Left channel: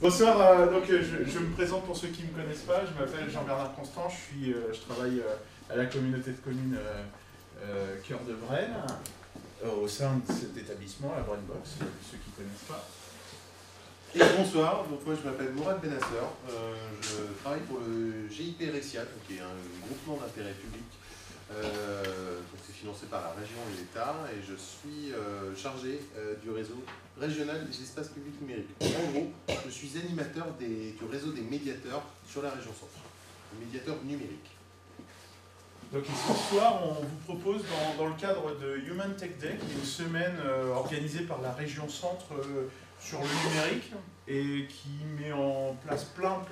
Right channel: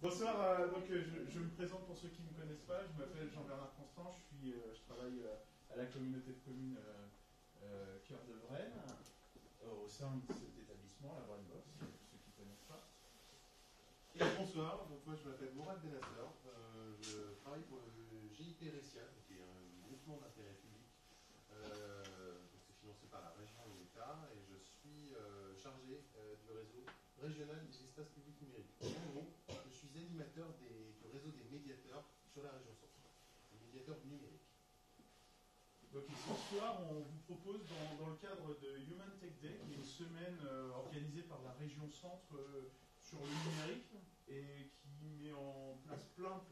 Bonsoir, donc je me présente pour ceux qui ne me connaissent pas, je m'appelle Jean-Bernard Constant, je travaille à la communauté de communes Cœur de Vraine, au sein de cet établissement, la Vraine Box, ceux qui ne connaissent pas. Et bonsoir, donc moi je m'appelle Mourad Benasser, je travaille pour le GIP Rexia, qui est un groupement d'intérêt public, donc c'est financé par la région et l'État, et je suis chargé du réseau régional des espaces publics numériques. En gros, je suis animateur du réseau des médiateurs sur la région centre, les médiateurs numériques. Donc ce soir, on vous propose dans le cadre de Human Tech Day, qui est une semaine organisée par la région centre sur le numérique et qui met en place plein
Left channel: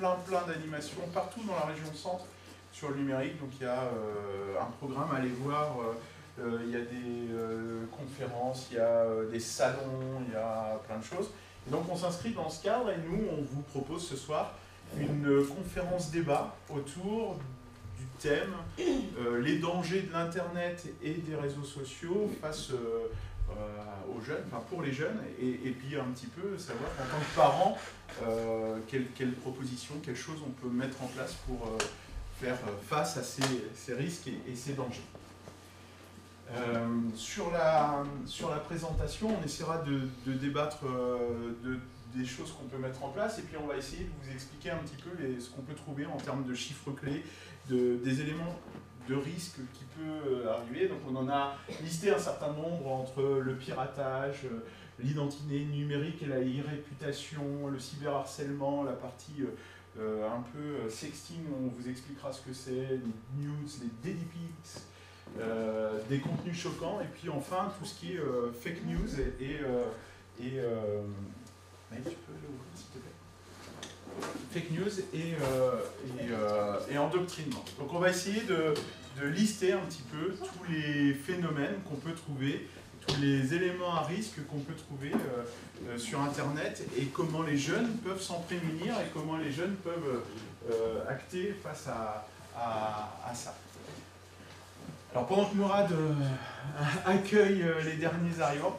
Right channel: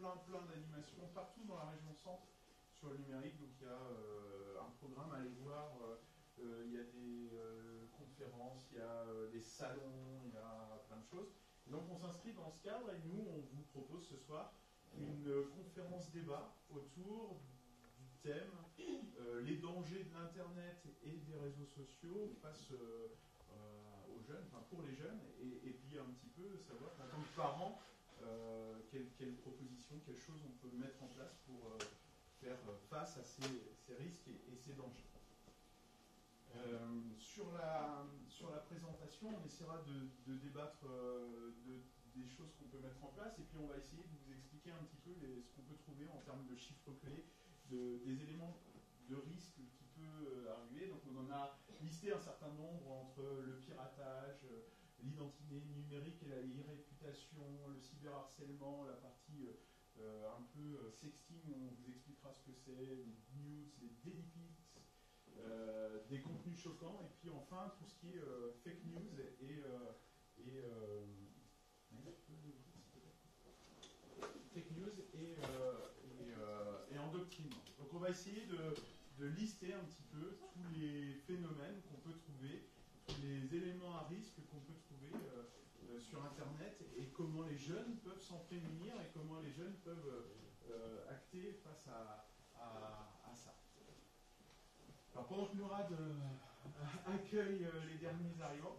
d'animations partout dans la région centre sur le numérique. Donc il y a un programme à aller voir, il y a des conférences, il y a des salons, il y a plein de choses. Et donc on s'inscrit dans ce cadre et nous on vous propose ce soir une conférence débat autour du thème les dangers de l'internet et des réseaux sociaux face aux jeunes, enfin pour les jeunes, et puis un petit peu savoir en tant que parent quelles propositions, quelles choses on peut mettre en place pour faire face à ces risques et ces dangers. Sur la présentation, on essaiera de débattre des choses qu'on peut mettre en place, et puis on va essayer de vous expliquer un petit peu ce qu'on peut trouver en termes de chiffres clés, des éléments de risque qui peut arriver. Donc on en a listé un certain nombre entre le piratage, l'identité numérique et la e-réputation, le cyberharcèlement, la partie un peu sexting, on vous expliquera ce que c'est, les news, les daily pics, des contenus choquants, et puis enfin tout ce qui est fake news tu peux l'ouvrir s'il te plaît. Fake news et endoctrinement. Donc on va essayer de lister un petit peu tous les phénomènes qu'on peut trouver, tous les éléments à risque qu'on peut trouver sur Internet, et comment les jeunes peuvent s'en prémunir et comment les jeunes peuvent acter face à ça. Alors pendant que Mourad accueille les derniers arrivants,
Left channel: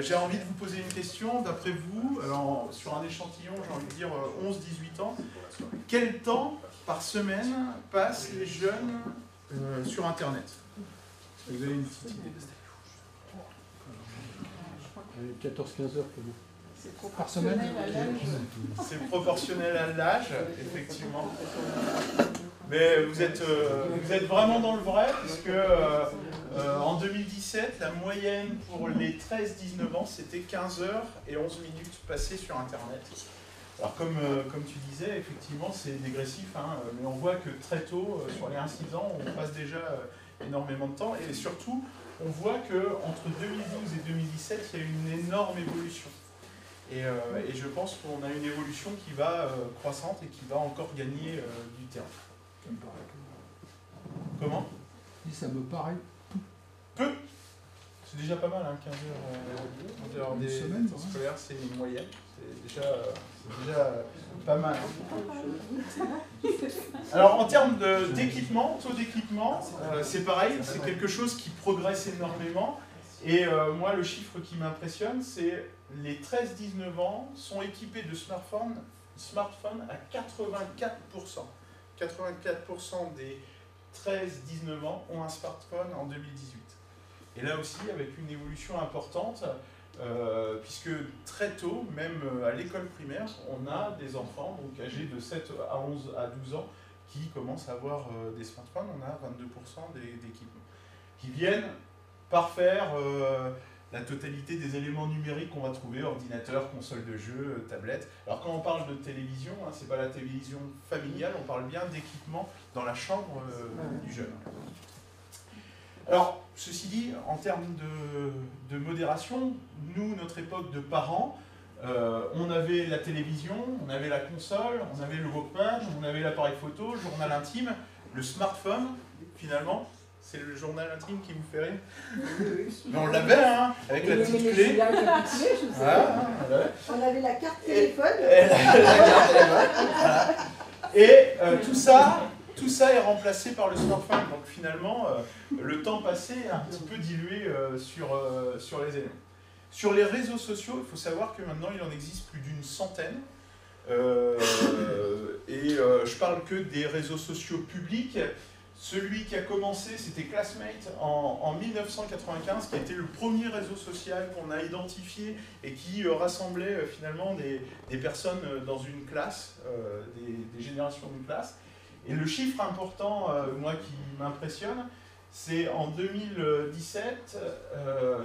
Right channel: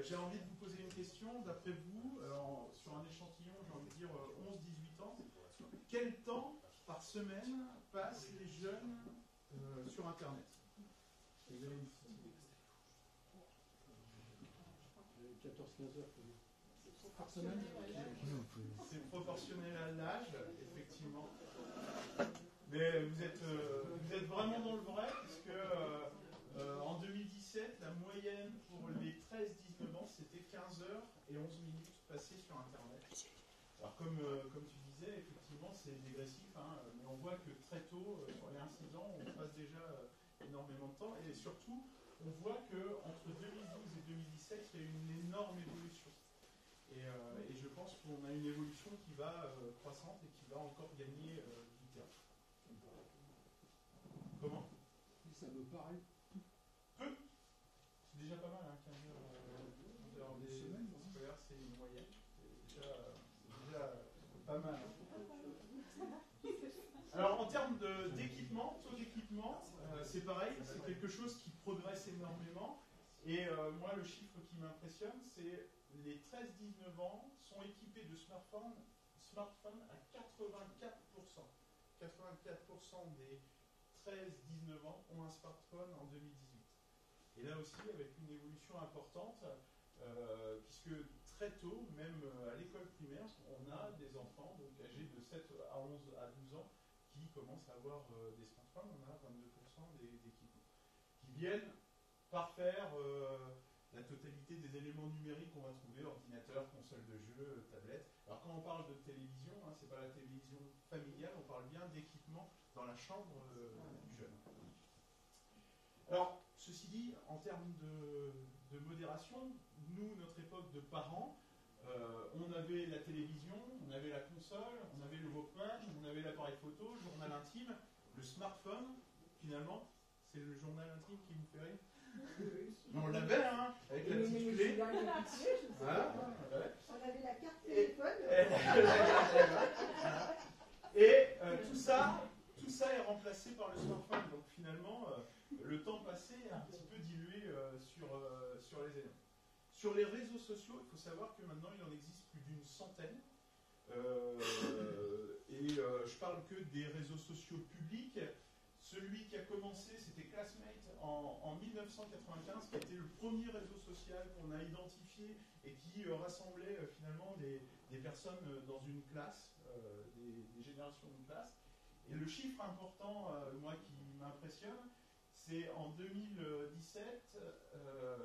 j'ai envie de vous poser une question. D'après vous, alors, sur un échantillon, j'ai envie de dire 11-18 ans, quel temps par semaine passent les jeunes sur Internet? Vous avez une petite idée? 14-15 heures pour vous. C'est par semaine. C'est proportionnel à l'âge, effectivement. Mais vous êtes vraiment dans le vrai, puisque en 2017, la moyenne pour les 13-19 ans, c'était 15 heures et 11 minutes passées sur Internet. Alors comme tu disais, effectivement, c'est dégressif, hein, mais on voit que très tôt, sur les 1-6 ans, on passe déjà énormément de temps, et surtout, on voit qu'entre 2012 et 2017, il y a une énorme évolution. Et je pense qu'on a une évolution qui va croissante et qui va encore gagner du terrain. Ça me paraît. Comment? Ça me paraît peu. C'est déjà pas mal, hein, 15 heures des temps scolaires, c'est une moyenne. C'est déjà pas mal. Alors en termes d'équipement, taux d'équipement, c'est pareil, c'est quelque chose qui progresse énormément. Et moi, le chiffre qui m'impressionne, c'est les 13-19 ans sont équipés de smartphones à 84%. 84% des 13-19 ans ont un smartphone en 2018. Et là aussi, avec une évolution importante, puisque très tôt, même à l'école primaire, on a des enfants donc âgés de 7 à 11 à 12 ans qui commencent à avoir des smartphones. On a 22% d'équipements qui viennent parfaire la totalité des éléments numériques qu'on va trouver, ordinateur, console de jeu, tablette. Alors quand on parle de télévision, hein, c'est pas la télévision familiale, on parle bien d'équipement dans la chambre du jeune. Alors, ceci dit, en termes de modération, nous, notre époque de parents, on avait la télévision, on avait la console, on avait le Walkman, on avait l'appareil photo, le journal intime, le smartphone, finalement. C'est le journal intime qui vous fait rire. Mais on l'avait, hein, avec la petite clé. On avait la carte téléphone. Et tout ça est remplacé par le smartphone. Donc finalement, le temps passé est un petit peu dilué sur les éléments. Sur les réseaux sociaux, il faut savoir que maintenant, il en existe plus d'une centaine. Je parle que des réseaux sociaux publics. Celui qui a commencé, c'était Classmate en 1995, qui a été le premier réseau social qu'on a identifié et qui rassemblait finalement des personnes dans une classe, des générations d'une classe. Et le chiffre important, moi, qui m'impressionne, c'est en 2017,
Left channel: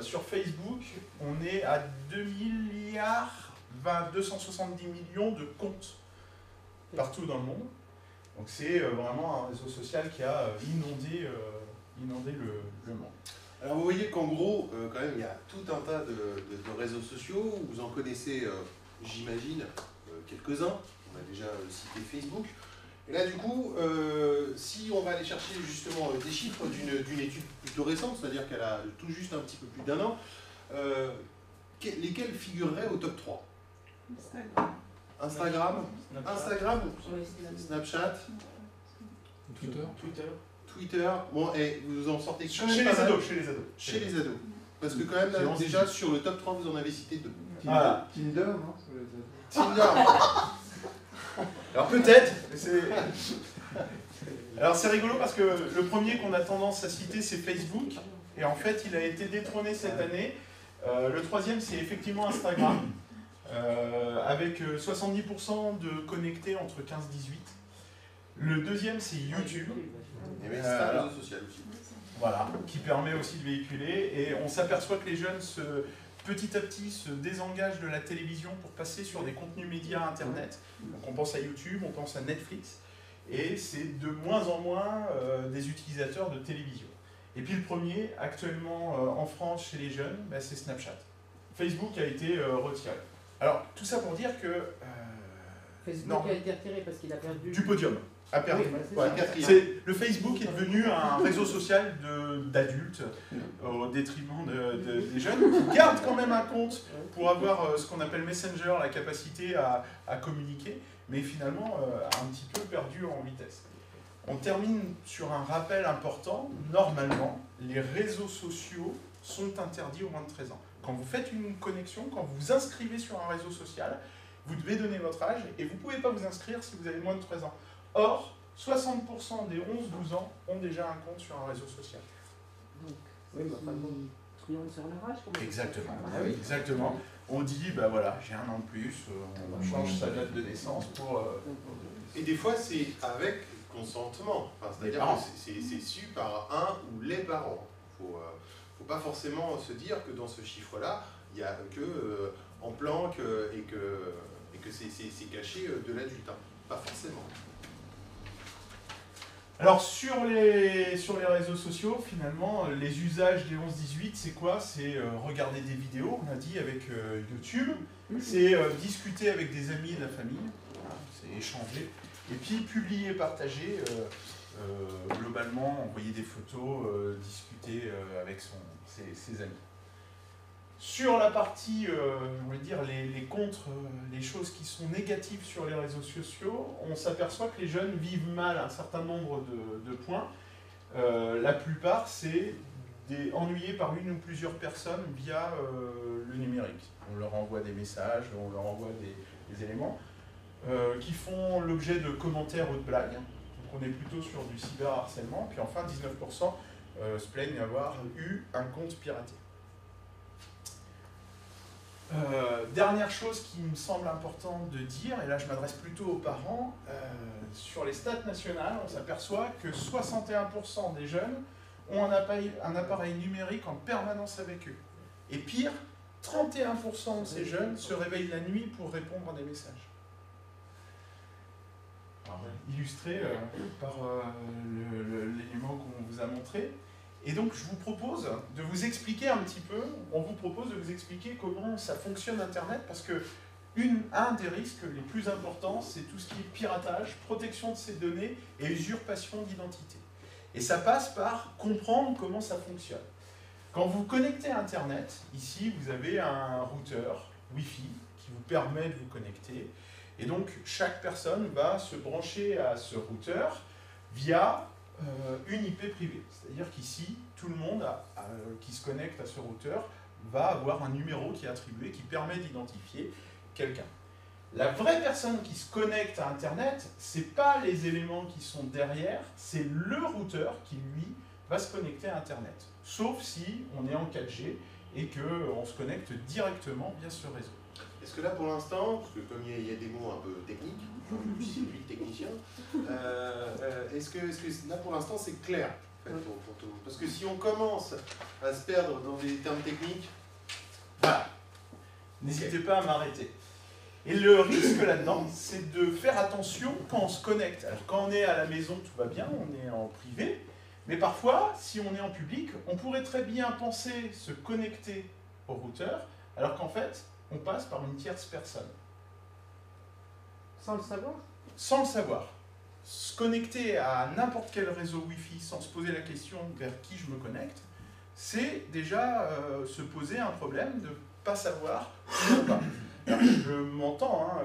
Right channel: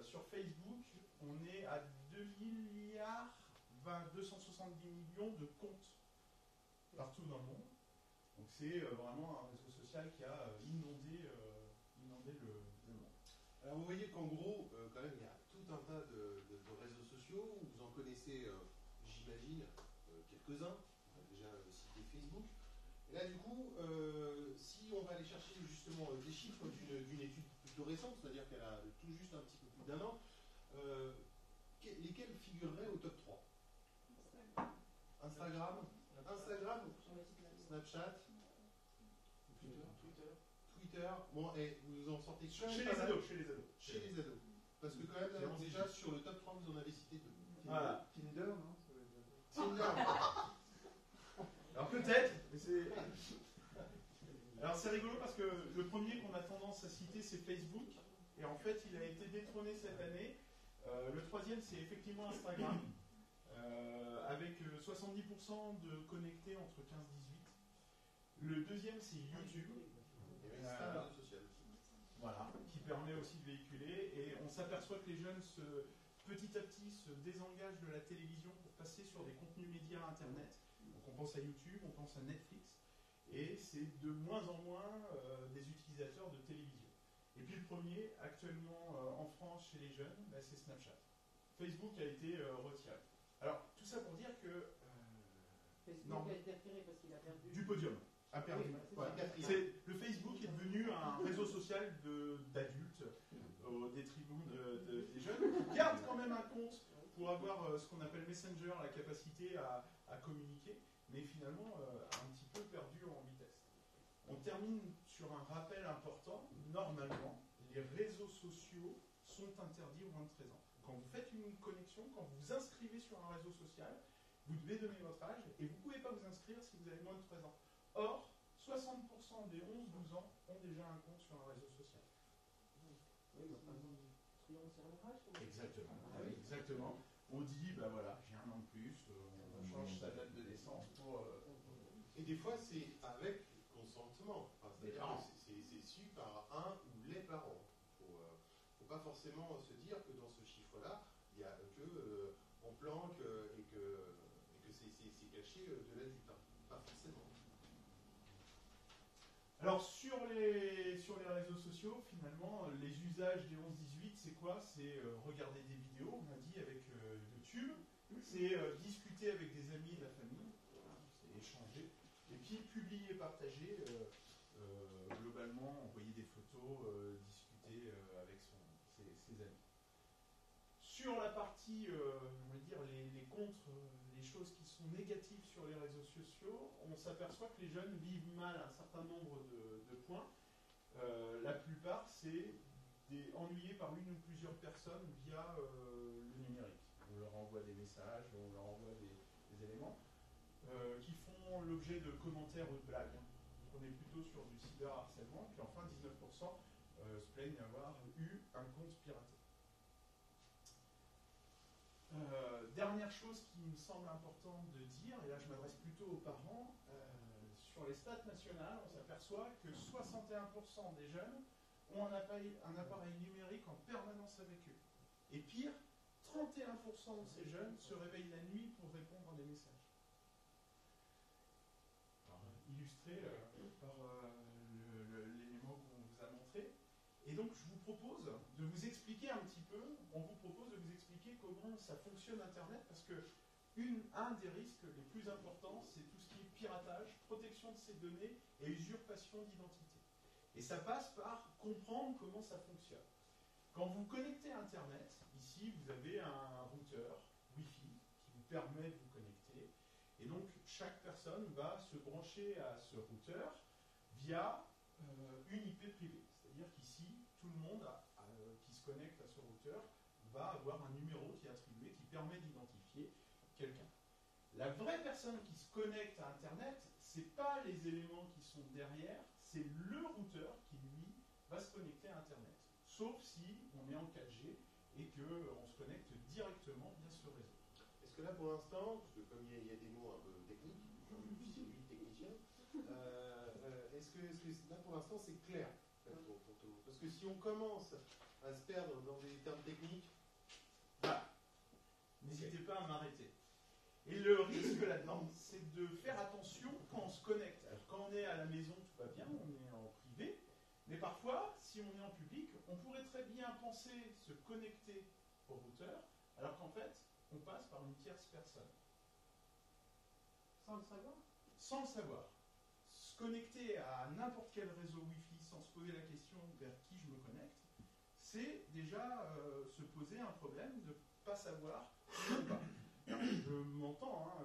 sur Facebook, on est à 2 milliards 270 millions de comptes partout dans le monde. Donc c'est vraiment un réseau social qui a inondé le monde. Alors vous voyez qu'en gros, quand même, il y a tout un tas de réseaux sociaux. Vous en connaissez, j'imagine, quelques-uns. On a déjà cité Facebook. Et là, du coup, si on va aller chercher justement des chiffres d'une étude plutôt récente, c'est-à-dire qu'elle a tout juste un petit peu plus d'1 an, lesquels figureraient au top 3 ? Instagram, Snapchat, Twitter. Bon, et vous en sortez chez les ados. Chez les ados. Parce que quand même, là, déjà, sur le top 3, vous en avez cité 2. Tinder, non? Tinder. Alors peut-être. Alors c'est rigolo parce que le premier qu'on a tendance à citer, c'est Facebook. Et en fait, il a été détrôné cette année. Le troisième, c'est effectivement Instagram. Avec 70% de connectés entre 15 et 18. Le deuxième, c'est YouTube. Et c'est un réseau social aussi. Voilà, qui permet aussi de véhiculer. Et on s'aperçoit que les jeunes, petit à petit, se désengagent de la télévision pour passer sur des contenus médias Internet. Donc on pense à YouTube, on pense à Netflix. Et c'est de moins en moins des utilisateurs de télévision. Et puis le premier, actuellement en France chez les jeunes, c'est Snapchat. Facebook a été retiré. Alors, tout ça pour dire que... Facebook a été retiré parce qu'il a perdu... Du podium. A perdu. Oui, le Facebook est devenu un réseau social d'adultes au détriment des jeunes qui gardent quand même un compte pour avoir ce qu'on appelle Messenger, la capacité à communiquer, mais finalement un petit peu perdu en vitesse. On termine sur un rappel important. Normalement, les réseaux sociaux sont interdits aux moins de 13 ans. Quand vous faites une connexion, quand vous vous inscrivez sur un réseau social, vous devez donner votre âge et vous ne pouvez pas vous inscrire si vous avez moins de 13 ans. Or, 60% des 11-12 ans ont déjà un compte sur un réseau social. Oui, mais enfin bon, tout le monde sur leur âge. Exactement. Ah oui. Exactement. On dit, bah voilà, j'ai un an de plus, on change sa date de naissance pour... Et des fois, c'est avec consentement. Enfin, c'est-à-dire que c'est su par un ou les parents. Il ne faut pas forcément se dire que dans ce chiffre-là, il n'y a que en planque et que c'est caché de l'adulte. Hein. Pas forcément. Alors sur les réseaux sociaux, finalement, les usages des 11-18, c'est quoi? C'est regarder des vidéos, on a dit, avec YouTube, c'est discuter avec des amis et la famille, voilà, c'est échanger, et puis publier, partager, globalement, envoyer des photos, discuter avec ses amis. Sur la partie, on va dire, les contre, les choses qui sont négatives sur les réseaux sociaux, on s'aperçoit que les jeunes vivent mal un certain nombre de points. La plupart, c'est ennuyés par une ou plusieurs personnes via le numérique. On leur envoie des messages, on leur envoie des éléments qui font l'objet de commentaires ou de blagues. Donc on est plutôt sur du cyberharcèlement. Puis enfin, 19% se plaignent d'avoir eu un compte piraté. Dernière chose qui me semble importante de dire, et là je m'adresse plutôt aux parents, sur les stats nationales, on s'aperçoit que 61% des jeunes ont un appareil numérique en permanence avec eux. Et pire, 31% de ces jeunes se réveillent la nuit pour répondre à des messages. Alors, illustré par l'élément qu'on vous a montré. Et donc, je vous propose de vous expliquer un petit peu, on vous propose de vous expliquer comment ça fonctionne Internet, parce que un des risques les plus importants, c'est tout ce qui est piratage, protection de ces données et usurpation d'identité. Et ça passe par comprendre comment ça fonctionne. Quand vous connectez à Internet, ici, vous avez un routeur Wi-Fi qui vous permet de vous connecter. Et donc, chaque personne va se brancher à ce routeur via une IP privée. C'est-à-dire qu'ici, tout le monde qui se connecte à ce routeur va avoir un numéro qui est attribué, qui permet d'identifier quelqu'un. La vraie personne qui se connecte à Internet, ce n'est pas les éléments qui sont derrière, c'est le routeur qui, lui, va se connecter à Internet. Sauf si on est en 4G et qu'on se connecte directement via ce réseau. Est-ce que là, pour l'instant, parce que comme il y a des mots un peu techniques, je suis lui le technicien, est-ce que là, pour l'instant, c'est clair en fait, pour tout le monde? Parce que si on commence à se perdre dans des termes techniques... Voilà. N'hésitez pas à m'arrêter. Et le risque là-dedans, c'est de faire attention quand on se connecte. Alors quand on est à la maison, tout va bien, on est en privé, mais parfois, si on est en public, on pourrait très bien penser se connecter au routeur, alors qu'en fait, on passe par une tierce personne. Sans le savoir? Sans le savoir. Se connecter à n'importe quel réseau Wi-Fi sans se poser la question vers qui je me connecte, c'est déjà se poser un problème de ne pas savoir où on va. Alors, je m'entends, hein,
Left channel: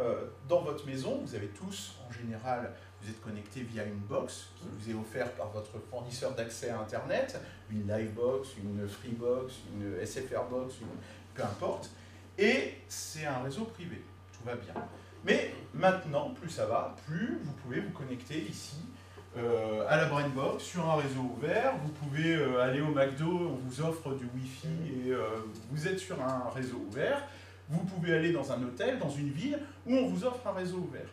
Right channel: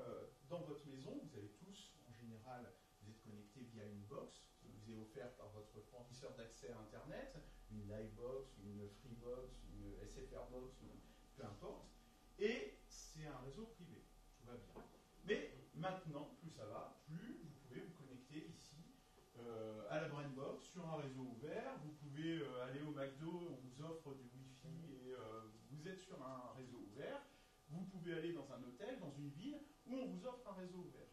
dans votre maison, vous avez tous, en général, vous êtes connecté via une box qui vous est offerte par votre fournisseur d'accès à Internet, une Livebox, une Freebox, une SFRbox, peu importe, et c'est un réseau privé, tout va bien. Mais maintenant, plus ça va, plus vous pouvez vous connecter ici à la Brainbox sur un réseau ouvert. Vous pouvez aller au McDo, on vous offre du Wi-Fi et vous êtes sur un réseau ouvert. Vous pouvez aller dans un hôtel, dans une ville où on vous offre un réseau ouvert.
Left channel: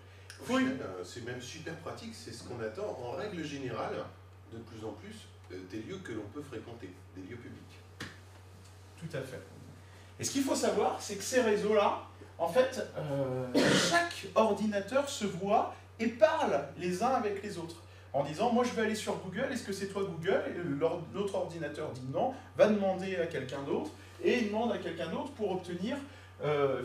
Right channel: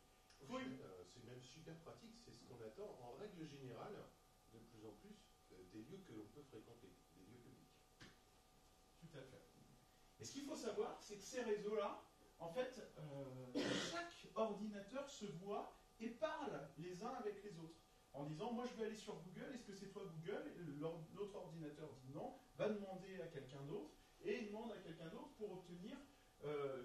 C'est même super pratique, c'est ce qu'on attend en règle générale, de plus en plus, des lieux que l'on peut fréquenter, des lieux publics. Tout à fait. Et ce qu'il faut savoir, c'est que ces réseaux-là, en fait, chaque ordinateur se voit et parle les uns avec les autres. En disant, moi je vais aller sur Google, est-ce que c'est toi Google? Et l'autre ordinateur dit non, va demander à quelqu'un d'autre, et il demande à quelqu'un d'autre pour obtenir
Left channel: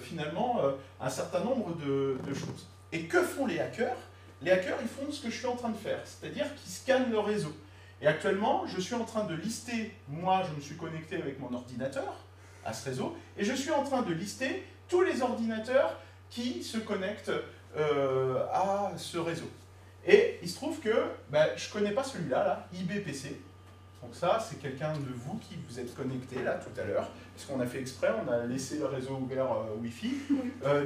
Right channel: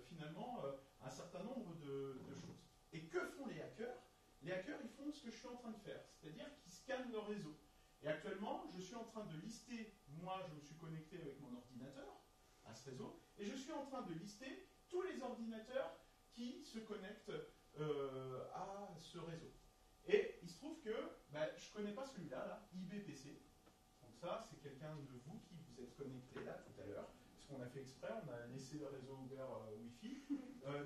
finalement un certain nombre de choses. Et que font les hackers? Les hackers, ils font ce que je suis en train de faire, c'est-à-dire qu'ils scannent le réseau. Et actuellement, je suis en train de lister, moi je me suis connecté avec mon ordinateur à ce réseau, et je suis en train de lister tous les ordinateurs qui se connectent à ce réseau. Et il se trouve que je ne connais pas celui-là, là, IBPC. Donc ça, c'est quelqu'un de vous qui vous êtes connecté là tout à l'heure, parce qu'on a fait exprès, on a laissé le réseau ouvert Wi-Fi.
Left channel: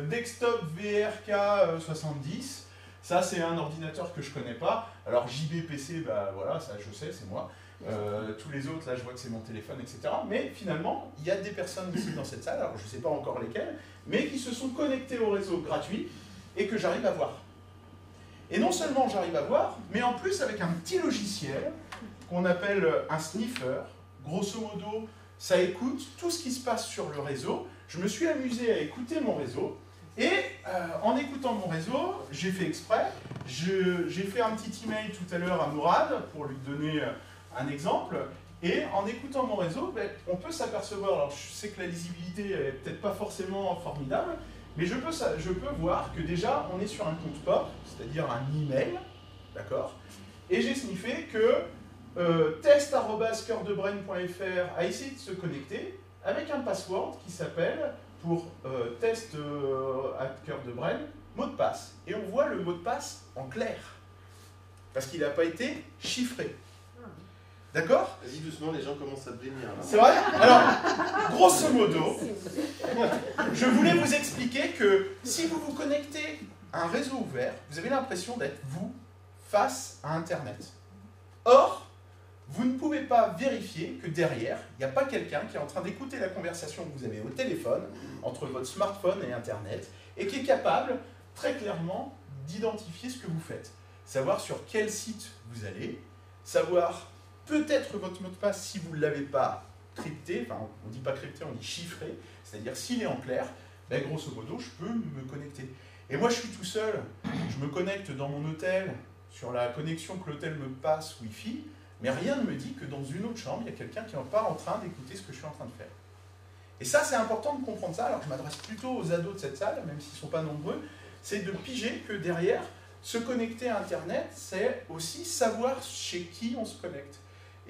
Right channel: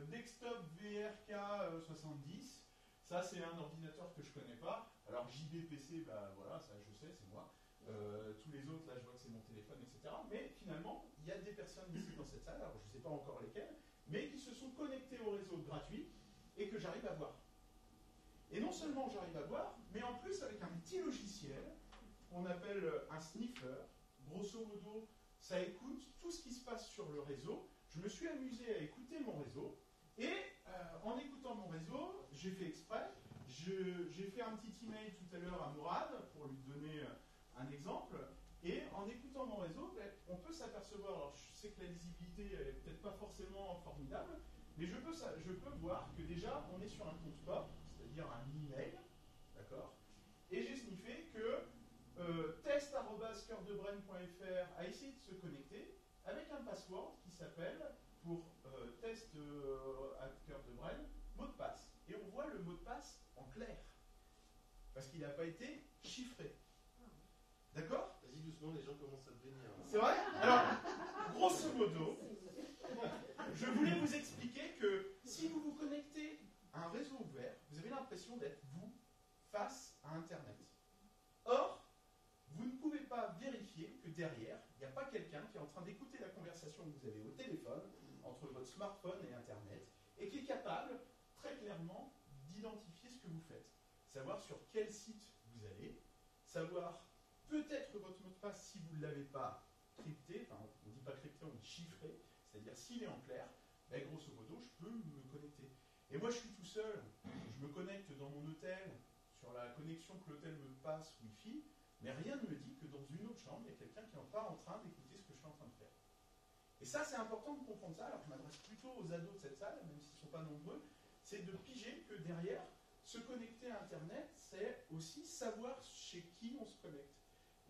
Desktop VRK 70, ça c'est un ordinateur que je ne connais pas. Alors JBPC, voilà, ça je sais, c'est moi. Tous les autres, là je vois que c'est mon téléphone, etc. Mais finalement, il y a des personnes ici dans cette salle, alors je ne sais pas encore lesquelles, mais qui se sont connectées au réseau gratuit et que j'arrive à voir. Et non seulement j'arrive à voir, mais en plus avec un petit logiciel qu'on appelle un sniffer. Grosso modo, ça écoute tout ce qui se passe sur le réseau. Je me suis amusé à écouter mon réseau. Et en écoutant mon réseau, j'ai fait exprès. J'ai fait un petit email tout à l'heure à Mourad pour lui donner un exemple. Et en écoutant mon réseau, on peut s'apercevoir, alors je sais que la lisibilité n'est peut-être pas forcément formidable, mais je peux voir que déjà on est sur un compte POP, c'est-à-dire un email, d'accord? Et j'ai sniffé que test@coeurdebrain.fr a essayé de se connecter avec un password qui s'appelle, pour test@coeurdebrain, mot de passe. Et on voit le mot de passe en clair, parce qu'il n'a pas été chiffré. D'accord? Vas-y doucement, les gens commencent à te bénir là. C'est vrai? Alors, grosso modo, je voulais vous expliquer que si vous vous connectez à un réseau ouvert, vous avez l'impression d'être vous face à Internet. Or, vous ne pouvez pas vérifier que derrière, il n'y a pas quelqu'un qui est en train d'écouter la conversation que vous avez au téléphone, entre votre smartphone et Internet, et qui est capable, très clairement, d'identifier ce que vous faites. Savoir sur quel site vous allez, savoir peut-être votre mot de passe si vous ne l'avez pas crypté, enfin on ne dit pas crypté, on dit chiffré, c'est-à-dire s'il est en clair, grosso modo, je peux me connecter. Et moi je suis tout seul, je me connecte dans mon hôtel, sur la connexion que l'hôtel me passe Wi-Fi, mais rien ne me dit que dans une autre chambre, il y a quelqu'un qui n'est pas en train d'écouter ce que je suis en train de faire. Et ça, c'est important de comprendre ça. Alors je m'adresse plutôt aux ados de cette salle, même s'ils ne sont pas nombreux, c'est de piger que derrière, se connecter à Internet, c'est aussi savoir chez qui on se connecte.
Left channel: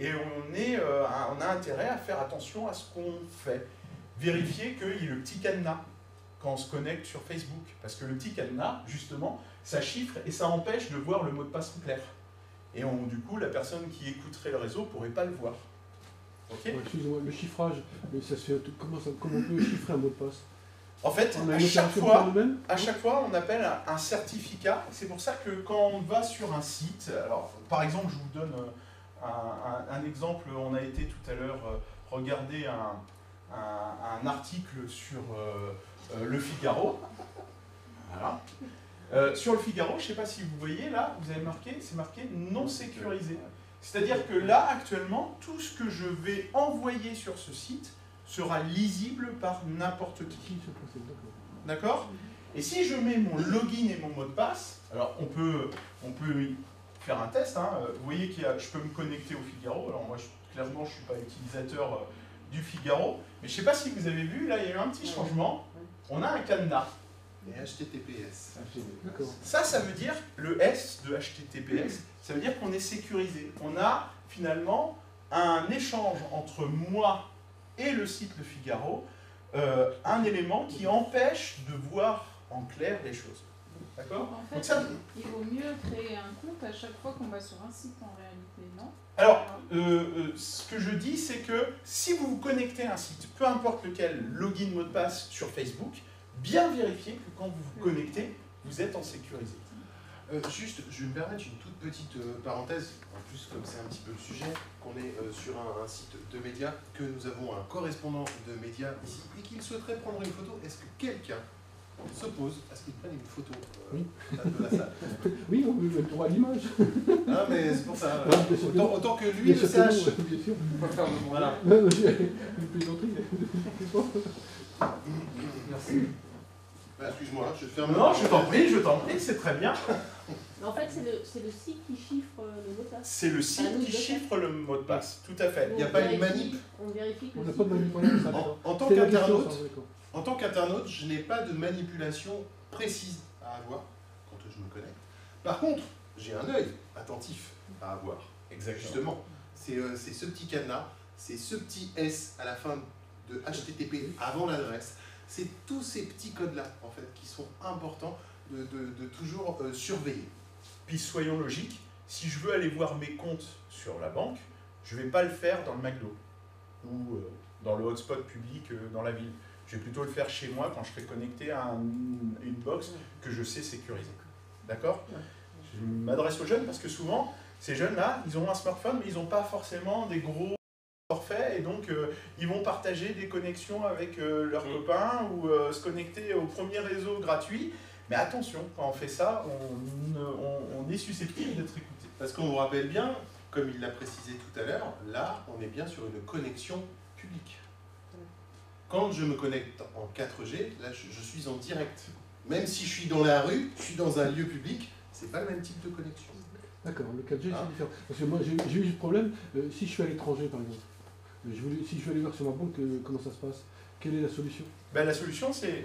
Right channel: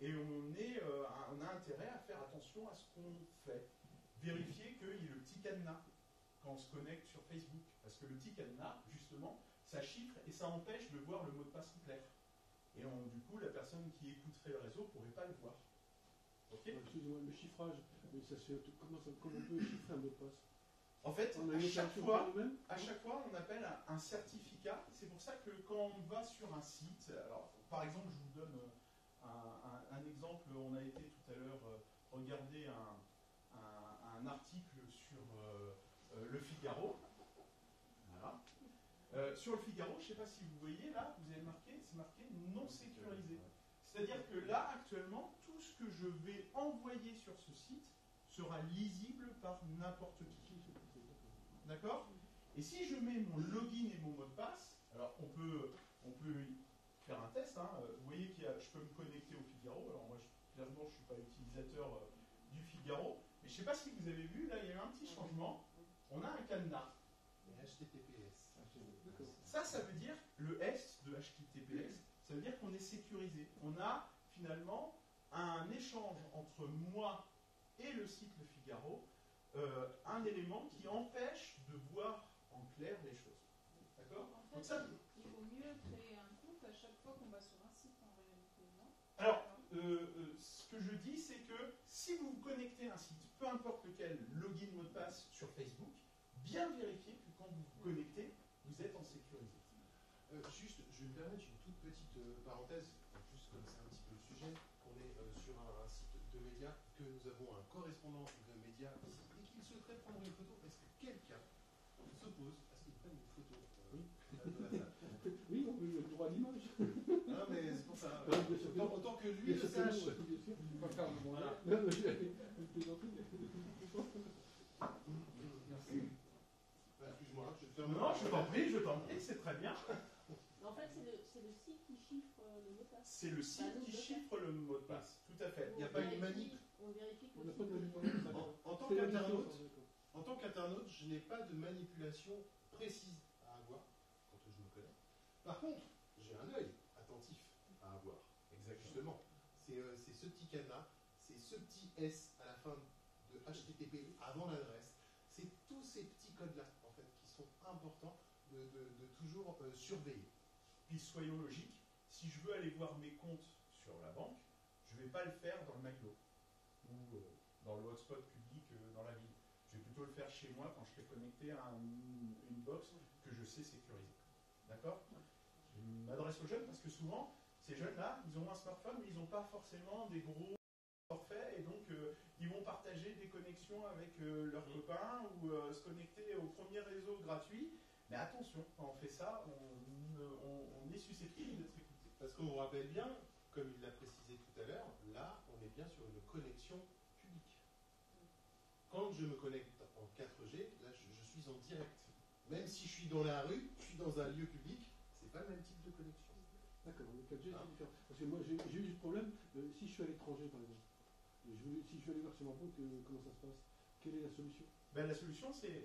Et on a intérêt à faire attention à ce qu'on fait. Vérifier qu'il y ait le petit cadenas quand on se connecte sur Facebook. Parce que le petit cadenas, justement, ça chiffre et ça empêche de voir le mot de passe en clair. Et du coup, la personne qui écouterait le réseau ne pourrait pas le voir. Ok. Ouais, excusez-moi, le chiffrage, mais ça se fait, comment on peut chiffrer un mot de passe? En fait, On a à une chaque opération fois, par nous-mêmes? on appelle un certificat. C'est pour ça que quand on va sur un site, alors par exemple, je vous donne un exemple. On a été tout à l'heure regarder un article sur Le Figaro. Voilà. Sur Le Figaro, je ne sais pas si vous voyez là, vous avez marqué, c'est marqué non sécurisé. C'est-à-dire que là, actuellement, tout ce que je vais envoyer sur ce site sera lisible par n'importe qui. D'accord? Et si je mets mon login et mon mot de passe, alors on peut faire un test. Hein. Vous voyez que je peux me connecter au Figaro. Alors moi, clairement, je ne suis pas utilisateur du Figaro. Mais je ne sais pas si vous avez vu, là, il y a eu un petit changement. On a un cadenas. Et HTTPS. D'accord. Ça veut dire, le S de HTTPS, ça veut dire qu'on est sécurisé. On a finalement un échange entre moi et le site Le Figaro, un élément qui empêche de voir en clair les choses. D'accord? En fait, Donc ça, il vaut mieux créer un compte à chaque fois qu'on va sur un site en réalité, non? alors, ce que je dis, c'est que si vous vous connectez à un site, peu importe lequel, login, mot de passe sur Facebook, bien vérifier que quand vous vous connectez, vous êtes en sécurisé. Juste, je vais me permettre une toute petite parenthèse, en plus comme c'est un petit peu le sujet, qu'on est sur un site de médias, que nous avons un correspondant de médias ici, et qu'il souhaiterait prendre une photo. Est-ce que quelqu'un s'oppose à ce qu'il prenne une photo de la salle? Oui, on veut le droit à l'image. Ah mais c'est pour ça, Ah, bien sûr que non. autant que lui Bien le sûr que non, sache. bien sûr. On va faire le Voilà. Une plaisanterie. Merci. Bah, excuse-moi, je ferme. Non, je t'en prie, c'est très bien. En fait, c'est le site qui chiffre le mot de passe. C'est le site qui chiffre le mot de passe, tout à fait. Il n'y a pas une manip. On vérifie que On le n'a site- pas de manipulation, ça, d'accord. En tant C'est la question, qu'internaute, ça, d'accord. en tant qu'internaute, je n'ai pas de manipulation précise à avoir quand je me connecte. Par contre, j'ai un œil attentif à avoir. Justement, c'est ce petit cadenas, c'est ce petit S à la fin de HTTP avant l'adresse. C'est tous ces petits codes-là, en fait, qui sont importants de toujours surveiller. Puis soyons logiques, si je veux aller voir mes comptes sur la banque, je ne vais pas le faire dans le McDo ou dans le hotspot public dans la ville. Je vais plutôt le faire chez moi quand je serai connecté à une box que je sais sécuriser. D'accord? Je m'adresse aux jeunes parce que souvent, ces jeunes-là, ils ont un smartphone, mais ils n'ont pas forcément des gros forfaits et donc ils vont partager des connexions avec leurs copains ou se connecter au premier réseau gratuit. Mais attention, quand on fait ça, on est susceptible d'être écouté. Parce qu'on vous rappelle bien, comme il l'a précisé tout à l'heure, là, on est bien sur une connexion publique. Quand je me connecte en 4G, là, je suis en direct. Même si je suis dans la rue, je suis dans un lieu public, c'est pas le même type de connexion. D'accord, le 4G Ah. c'est différent. Parce que moi j'ai eu ce problème, si je suis à l'étranger par exemple, si je veux aller voir sur ma banque, comment ça se passe? Quelle est la solution? Ben, la solution, c'est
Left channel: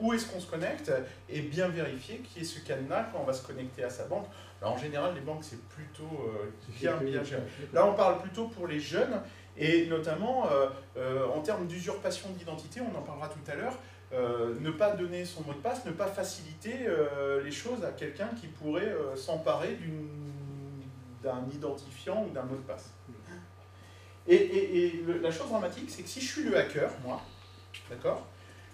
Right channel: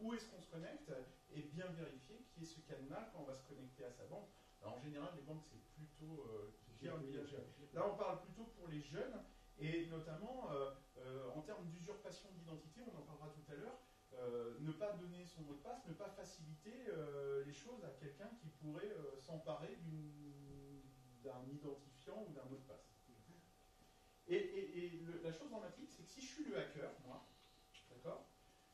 où est-ce qu'on se connecte et bien vérifier qui est ce cadenas quand on va se connecter à sa banque. Alors, en général, les banques, c'est plutôt bien géré. Là, on parle plutôt pour les jeunes et notamment en termes d'usurpation d'identité, on en parlera tout à l'heure. Ne pas donner son mot de passe, ne pas faciliter les choses à quelqu'un qui pourrait s'emparer d'un identifiant ou d'un mot de passe. Et la chose dramatique, c'est que si je suis le hacker, moi, d'accord,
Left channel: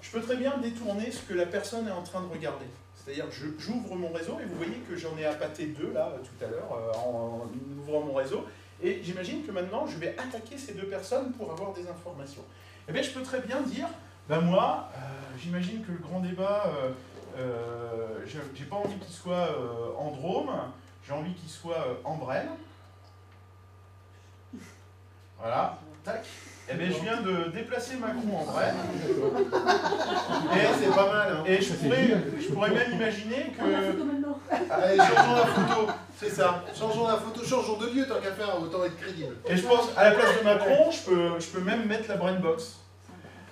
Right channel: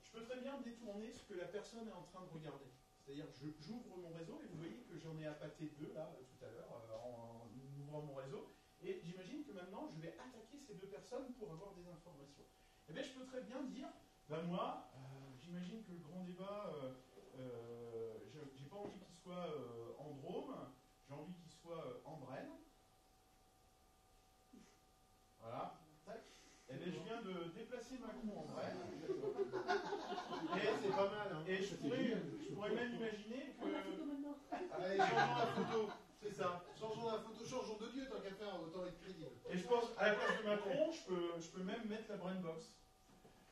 je peux très bien détourner ce que la personne est en train de regarder. C'est-à-dire que j'ouvre mon réseau et vous voyez que j'en ai appâté 2 là tout à l'heure en ouvrant mon réseau. Et j'imagine que maintenant je vais attaquer ces 2 personnes pour avoir des informations. Eh bien je peux très bien dire, ben moi, j'imagine que le grand débat, j'ai pas envie qu'il soit en Drôme, j'ai envie qu'il soit en Brenne. Voilà, tac. Eh bien, je viens de déplacer Macron en Brenne. Et c'est pas mal, hein. Et je pourrais même imaginer On a la que... photo maintenant. Allez, changeons la photo, c'est ça. Changeons la photo, changeons de lieu, tant qu'à faire, autant être crédible. Et je pense, à la place de Macron, je peux même mettre la Brainbox.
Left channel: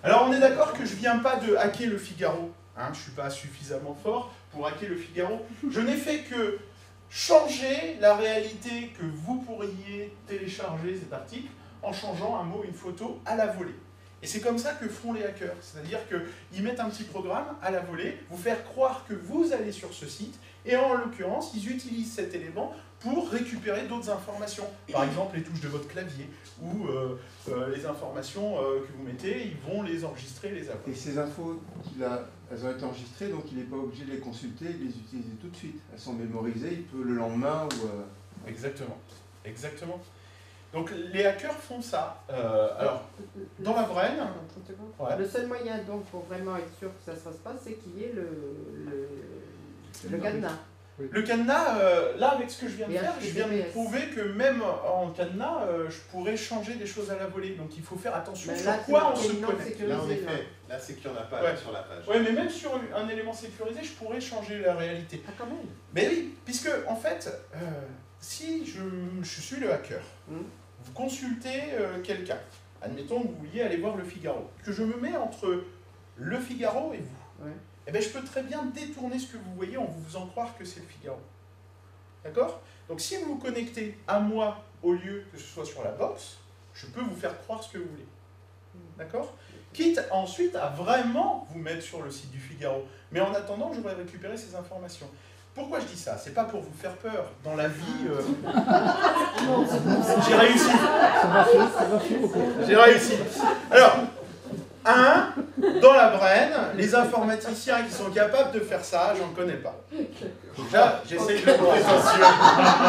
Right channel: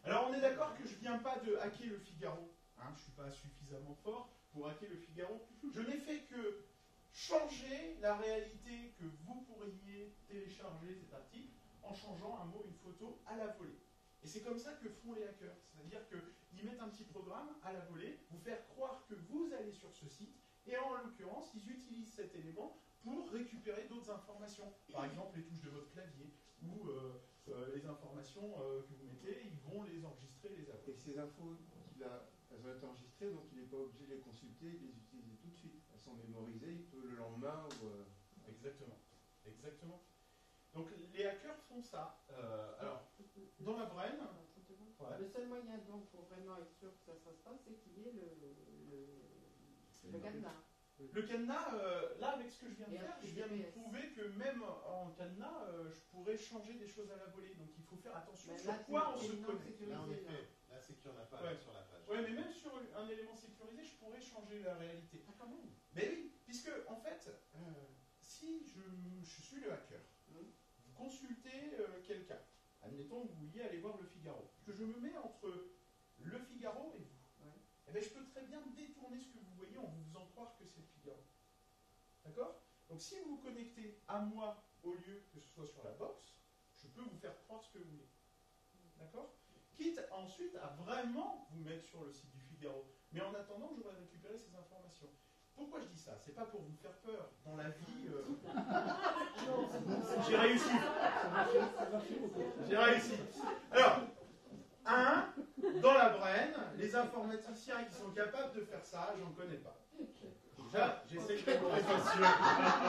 Alors, on est d'accord que je viens pas de hacker le Figaro. Hein, je suis pas suffisamment fort pour hacker le Figaro. Je n'ai fait que changer la réalité que vous pourriez télécharger cet article en changeant un mot, une photo à la volée. Et c'est comme ça que font les hackers. C'est-à-dire qu'ils mettent un petit programme à la volée, vous faire croire que vous allez sur ce site, et en l'occurrence, ils utilisent cet élément pour récupérer d'autres informations. Par exemple, les touches de votre clavier ou les informations que vous mettez, ils vont les enregistrer, les avoir. Et ces infos, elles ont été enregistrées, donc il n'est pas obligé de les consulter et de les utiliser tout de suite. Elles sont mémorisées, il peut le lendemain ou... Exactement, exactement. Donc les hackers font ça. Alors, dans la brain, ouais. Le seul moyen donc pour vraiment être sûr que ça se passe pas, c'est qu'il y ait le cadenas. Le cadenas, là avec ce que je viens de Et faire, je viens de HTTPS. prouver que même en cadenas, je pourrais changer des choses à la volée. Donc il faut faire attention Mais sur là, quoi on c'est se non connecte. sécurisé, Là, en effet, là. là, c'est qu'il n'y en a pas Ouais. sur la page. Oui, mais même sur un élément sécurisé, je pourrais changer la réalité. Ah, quand même. Mais oui, puisque en fait, si je suis le hacker, vous consultez quelqu'un, admettons que vous vouliez aller voir Le Figaro, que je me mets entre Le Figaro et vous, Ouais. eh bien, je peux très bien détourner ce que vous voyez en vous faisant croire que c'est Le Figaro. D'accord? Donc si vous vous connectez à moi au lieu que ce soit sur la box, je peux vous faire croire ce que vous voulez. D'accord? Quitte ensuite à vraiment vous mettre sur le site du Figaro. Mais en attendant, j'aurais récupéré ces informations. Pourquoi je dis ça? C'est pas pour vous faire peur. Dans la vie, j'ai réussi. Ça va faire, au contraire. J'ai réussi. Alors, dans la brain, les informaticiens qui sont capables de faire ça, j'en connais pas. Déjà, j'essaye de me prétentieux.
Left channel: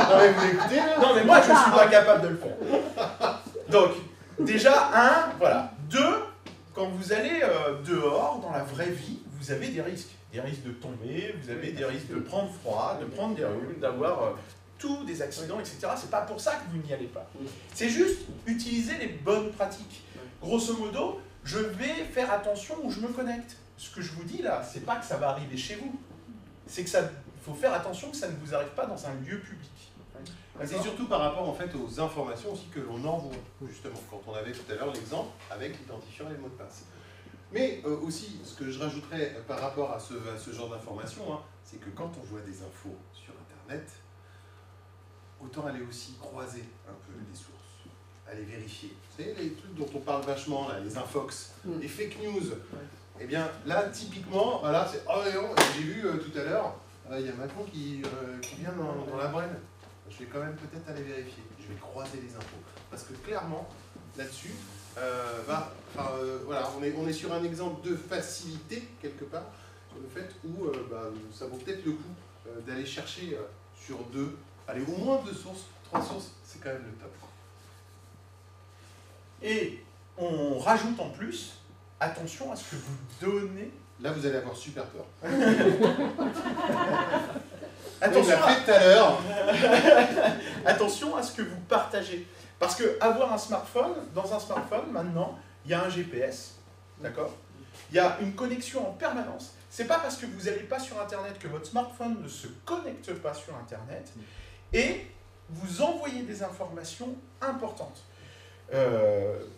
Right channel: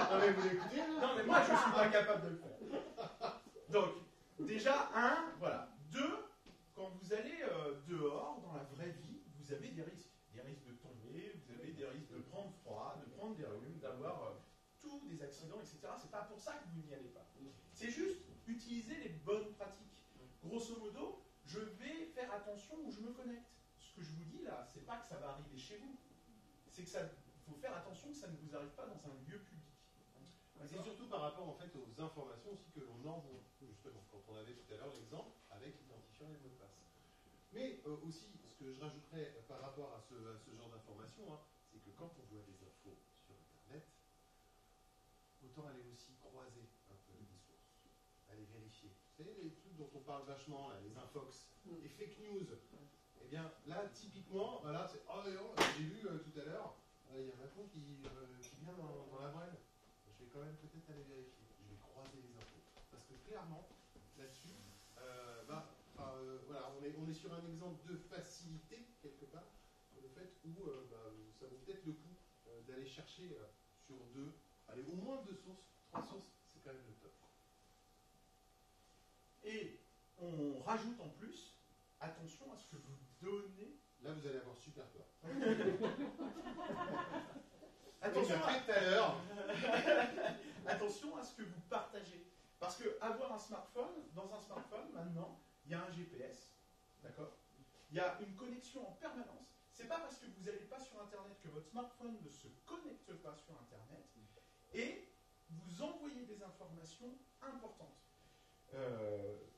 Non, mais vous écoutez, là? Non, mais moi, je suis pas capable de le faire. Donc, déjà, voilà. 2, quand vous allez dehors, dans la vraie vie, vous avez des risques. Des risques de tomber, vous avez des risques de prendre froid, de prendre des rhumes, d'avoir tous des accidents, etc. C'est pas pour ça que vous n'y allez pas. C'est juste utiliser les bonnes pratiques. Grosso modo, je vais faire attention où je me connecte. Ce que je vous dis là, c'est pas que ça va arriver chez vous. C'est que faut faire attention que ça ne vous arrive pas dans un lieu public. C'est surtout par rapport en fait aux informations aussi que l'on envoie, justement, quand on avait tout à l'heure l'exemple avec l'identifiant et le mot de passe. Mais aussi, ce que je rajouterais par rapport à ce genre d'informations, hein, c'est que quand on voit des infos sur Internet, autant aller aussi croiser un peu les sources, aller vérifier. Vous savez, les trucs dont on parle vachement, là, les infox, les fake news. Eh bien, là, typiquement, voilà, c'est « Oh non, j'ai vu tout à l'heure, il y a Macron qui vient dans la braine. Je vais quand même peut-être aller vérifier. Je vais croiser les infos. Parce que clairement, là-dessus, voilà, on est sur un exemple de facilité, quelque part, sur le fait où ça vaut peut-être le coup d'aller chercher sur 2, allez, au moins 2 sources, 3 sources, c'est quand même le top. Et on rajoute en plus, attention à ce que vous donnez. Là, vous allez avoir super peur. Attention, on l'a fait tout à l'heure. Attention à ce que vous partagez. Parce que avoir un smartphone, dans un smartphone, maintenant, il y a un GPS, d'accord? Il y a une connexion en permanence. C'est pas parce que vous n'allez pas sur Internet que votre smartphone ne se connecte pas sur Internet et vous envoyez des informations importantes.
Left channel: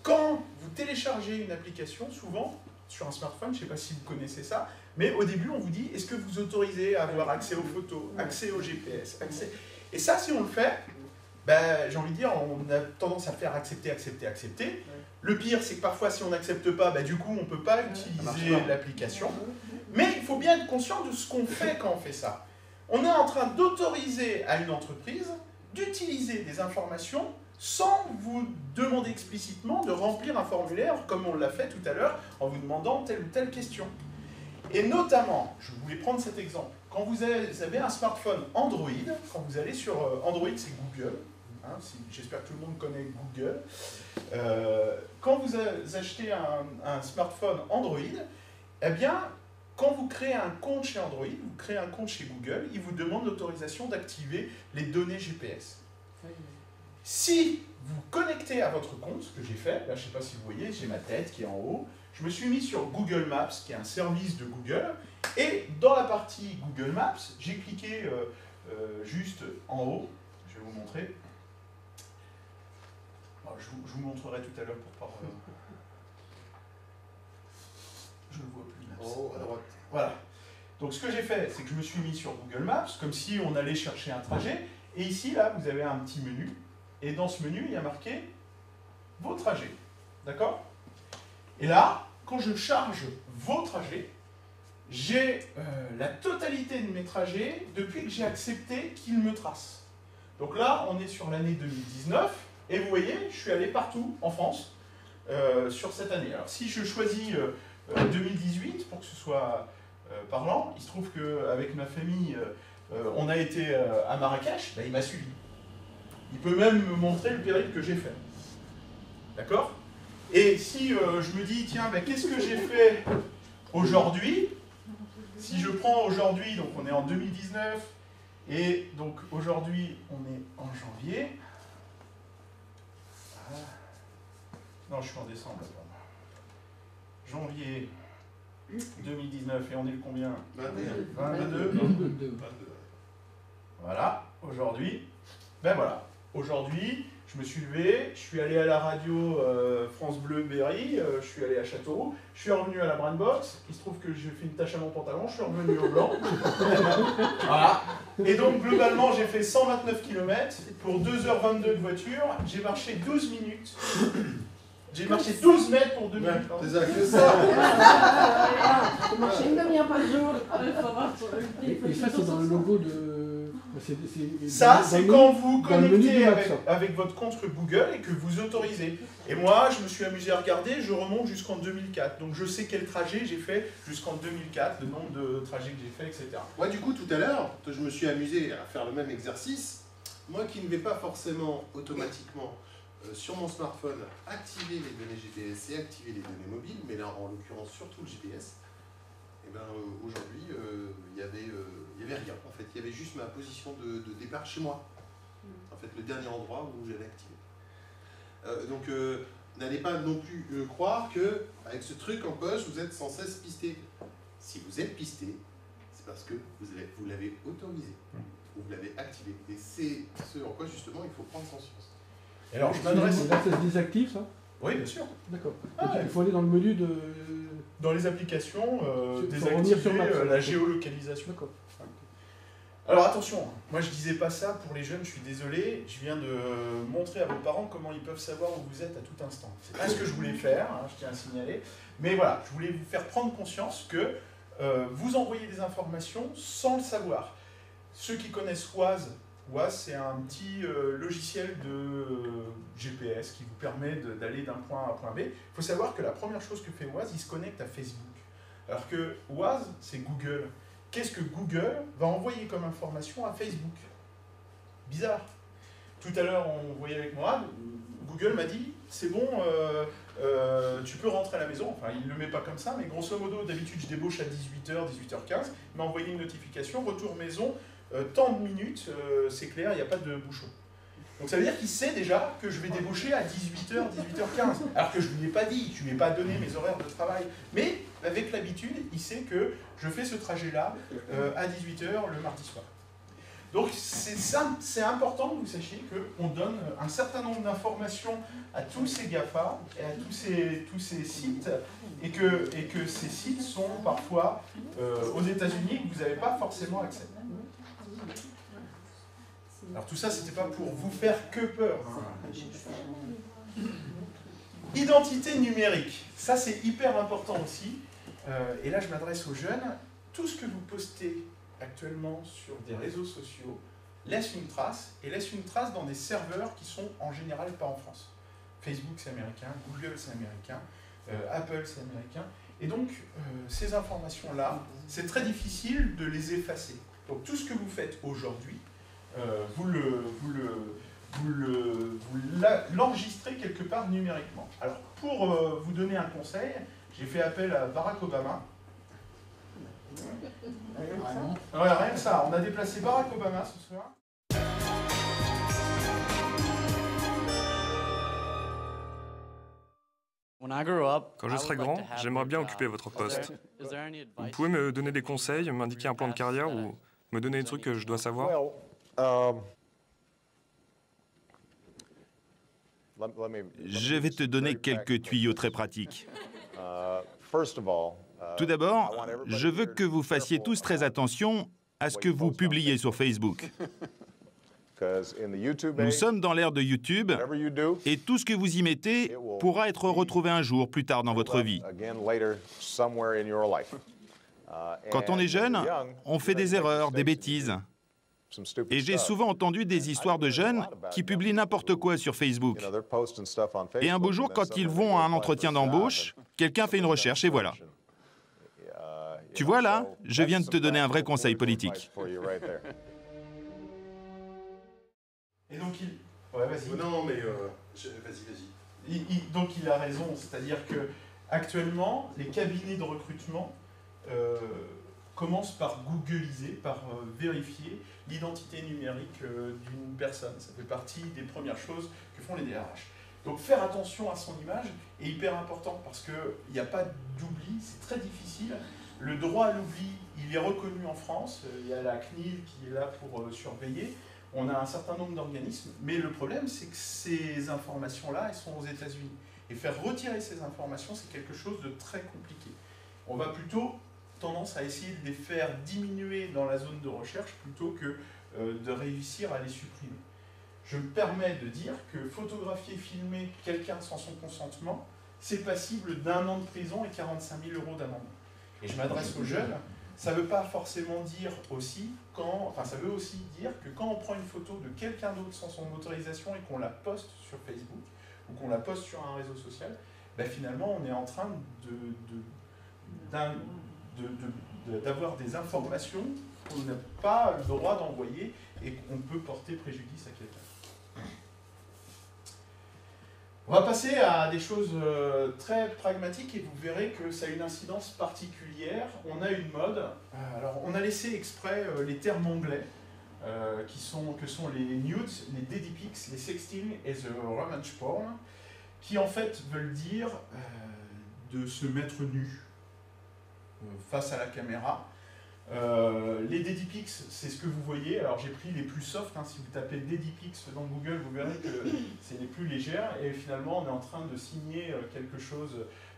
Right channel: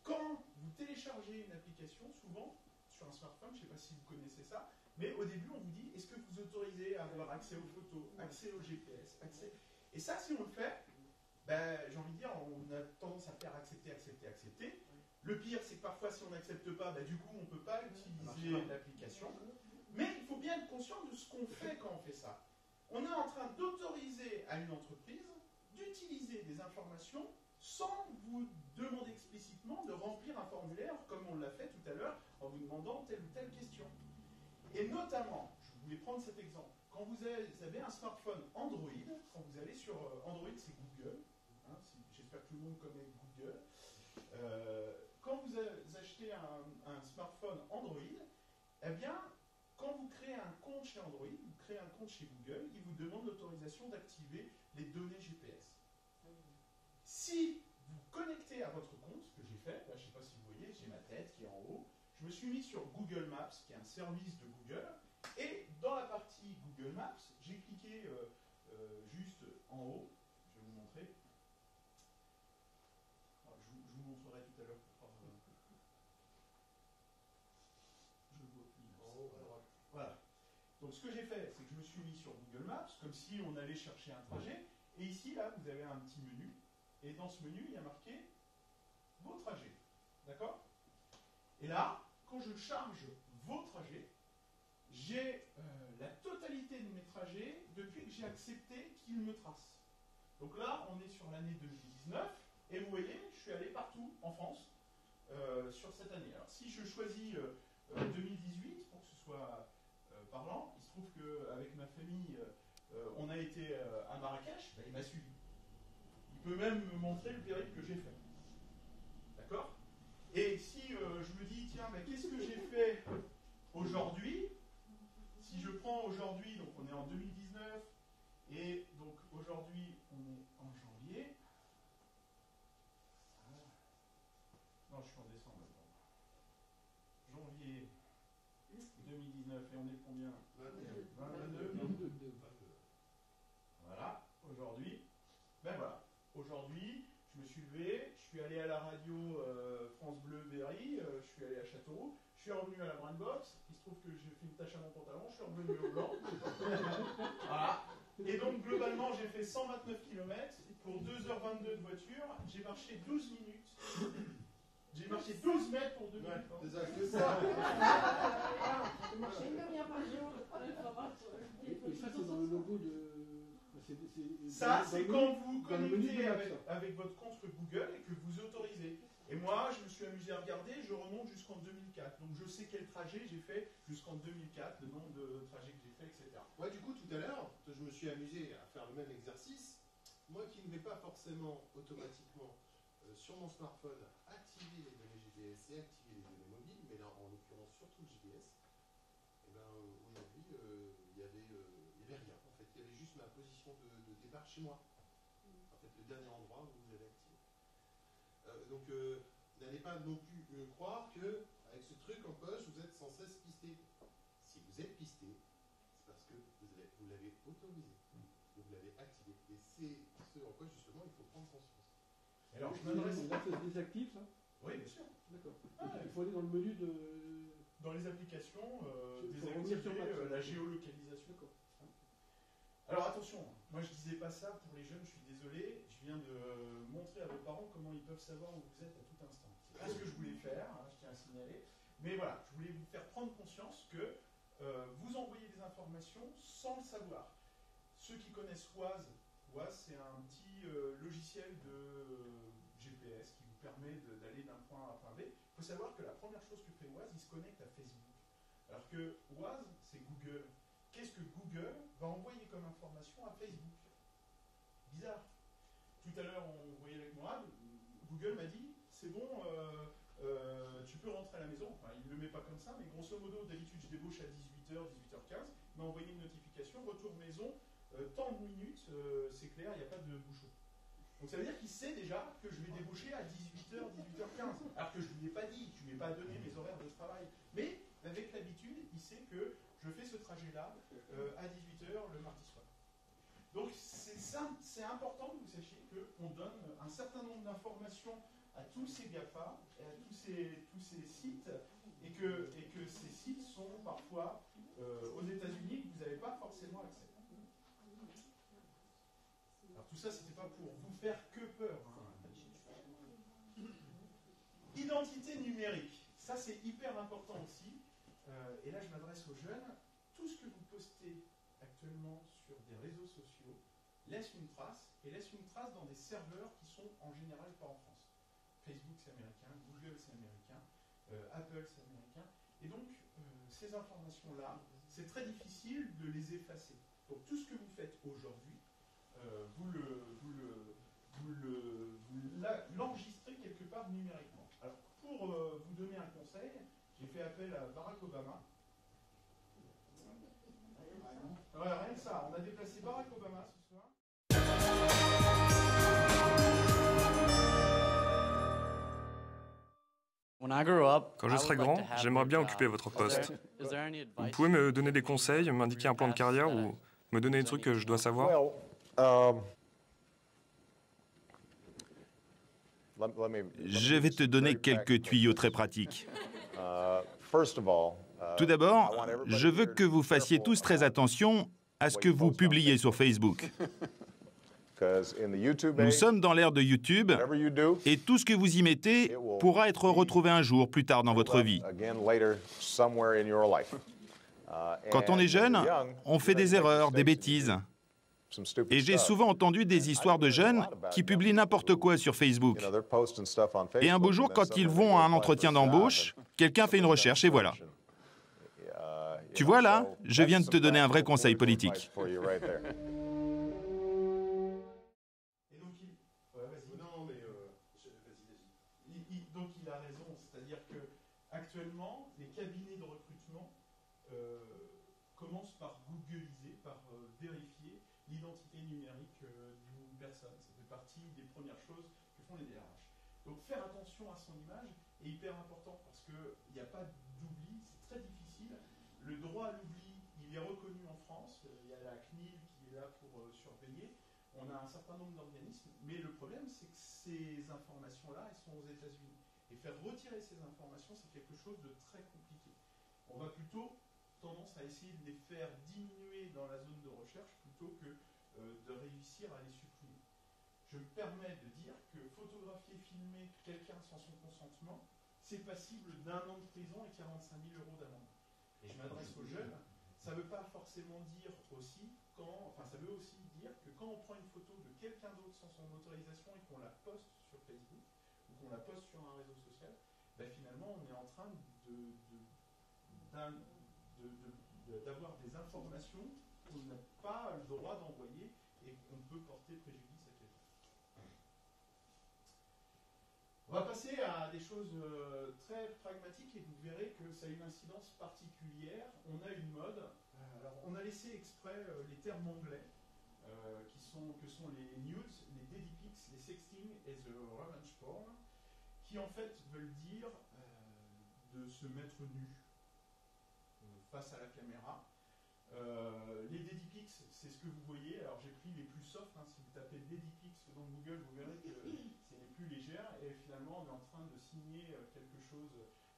Quand vous téléchargez une application, souvent, sur un smartphone, je ne sais pas si vous connaissez ça, mais au début, on vous dit, est-ce que vous autorisez à avoir accès aux photos, accès au GPS, accès... Et ça, si on le fait, ben, j'ai envie de dire, on a tendance à faire accepter, accepter, accepter. Le pire, c'est que parfois, si on n'accepte pas, ben, du coup, on ne peut pas utiliser l'application. Mais il faut bien être conscient de ce qu'on fait quand on fait ça. On est en train d'autoriser à une entreprise d'utiliser des informations sans vous demander explicitement de remplir un formulaire, comme on l'a fait tout à l'heure, en vous demandant telle ou telle question. Et notamment, je voulais prendre cet exemple, quand vous avez un smartphone Android, quand vous allez sur Android, c'est Google, hein, j'espère que tout le monde connaît Google, quand vous achetez un smartphone Android, eh bien, quand vous créez un compte chez Android, vous créez un compte chez Google, il vous demande l'autorisation d'activer les données GPS. Si vous connectez à votre compte, ce que j'ai fait, là je ne sais pas si vous voyez, j'ai ma tête qui est en haut, je me suis mis sur Google Maps, qui est un service de Google, et dans la partie Google Maps, j'ai cliqué juste en haut, je vais vous montrer. Bon, je vous montrerai tout à l'heure pour pas... Je ne vois plus Maps. Oh, à droite. Voilà. Donc ce que j'ai fait, c'est que je me suis mis sur Google Maps, comme si on allait chercher un trajet, et ici, là, vous avez un petit menu, et dans ce menu, il y a marqué vos trajets. D'accord? Et là, quand je charge vos trajets, j'ai la totalité de mes trajets depuis que j'ai accepté qu'ils me tracent. Donc là, on est sur l'année 2019, et vous voyez, je suis allé partout en France sur cette année. Alors si je choisis 2018 pour que ce soit parlant, il se trouve qu'avec ma famille, on a été à Marrakech, ben, il m'a suivi. Il peut même me montrer le périple que j'ai fait. D'accord? Et si je me dis, tiens, ben, qu'est-ce que j'ai fait aujourd'hui? Si je prends aujourd'hui, donc on est en 2019, et donc aujourd'hui on est en janvier. Ah. Non, je suis en décembre. Janvier 2019, et on est le combien? 22. Voilà, aujourd'hui, ben voilà, aujourd'hui, je me suis levé, je suis allé à la radio France Bleu Berry, je suis allé à Châteauroux, je suis revenu à la Brandbox, il se trouve que j'ai fait une tache à mon pantalon, je suis revenu au blanc. Voilà. Et donc globalement j'ai fait 129 km pour 2h22 de voiture, j'ai marché 12 minutes. J'ai marché 12 mètres pour 2 minutes. C'est ça, que ça. Faut marcher une demi-heure par jour. Et ça, c'est dans le logo de... Ça, c'est quand vous dans le menu connectez du Mac, ça. avec votre compte Google et que vous autorisez. Et moi, je me suis amusé à regarder, je remonte jusqu'en 2004. Donc je sais quel trajet j'ai fait jusqu'en 2004, le nombre de trajets que j'ai fait, etc. Moi, du coup, tout à l'heure, je me suis amusé à faire le même exercice. Moi qui ne vais pas forcément automatiquement sur mon smartphone activer les données GPS et activer les données mobiles, mais là, en l'occurrence, surtout le GPS, et ben aujourd'hui, il y avait rien. En fait, il y avait juste ma position de départ chez moi. En fait, le dernier endroit où j'allais activer. Donc, n'allez pas non plus croire que avec ce truc en poche, vous êtes sans cesse pisté. Si vous êtes pisté, c'est parce que vous l'avez autorisé, ou vous l'avez activé. Et c'est ce en quoi justement il faut prendre conscience. Et alors, je m'adresse. Là, ça se désactive, ça? Oui, bien sûr. D'accord. Ah, Donc, il faut aller dans le menu de... Dans les applications, Faut revenir sur Mac, désactiver la géolocalisation. D'accord. Alors attention, moi je disais pas ça pour les jeunes, je suis désolé, je viens de montrer à vos parents comment ils peuvent savoir où vous êtes à tout instant. C'est pas ce que je voulais faire, hein, je tiens à signaler, mais voilà, je voulais vous faire prendre conscience que vous envoyez des informations sans le savoir. Ceux qui connaissent Waze, c'est un petit logiciel de GPS qui vous permet d'aller d'un point A à un point B. Il faut savoir que la première chose que fait Waze, il se connecte à Facebook. Alors que Waze, c'est Google. Qu'est-ce que Google va envoyer comme information à Facebook? Bizarre. Tout à l'heure, on voyait avec moi, Google m'a dit, c'est bon, tu peux rentrer à la maison. Enfin, il ne le met pas comme ça, mais grosso modo, d'habitude, je débauche à 18h, 18h15. Il m'a envoyé une notification, retour maison, tant de minutes, c'est clair, il n'y a pas de bouchon. Donc ça veut dire qu'il sait déjà que je vais débaucher à 18h, 18h15. Alors que je ne lui ai pas dit, je ne lui ai pas donné mes horaires de travail. Mais avec l'habitude, il sait que je fais ce trajet-là à 18h le mardi soir. Donc c'est important que vous sachiez qu'on donne un certain nombre d'informations à tous ces GAFA et à tous ces sites, et que ces sites sont parfois aux États-Unis que vous n'avez pas forcément accès. Alors tout ça, c'était pas pour vous faire que peur. Identité numérique, ça c'est hyper important aussi. Et là, je m'adresse aux jeunes. Tout ce que vous postez actuellement sur des réseaux sociaux laisse une trace, et laisse une trace dans des serveurs qui sont en général pas en France. Facebook, c'est américain, Google, c'est américain, Apple, c'est américain. Et donc, ces informations-là, c'est très difficile de les effacer. Donc, tout ce que vous faites aujourd'hui, vous l'enregistrez quelque part numériquement. Alors, pour vous donner un conseil, j'ai fait appel à Barack Obama. Ouais, rien que ça, on a déplacé Barack Obama ce soir. Quand je serai grand, j'aimerais bien occuper votre poste. Vous pouvez me donner des conseils, m'indiquer un plan de carrière ou me donner des trucs que je dois savoir? Je vais te donner quelques tuyaux très pratiques. Tout d'abord, je veux que vous fassiez tous très attention à ce que vous publiez sur Facebook. Nous sommes dans l'ère de YouTube, et tout ce que vous y mettez pourra être retrouvé un jour plus tard dans votre vie. Quand on est jeune, on fait des erreurs, des bêtises. Et j'ai souvent entendu des histoires de jeunes qui publient n'importe quoi sur Facebook. Et un beau jour, quand ils vont à un entretien d'embauche, quelqu'un fait une recherche et voilà. Tu vois là, je viens de te donner un vrai conseil politique. Et donc il... Ouais, vas-y. Non, mais vas-y. Donc il a raison, c'est-à-dire que actuellement, les cabinets de recrutement commencent par googliser, par vérifier l'identité numérique d'une personne. Ça fait partie des premières choses que font les DRH. Donc faire attention à son image est hyper important parce qu'il n'y a pas d'oubli, c'est très difficile. Le droit à l'oubli, il est reconnu en France, il y a la CNIL qui est là pour surveiller. On a un certain nombre d'organismes, mais le problème, c'est que ces informations-là, elles sont aux États-Unis. Et faire retirer ces informations, c'est quelque chose de très compliqué. On va plutôt tendance à essayer de les faire diminuer dans la zone de recherche plutôt que de réussir à les supprimer. Je me permets de dire que photographier, filmer quelqu'un sans son consentement, c'est passible d'1 an de prison et 45 000 € d'amende. Et je m'adresse aux jeunes. Ça veut pas forcément dire aussi ça veut aussi dire que quand on prend une photo de quelqu'un d'autre sans son autorisation et qu'on la poste sur Facebook ou qu'on la poste sur un réseau social, ben finalement on est en train d'avoir des informations qu'on n'a pas le droit d'envoyer et qu'on peut porter préjudice à quelqu'un. On va passer à des choses très pragmatiques et vous verrez que ça a une incidence particulière. On a une mode. Alors, on a laissé exprès les termes anglais que sont les nudes, les daddy pics, les sexting et the revenge porn, qui en fait veulent dire de se mettre nu face à la caméra. Les daddy pics, c'est ce que vous voyez. Alors j'ai pris les plus soft, si vous tapez daddy pics dans Google, vous verrez que c'est les plus légères et finalement on est en train de signer quelque chose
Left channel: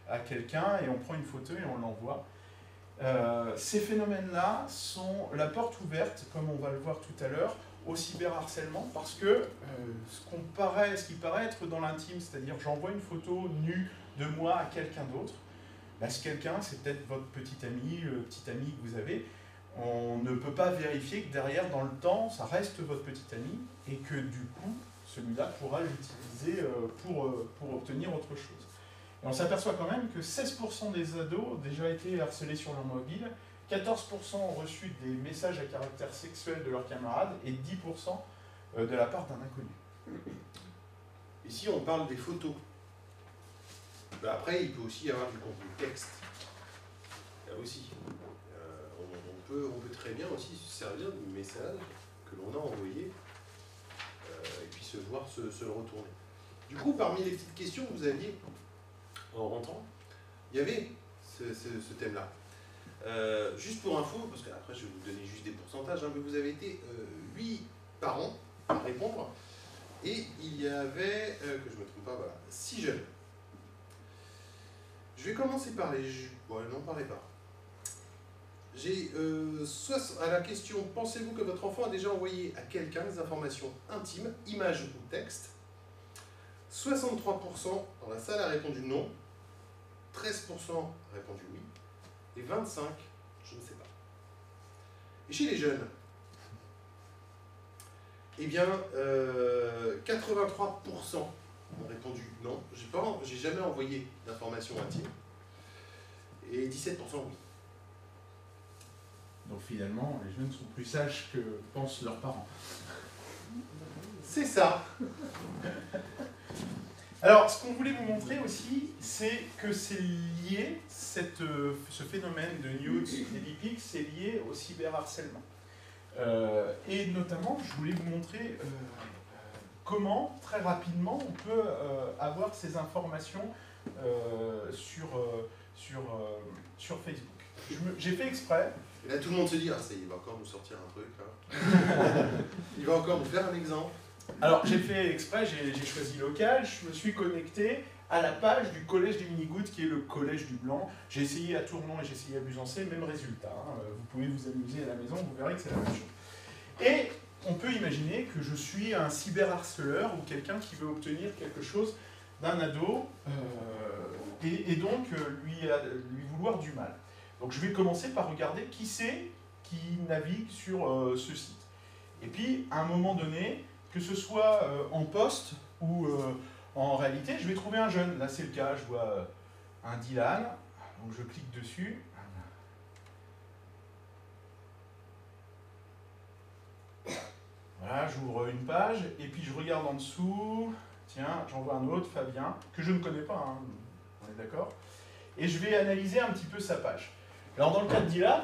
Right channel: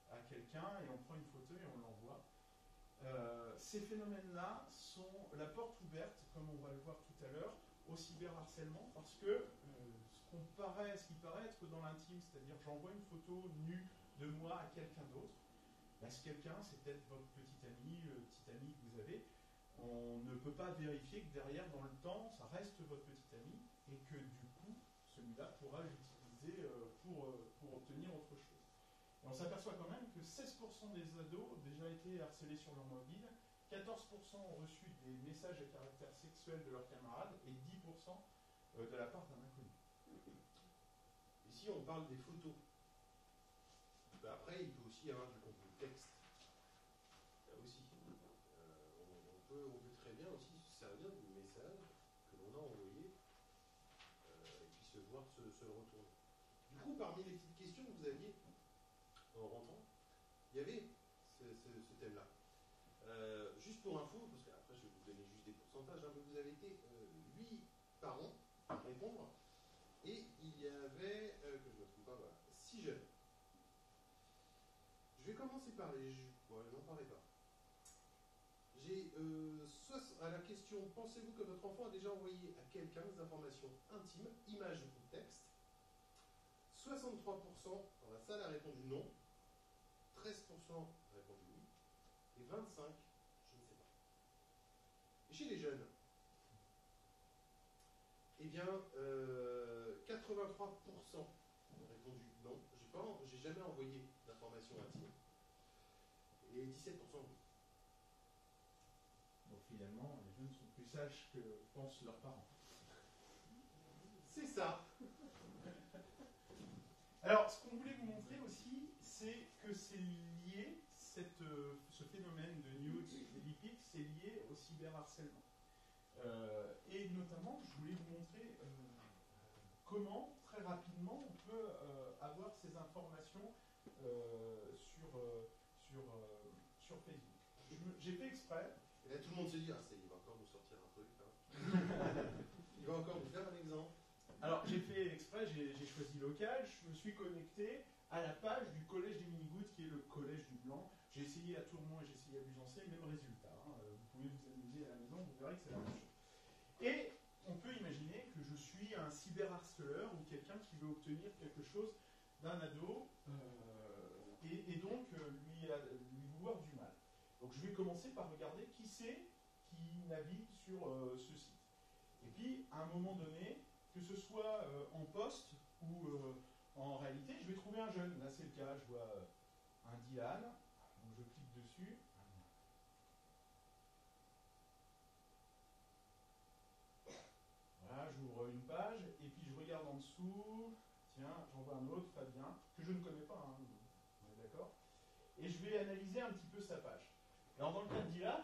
à quelqu'un et on prend une photo et on l'envoie. Ces phénomènes-là sont la porte ouverte, comme on va le voir tout à l'heure, au cyberharcèlement parce que ce qui paraît être dans l'intime, c'est-à-dire j'envoie une photo nue de moi à quelqu'un d'autre, ce quelqu'un c'est peut-être votre petit ami, le petit ami que vous avez. On ne peut pas vérifier que derrière, dans le temps, ça reste votre petit ami et que du coup, celui-là pourra l'utiliser pour obtenir autre chose. Et on s'aperçoit quand même que 16% des ados ont déjà été harcelés sur leur mobile, 14% ont reçu des messages à caractère sexuel de leurs camarades et 10% de la part d'un inconnu. Et si on parle des photos, après il peut aussi y avoir du contenu texte. Là aussi. On peut très bien aussi se servir du message que l'on a envoyé et puis se voir se le retourner. Du coup, parmi les petites questions que vous aviez en rentrant, il y avait ce thème-là. Juste pour info, parce qu'après je vais vous donner juste des pourcentages, mais vous avez été 8 parents à répondre et il y avait, que je ne me trompe pas, voilà, 6 jeunes. Je vais commencer par les... Bon, n'en parlez pas. J'ai à la question « Pensez-vous que votre enfant a déjà envoyé à quelqu'un des informations intimes, images ou textes ?» 63% dans la salle a répondu non, 13% a répondu oui, et 25% je ne sais pas. Et chez les jeunes, eh bien, 83% ont répondu non, j'ai jamais envoyé d'informations intimes, et 17% oui. Donc finalement, les jeunes sont plus sages que pensent leurs parents. C'est ça. Alors, ce qu'on voulait vous montrer aussi, c'est que c'est lié, ce phénomène de nudes et daddy pics, c'est lié au cyberharcèlement. Et notamment, je voulais vous montrer comment, très rapidement, on peut avoir ces informations sur Facebook. J'ai fait exprès. Et là, tout le monde se dit, ah, ça y est, il va encore nous sortir un truc. Hein. Il va encore nous faire un exemple. Alors, j'ai fait exprès, j'ai choisi local, je me suis connecté à la page du collège des Minigouttes, qui est le collège du Blanc. J'ai essayé à Tournon et j'ai essayé à Busancé, même résultat. Vous pouvez vous amuser à la maison, vous verrez que c'est la même chose. Et on peut imaginer que je suis un cyberharceleur ou quelqu'un qui veut obtenir quelque chose d'un ado et donc lui vouloir du mal. Donc je vais commencer par regarder qui c'est qui navigue sur ce site. Et puis, à un moment donné, que ce soit en post ou en réalité, je vais trouver un jeune. Là, c'est le cas, je vois un Dylan, donc je clique dessus. Voilà, j'ouvre une page, et puis je regarde en dessous. Tiens, j'en vois un autre, Fabien, que je ne connais pas, hein, on est d'accord. Et je vais analyser un petit peu sa page. Alors, dans le cas de Dylan,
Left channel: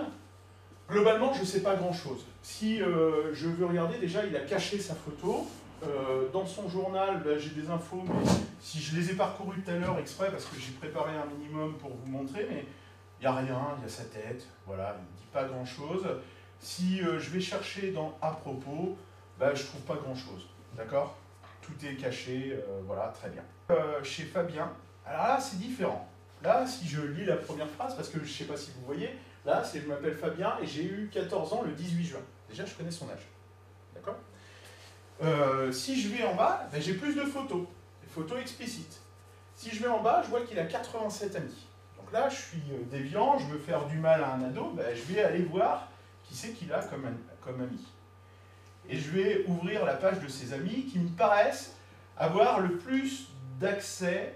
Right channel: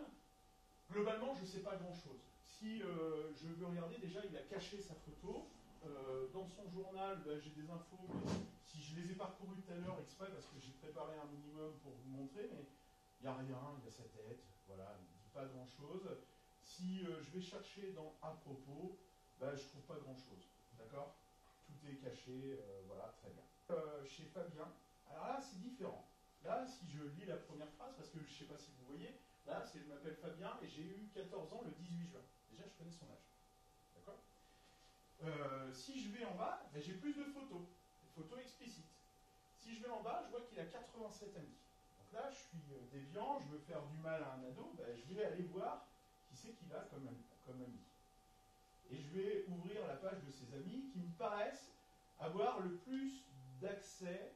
globalement, je ne sais pas grand-chose. Si je veux regarder, déjà, il a caché sa photo. Dans son journal, ben, j'ai des infos, mais si je les ai parcourues tout à l'heure exprès, parce que j'ai préparé un minimum pour vous montrer, mais il n'y a rien, il y a sa tête, voilà, il ne dit pas grand-chose. Si je vais chercher dans « à propos », ben, je ne trouve pas grand-chose, d'accord? Tout est caché, voilà, très bien. Chez Fabien, alors là, c'est différent. Là, si je lis la première phrase, parce que je ne sais pas si vous voyez, là, c'est « je m'appelle Fabien et j'ai eu 14 ans le 18 juin ». Déjà, je connais son âge, d'accord? Si je vais en bas, ben, j'ai plus de photos, des photos explicites. Si je vais en bas, je vois qu'il a 87 amis. Donc là, je suis déviant, je veux faire du mal à un ado, ben, je vais aller voir qui c'est qu'il a comme ami. Et je vais ouvrir la page de ses amis qui me paraissent avoir le plus d'accès,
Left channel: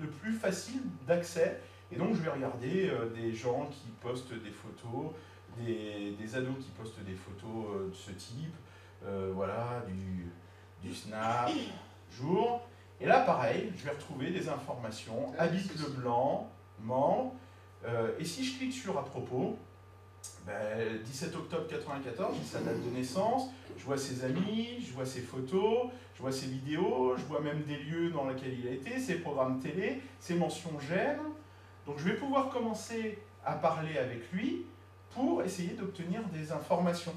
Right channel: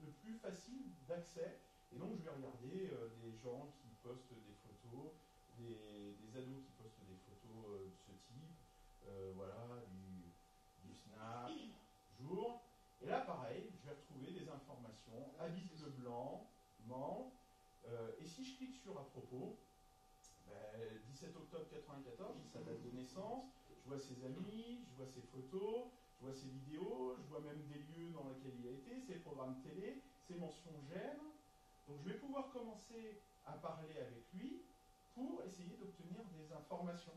le plus facile d'accès. Et donc je vais regarder des gens qui postent des photos, des ados qui postent des photos de ce type, voilà, du Snap, jour. Et là, pareil, je vais retrouver des informations, habite le blanc, membre. Et si je clique sur « à propos », ben, 17 octobre 94, c'est sa date de naissance, je vois ses amis, je vois ses photos, je vois ses vidéos, je vois même des lieux dans lesquels il a été, ses programmes télé, ses mentions j'aime. Donc je vais pouvoir commencer à parler avec lui pour essayer d'obtenir des informations.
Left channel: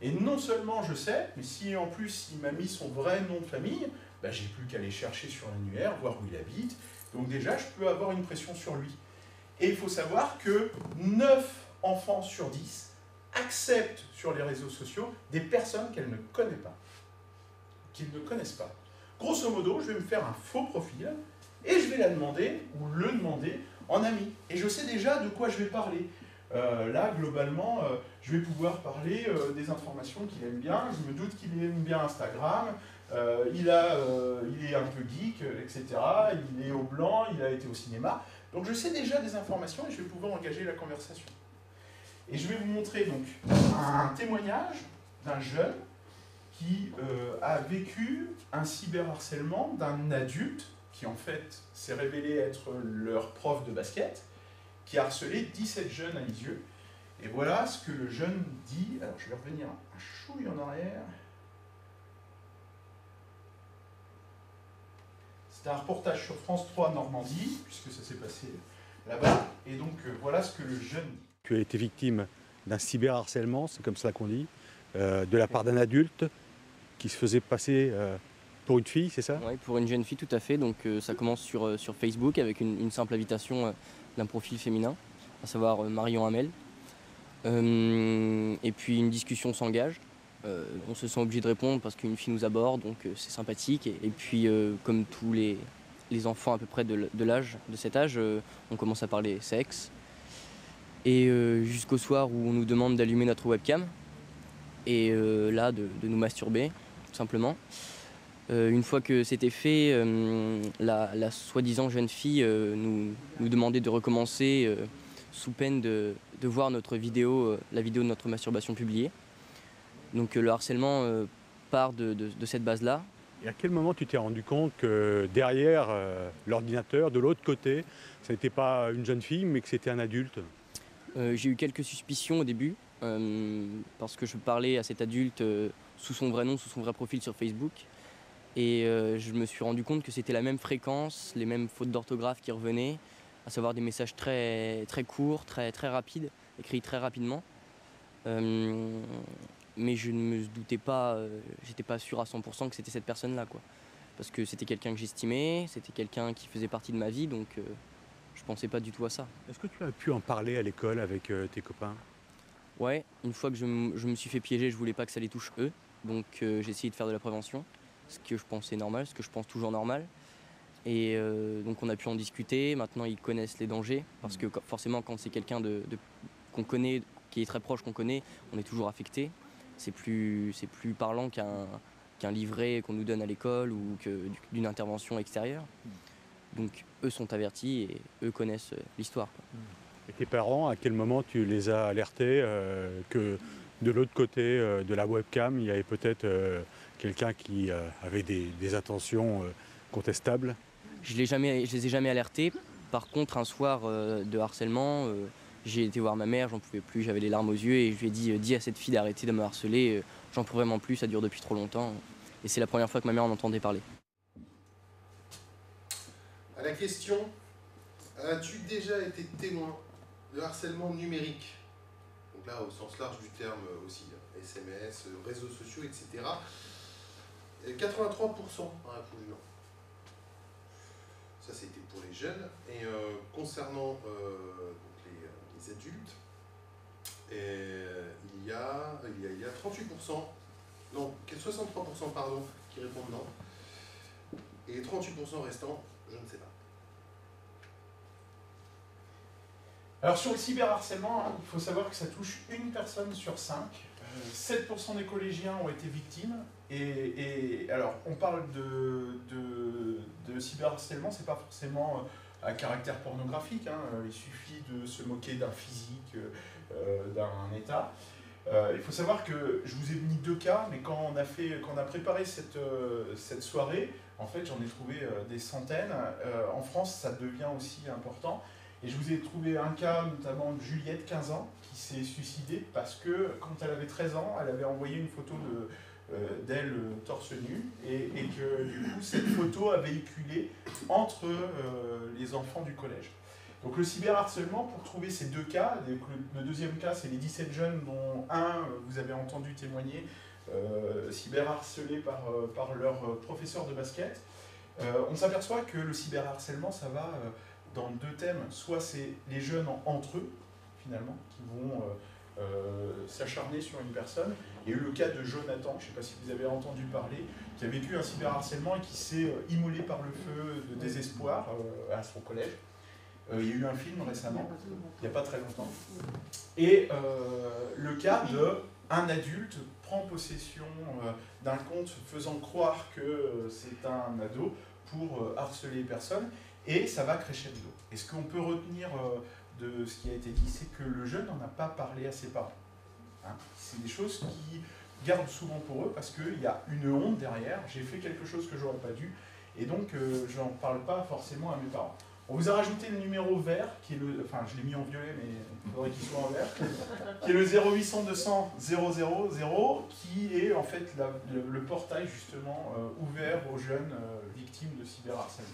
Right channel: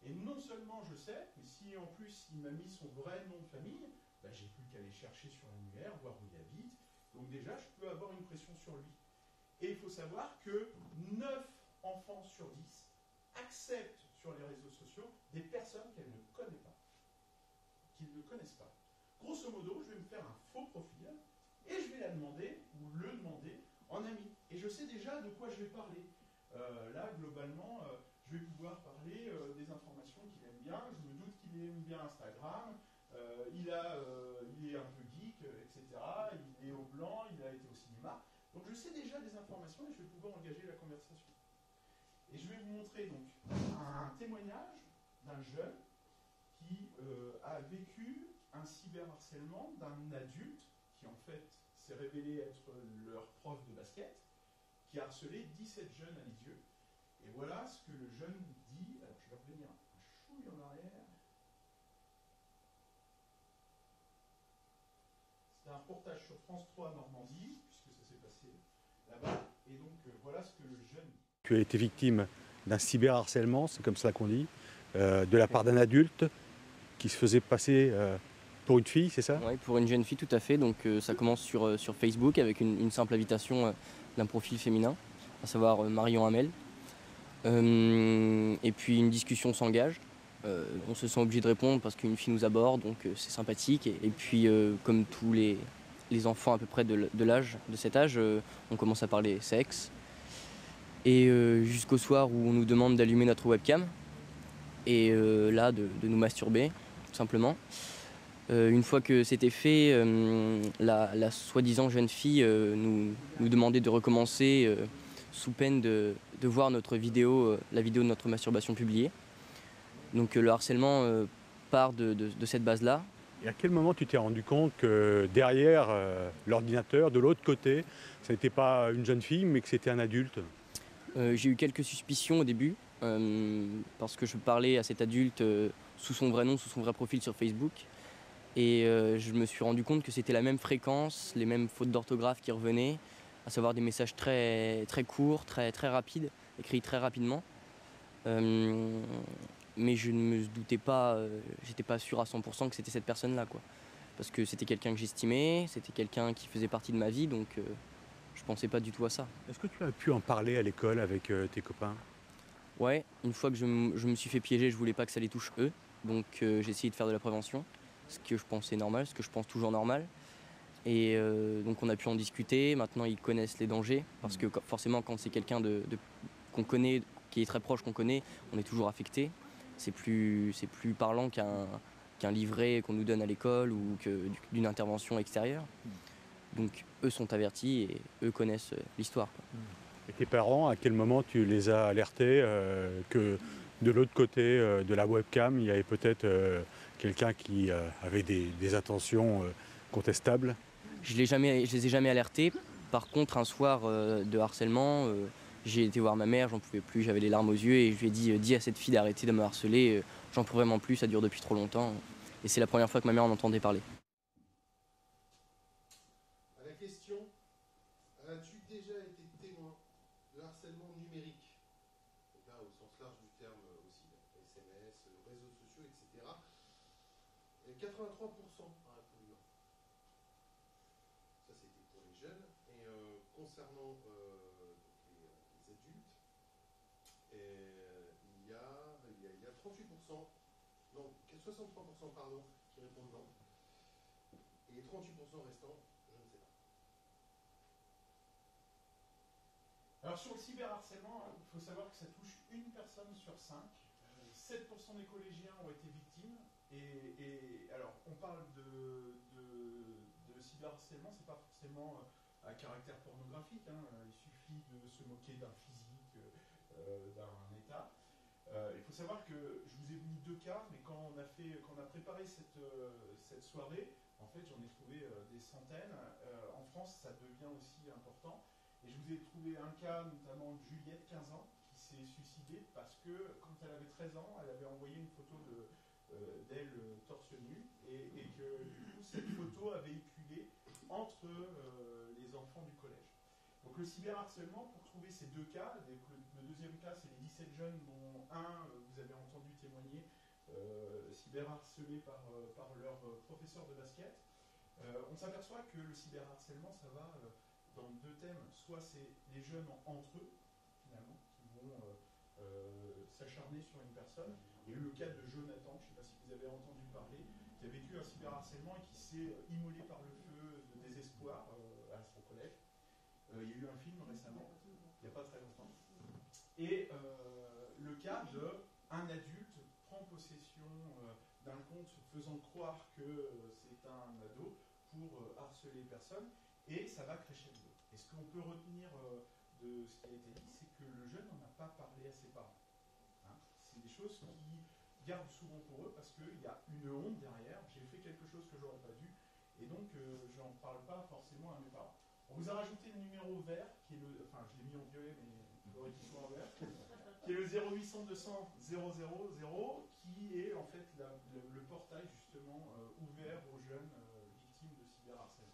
Et non seulement je sais, mais si en plus il m'a mis son vrai nom de famille, ben, j'ai plus qu'à aller chercher sur l'annuaire, voir où il habite. Donc déjà, je peux avoir une pression sur lui. Et il faut savoir que 9 enfants sur 10 acceptent sur les réseaux sociaux des personnes qu'elles ne connaissent pas. Qu'ils ne connaissent pas. Grosso modo, je vais me faire un faux profil et je vais la demander, ou le demander, en ami. Et je sais déjà de quoi je vais parler. Là, globalement, je vais pouvoir parler des informations qu'il aime bien. Je me doute qu'il aime bien Instagram. Il est un peu geek, etc. Il est au blanc, il a été au cinéma. Donc je sais déjà des informations et je vais pouvoir engager la conversation. Et je vais vous montrer donc un témoignage d'un jeune qui a vécu un cyberharcèlement d'un adulte qui en fait s'est révélé être leur prof de basket, qui a harcelé 17 jeunes à Lisieux. Et voilà ce que le jeune dit. Alors je vais revenir un chouille en arrière. C'est un reportage sur France 3 Normandie, puisque ça s'est passé là-bas. Et donc voilà ce que le jeune dit. Tu as été victime d'un cyberharcèlement, c'est comme ça qu'on dit, de la part d'un adulte qui se faisait passer pour une fille, c'est ça? Oui, pour une jeune fille, tout à fait. Donc ça commence sur Facebook avec une simple invitation d'un profil féminin, à savoir Marion Hamel. Et puis une discussion s'engage. On se sent obligé de répondre parce qu'une fille nous aborde, donc c'est sympathique. Et puis comme tous les enfants à peu près de cet âge, on commence à parler sexe. Et jusqu'au soir où on nous demande d'allumer notre webcam et là de nous masturber, tout simplement. Une fois que c'était fait, la soi-disant jeune fille nous demandait de recommencer sous peine de voir notre vidéo, la vidéo de notre masturbation publiée. Donc le harcèlement part de cette base-là. Et à quel moment tu t'es rendu compte que derrière l'ordinateur, de l'autre côté, ce n'était pas une jeune fille mais que c'était un adulte? J'ai eu quelques suspicions au début, parce que je parlais à cet adulte sous son vrai nom, sous son vrai profil sur Facebook. Et je me suis rendu compte que c'était la même fréquence, les mêmes fautes d'orthographe qui revenaient, à savoir des messages très, très courts, très, très rapides, écrits très rapidement. Mais je ne me doutais pas, j'étais pas sûr à 100% que c'était cette personne-là, quoi. Parce que c'était quelqu'un que j'estimais, c'était quelqu'un qui faisait partie de ma vie, donc je pensais pas du tout à ça. Est-ce que tu as pu en parler à l'école avec tes copains? Ouais, une fois que je me suis fait piéger, je voulais pas que ça les touche eux, donc j'ai essayé de faire de la prévention, ce que je pensais normal, ce que je pense toujours normal. Et donc on a pu en discuter, maintenant ils connaissent les dangers, parce que forcément quand c'est quelqu'un qu'on connaît, qui est très proche, qu'on connaît, on est toujours affecté. c'est plus parlant qu'un livret qu'on nous donne à l'école ou d'une intervention extérieure. Donc eux sont avertis et eux connaissent l'histoire. Et tes parents, à quel moment tu les as alertés que de l'autre côté de la webcam, il y avait peut-être quelqu'un qui avait des intentions contestables? Je les ai jamais alertés. Par contre, un soir de harcèlement, j'ai été voir ma mère, j'en pouvais plus, j'avais les larmes aux yeux et je lui ai dit dis à cette fille d'arrêter de me harceler, j'en peux vraiment plus, ça dure depuis trop longtemps. Et c'est la première fois que ma mère en entendait parler. À la question, as-tu déjà été témoin de harcèlement numérique? Donc là, au sens large du terme aussi, SMS, réseaux sociaux, etc. 83% a répondu non. Ça, c'était pour les jeunes. Et concernant les adultes, il y a 38%, non, 63% pardon, qui répondent non. Et les 38% restants, je ne sais pas. Alors sur le cyberharcèlement, il faut savoir que ça touche une personne sur 5. 7% des collégiens ont été victimes. Et alors, on parle de cyberharcèlement, c'est pas forcément à caractère pornographique. Il suffit de se moquer d'un physique, d'un état. Il faut savoir que je vous ai mis 2 cas, mais quand on a préparé cette soirée, en fait, j'en ai trouvé des centaines. En France, ça devient aussi important. Et je vous ai trouvé un cas, notamment de Juliette, 15 ans, qui s'est suicidée parce que, quand elle avait 13 ans, elle avait envoyé une photo d'elle torse nu, et que, du coup, cette photo a véhiculé entre les enfants du collège. Donc le cyberharcèlement, pour trouver ces 2 cas, le deuxième cas, c'est les 17 jeunes dont un, vous avez entendu témoigner, cyberharcelés par leur professeur de basket. On s'aperçoit que le cyberharcèlement, ça va dans 2 thèmes. Soit c'est les jeunes entre eux, finalement, qui vont s'acharner sur une personne. Il y a eu le cas de Jonathan, je ne sais pas si vous avez entendu parler, qui a vécu un cyberharcèlement et qui s'est immolé par le feu de désespoir à son collège. Il y a eu un film récemment, il n'y a pas très longtemps. Et le cas d'un adulte prend possession d'un compte faisant croire que c'est un ado pour harceler les personnes, et ça va crescendo. Et ce qu'on peut retenir de ce qui a été dit, c'est que le jeune n'en a pas parlé à ses parents. C'est des choses qui gardent souvent pour eux parce qu'il y a une honte derrière. J'ai fait quelque chose que j'aurais pas dû, et donc je n'en parle pas forcément à mes parents. On vous a rajouté le numéro vert, qui est le, enfin je l'ai mis en violet, mais il faudrait qu'il soit en vert, qui est le 0800 200 000, qui est en fait le portail justement ouvert aux jeunes victimes de cyberharcèlement.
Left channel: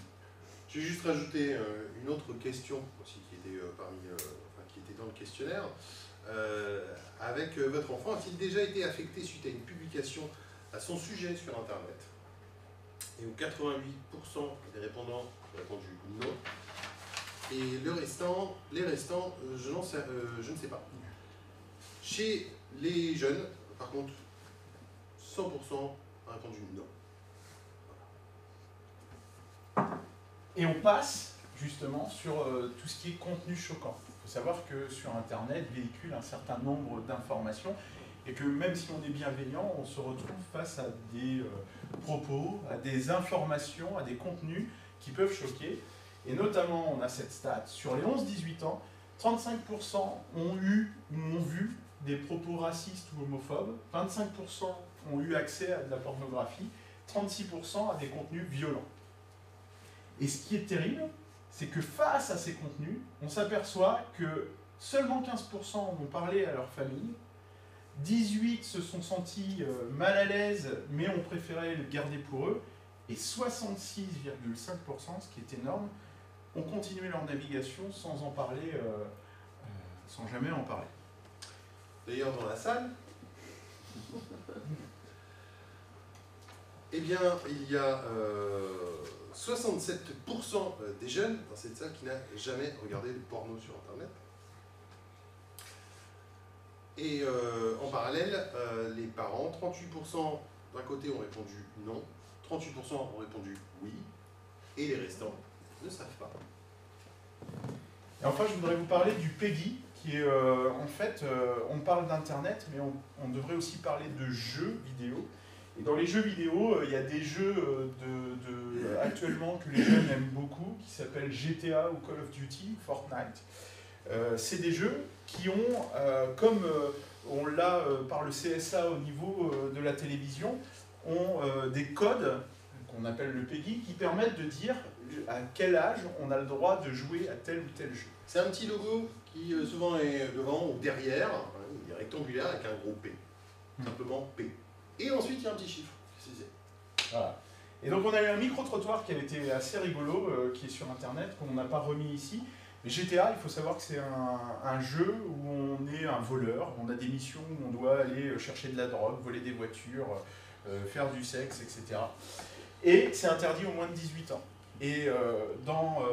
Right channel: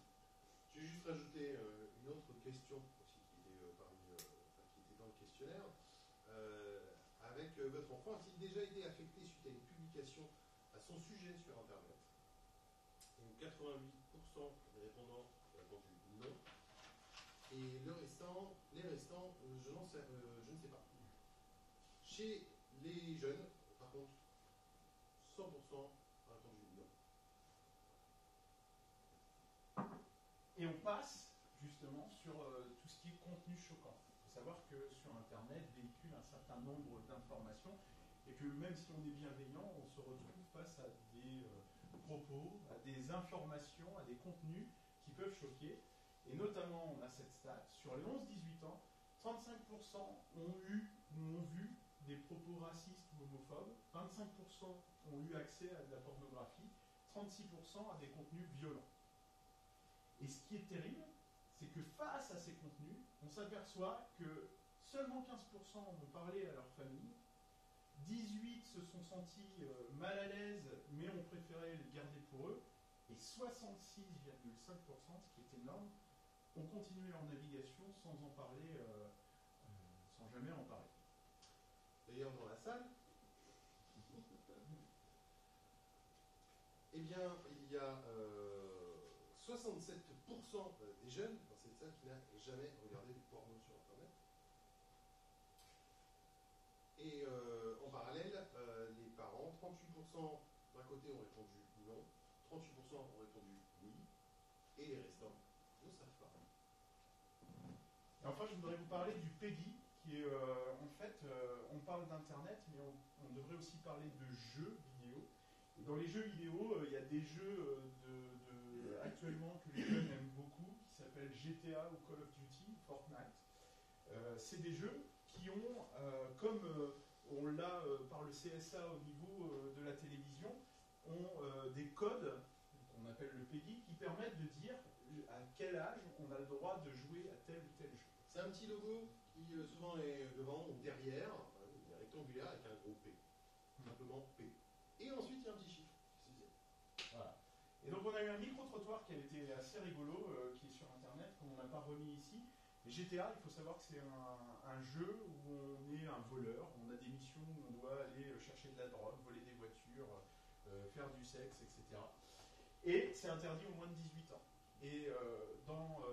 J'ai juste rajouté une autre question aussi qui était, qui était dans le questionnaire. Avec votre enfant, a-t-il déjà été affecté suite à une publication à son sujet sur Internet? Et où 88% des répondants ont répondu non. Et les restants, je ne sais pas. Chez les jeunes, par contre, 100% a répondu non. Et on passe justement sur tout ce qui est contenu choquant. Il faut savoir que sur Internet véhicule un certain nombre d'informations et que même si on est bienveillant, on se retrouve face à des propos, à des informations, à des contenus qui peuvent choquer. Et notamment, on a cette stat, sur les 11-18 ans, 35% ont eu ou ont vu des propos racistes ou homophobes, 25% ont eu accès à de la pornographie, 36% à des contenus violents. Et ce qui est terrible, c'est que face à ces contenus, on s'aperçoit que seulement 15% ont parlé à leur famille, 18% se sont sentis mal à l'aise, mais ont préféré le garder pour eux, et 66,5%, ce qui est énorme, ont continué leur navigation sans en parler, sans jamais en parler. D'ailleurs, dans la salle, eh bien, il y a 67% des jeunes dans cette salle qui n'a jamais regardé de porno sur Internet. Et en parallèle, les parents, 38% d'un côté ont répondu non, 38% ont répondu oui, et les restants ne savent pas. Et enfin, je voudrais vous parler du PEGI, qui est en fait, on parle d'Internet, mais on devrait aussi parler de jeux vidéo. Et dans les jeux vidéo, il y a des jeux actuellement que les jeunes aiment beaucoup, qui s'appellent GTA ou Call of Duty, Fortnite. C'est des jeux qui ont, comme on l'a par le CSA au niveau de la télévision, ont des codes qu'on appelle le PEGI, qui permettent de dire à quel âge on a le droit de jouer à tel ou tel jeu. C'est un petit logo qui souvent est devant ou derrière, il est rectangulaire avec un gros P. Simplement P. Et ensuite il y a un petit chiffre. Voilà. Et donc on a eu un micro-trottoir qui avait été assez rigolo, qui est sur internet, qu'on n'a pas remis ici. Mais GTA, il faut savoir que c'est un jeu où on est un voleur, on a des missions où on doit aller chercher de la drogue, voler des voitures, faire du sexe, etc. Et c'est interdit aux moins de 18 ans. Et dans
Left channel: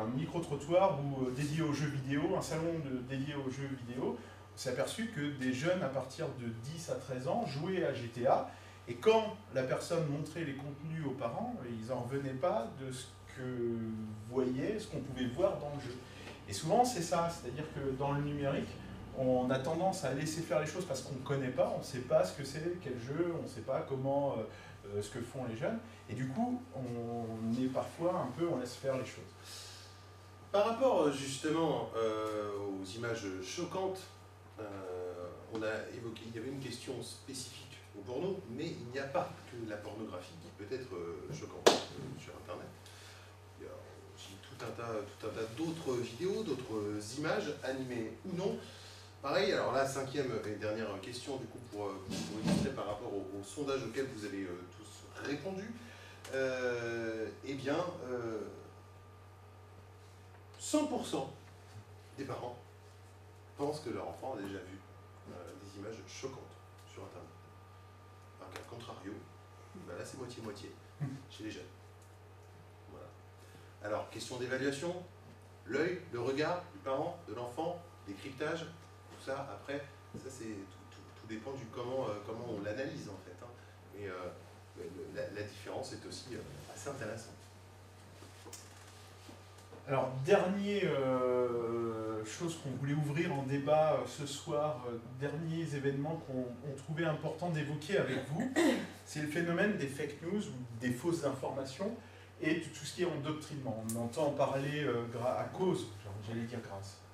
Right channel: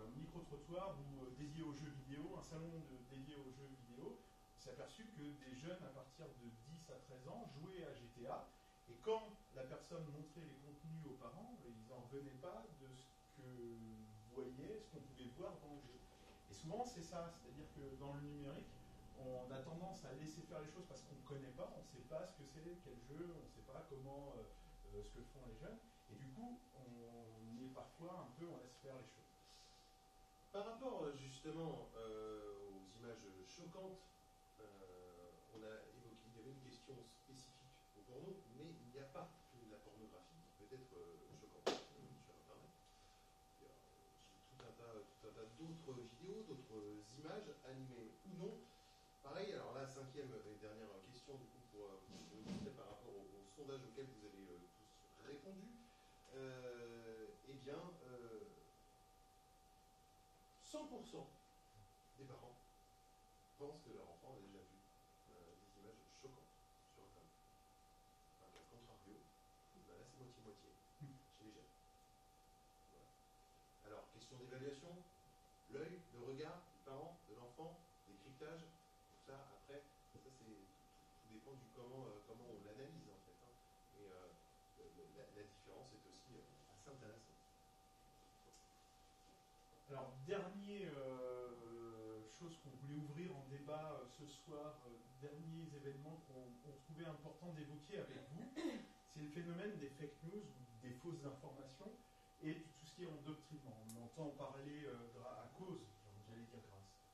un micro-trottoir dédié aux jeux vidéo, un salon dédié aux jeux vidéo, on s'est aperçu que des jeunes à partir de 10 à 13 ans jouaient à GTA, et quand la personne montrait les contenus aux parents, ils n'en revenaient pas de ce que voyaient, ce qu'on pouvait voir dans le jeu. Et souvent c'est ça, c'est-à-dire que dans le numérique, on a tendance à laisser faire les choses parce qu'on ne connaît pas, on ne sait pas ce que c'est, quel jeu, on ne sait pas comment, ce que font les jeunes, et du coup on est parfois un peu, on laisse faire les choses. Par rapport justement aux images choquantes, on a évoqué, il y avait une question spécifique au porno, mais il n'y a pas que la pornographie qui peut être choquante sur Internet. Il y a aussi tout un tas d'autres vidéos, d'autres images, animées ou non. Pareil, alors là, cinquième et dernière question, du coup, pour illustrer par rapport au sondage auquel vous avez tous répondu, eh bien, 100% des parents pensent que leur enfant a déjà vu des images choquantes sur Internet. Alors qu'à contrario, ben là c'est moitié-moitié chez les jeunes. Voilà. Alors, question d'évaluation, l'œil, le regard du parent, de l'enfant, décryptage, tout ça, après, ça c'est tout dépend du comment on l'analyse en fait. Hein. Et la différence est aussi assez intéressante. Alors, dernière chose qu'on voulait ouvrir en débat ce soir, derniers événements qu'on trouvait important d'évoquer avec vous, c'est le phénomène des fake news ou des fausses informations et tout ce qui est endoctrinement. On entend parler à cause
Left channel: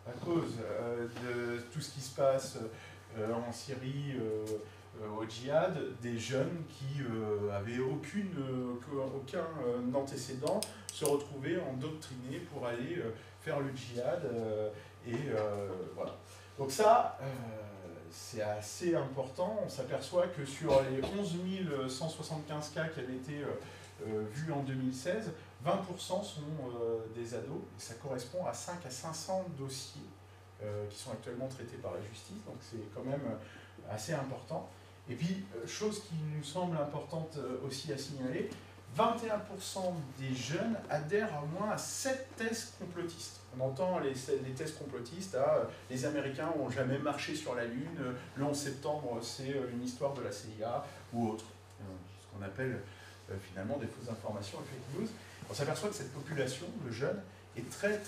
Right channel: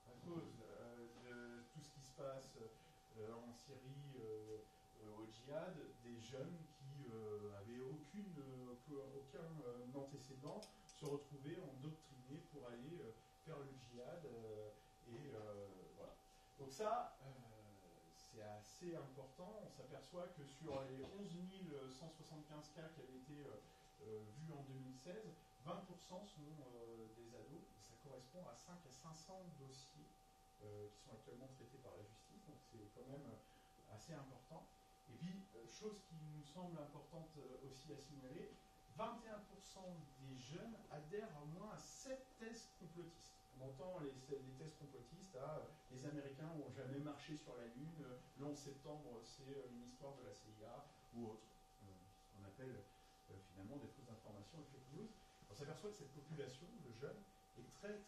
de tout ce qui se passe en Syrie, au djihad, des jeunes qui avaient aucun antécédent se retrouvaient endoctrinés pour aller faire le djihad. Voilà. Donc ça, c'est assez important. On s'aperçoit que sur les 11 175 cas qui avaient été vus en 2016, 20% sont des ados. Et ça correspond à 5 à 500 dossiers qui sont actuellement traités par la justice. Donc c'est quand même assez important. Et puis, chose qui nous semble importante aussi à signaler, 21% des jeunes adhèrent au moins à 7 thèses complotistes. On entend les thèses complotistes, les Américains n'ont jamais marché sur la Lune, le 11 septembre c'est une histoire de la CIA ou autre. Ce qu'on appelle finalement des fausses informations et fake news. On s'aperçoit que cette population, le jeune, est très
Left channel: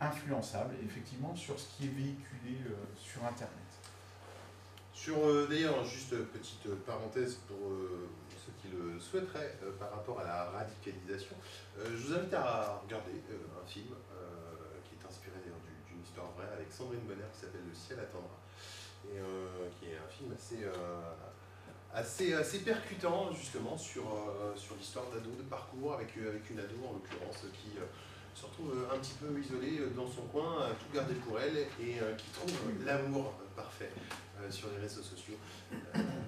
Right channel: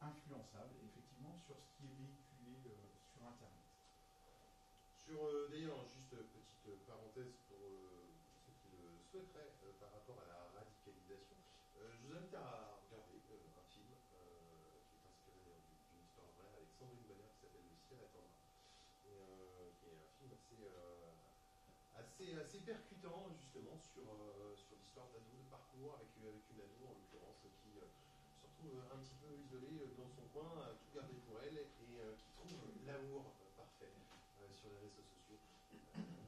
influençable effectivement sur ce qui est véhiculé sur Internet. D'ailleurs, juste petite parenthèse pour ceux qui le souhaiteraient par rapport à la radicalisation, je vous invite à regarder un film qui est inspiré d'ailleurs d'une histoire vraie avec Sandrine Bonner qui s'appelle Le ciel attendra, et qui est un film assez percutant justement sur l'histoire d'ado, de parcours avec une ado en l'occurrence qui se retrouve un petit peu isolée dans son coin, à tout garder pour elle et qui trouve l'amour parfait sur les réseaux sociaux.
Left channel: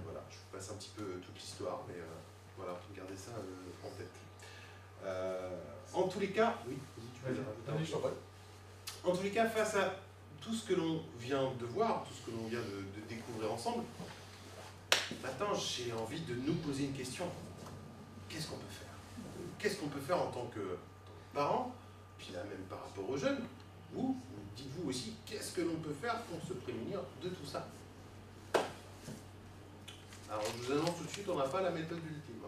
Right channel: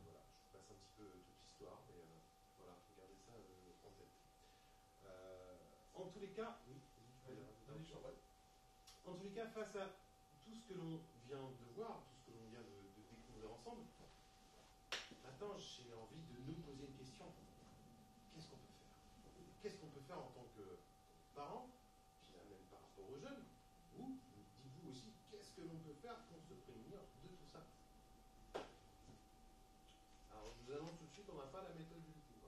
Voilà, je vous passe un petit peu toute l'histoire, mais voilà, gardez ça en tête. En tous les cas, oui, tu peux rajouter. En tous les cas, face à tout ce que l'on vient de voir, tout ce que l'on vient de découvrir ensemble, maintenant j'ai envie de nous poser une question. Qu'est-ce qu'on peut faire? Qu'est-ce qu'on peut faire en tant que parents, puis là même par rapport aux jeunes? Vous, dites-vous aussi, qu'est-ce que l'on peut faire pour se prémunir de tout ça? Alors je vous annonce tout de suite, on n'a pas la méthode ultime.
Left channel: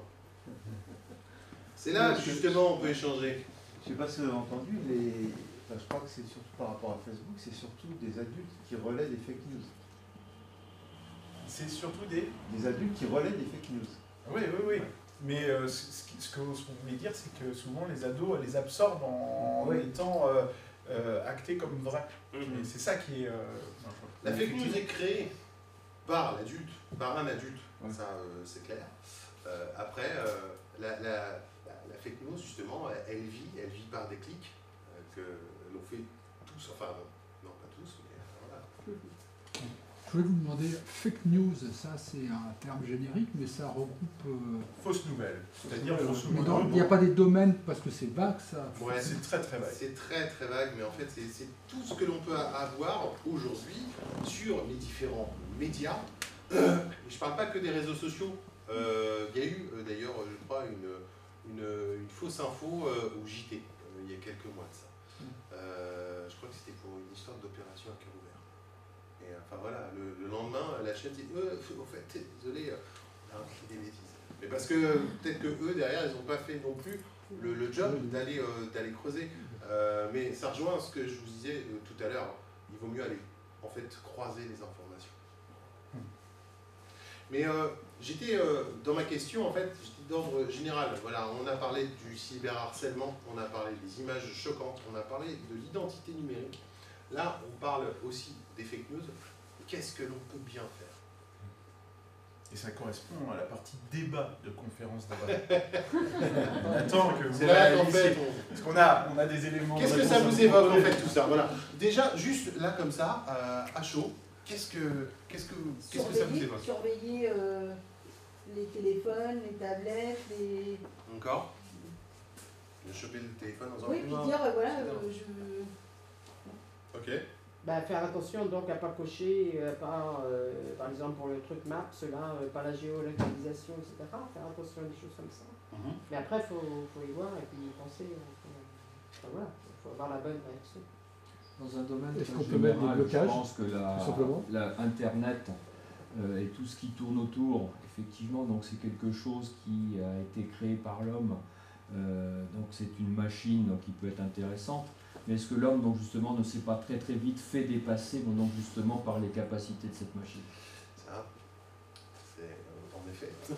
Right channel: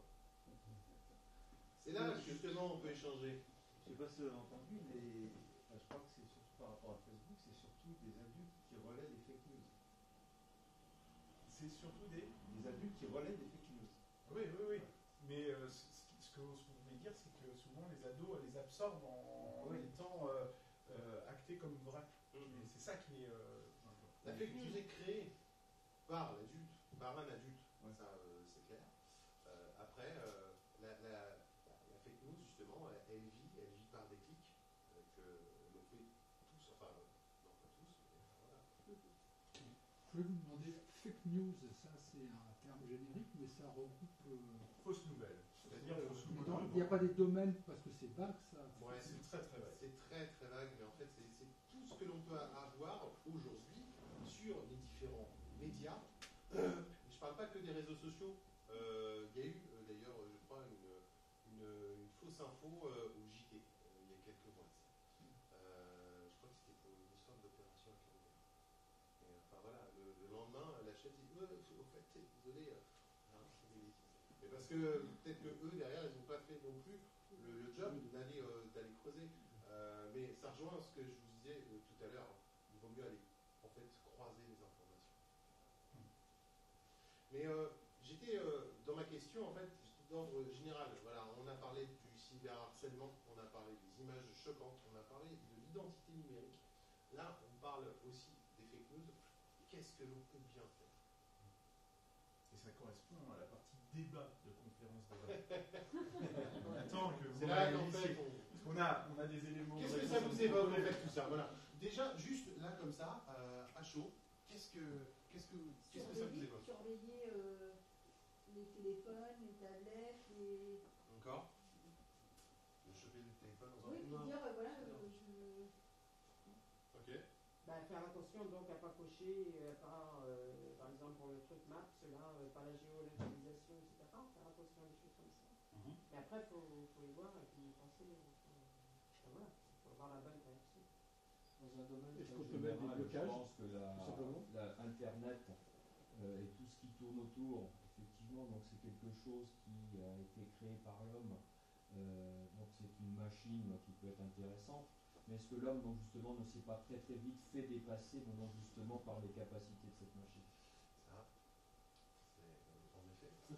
C'est là justement on peut échanger. Je ne sais pas si vous avez entendu, je crois que c'est surtout par rapport à Facebook, c'est surtout des adultes qui relaient des fake news. C'est surtout des adultes qui relaient des fake news. Oui, oui, oui. Mais ce qu'on voulait dire, c'est que souvent les ados les absorbent en étant actés comme vrais. Et c'est ça qui est... la fake news est créée par l'adulte, par un adulte, ça c'est clair. Après, la fake news, justement, elle vit par des clics que l'on fait tous, enfin non pas tous, mais voilà. Je voulais vous demander, fake news, ça c'est un terme générique, mais ça regroupe... Fausses nouvelles, c'est-à-dire il n'y a pas des domaines, parce que c'est vague ça. Ouais, c'est très très vague. C'est très très vague, mais en fait c'est tout ce que l'on peut avoir aujourd'hui sur les différents médias. Je ne parle pas que des réseaux sociaux. Il y a eu d'ailleurs, je crois, une fausse info au JT il y a quelques mois de ça. Je crois que c'était pour une histoire d'opération à cœur ouvert. Et enfin voilà, le lendemain, la chaîne dit au fait, désolé, on a écrit des bêtises. Mais parce que peut-être que eux derrière, ils n'ont pas fait non plus le job d'aller creuser. Mais ça rejoint ce que je vous disais tout à l'heure. Il vaut mieux aller en fait croiser les informations. Mais j'étais dans ma question en fait, j'étais d'ordre général. Voilà, on a parlé du cyberharcèlement, on a parlé des images choquantes, on a parlé de l'identité numérique. Là, on parle aussi des fake news. Qu'est-ce que l'on peut bien faire? Et ça correspond à la partie débat de conférence d'avant. On attend que vous... C'est là qu'en fait, parce qu'on a des éléments... Qu'est-ce que ça vous évoque en fait tout ça? Voilà. Déjà, juste là comme ça, à chaud, qu'est-ce que ça vous évoque? Surveiller les téléphones, les tablettes, les... Encore? Choper le téléphone dans un oui, puis dire, voilà, Ok. Bah, faire attention donc à ne pas cocher, par exemple pour le truc Maps, là, pas la géolocalisation, etc. Faire attention à des choses comme ça. Mais après, il faut y voir et puis y penser. Enfin, voilà, il faut avoir la bonne réaction. Dans un domaine est-ce qu'on peut mettre des blocages? Je pense que Internet et tout ce qui tourne autour, effectivement, donc c'est quelque chose qui a été créé par l'homme. Donc c'est une machine qui peut être intéressante. Mais est-ce que l'homme, donc justement, ne s'est pas très très vite fait dépasser, donc justement par les capacités de cette machine? Ça, c'est en effet. C'est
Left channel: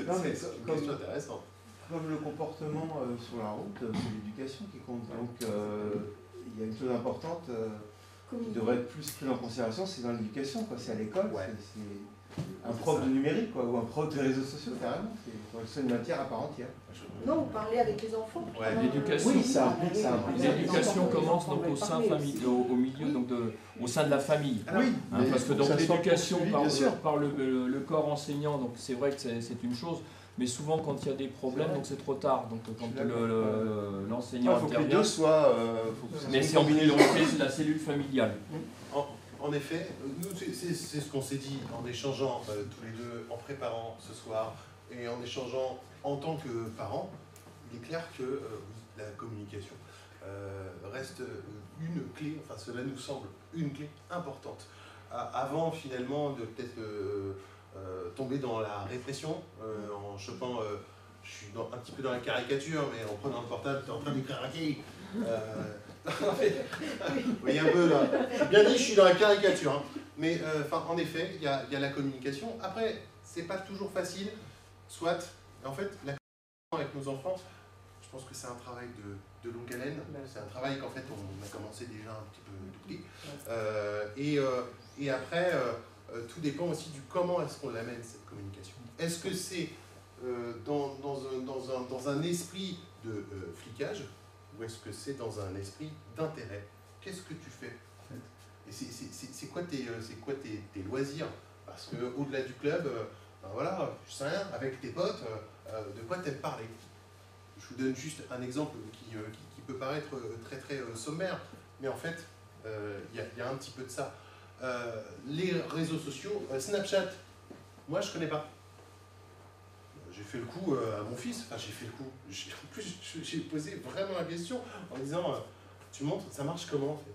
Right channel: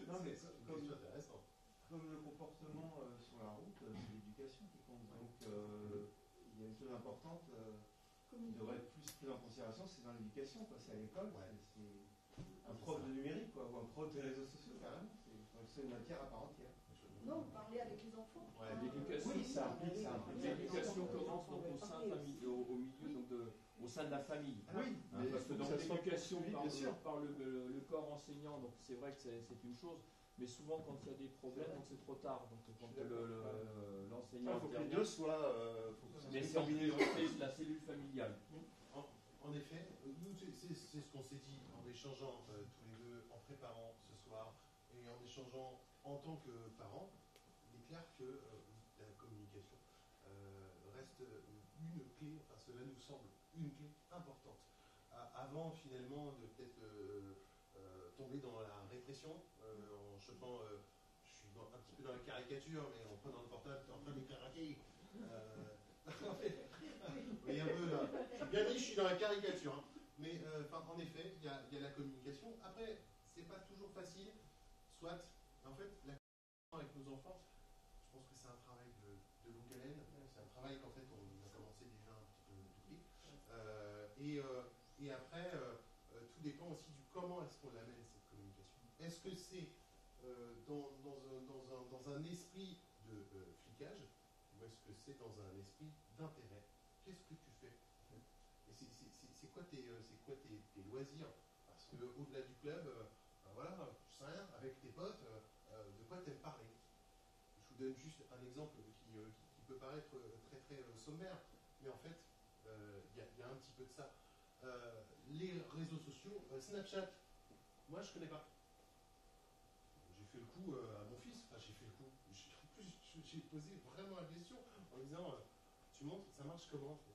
une question intéressante. Comme le comportement sur la route, c'est l'éducation qui compte. Donc il y a une chose importante qui devrait être plus prise en considération, c'est dans l'éducation, c'est à l'école, c'est un prof de numérique, ou un prof de réseaux sociaux, carrément. C'est une matière à part entière. Non, vous parlez avec les enfants. L'éducation, oui, ça implique. L'éducation commence donc au sein au milieu, donc au sein de la famille. Oui, parce que donc l'éducation par le corps enseignant, donc c'est vrai que c'est une chose, mais souvent quand il y a des problèmes, donc c'est trop tard. Donc quand l'enseignant intervient. Il faut que les deux soient. Mais c'est en priorité la cellule familiale. En effet, nous c'est ce qu'on s'est dit en échangeant tous les deux, en préparant ce soir et en échangeant en tant que parents. Il est clair que la communication reste une clé, enfin cela nous semble une clé importante. Avant finalement de peut-être tomber dans la répression, en chopant, je suis un petit peu dans la caricature, mais en prenant le portable, tu es en train d'écrire un qui vous voyez un peu là, j'ai bien dit je suis dans la caricature, hein. Mais en effet, il y a la communication. Après, c'est pas toujours facile, soit, en fait, la communication avec nos enfants, je pense que c'est un travail de longue haleine, c'est un travail qu'en fait on a commencé déjà un petit peu depuis, et après, tout dépend aussi du comment est-ce qu'on l'amène cette communication. Est-ce que c'est dans un esprit de flicage, ou est-ce que c'est dans un esprit d'intérêt? Qu'est-ce que tu fais en fait? Et c'est quoi tes loisirs? Parce qu'au-delà du club, ben voilà, je sais rien, avec tes potes, de quoi t'aimes parler? Je vous donne juste un exemple qui peut paraître très très sommaire, mais en fait, il y a un petit peu de ça. Les réseaux sociaux, Snapchat, moi je connais pas. J'ai fait le coup à mon fils, enfin j'ai fait le coup, en plus j'ai posé vraiment la question en disant, tu montres, ça marche comment en fait?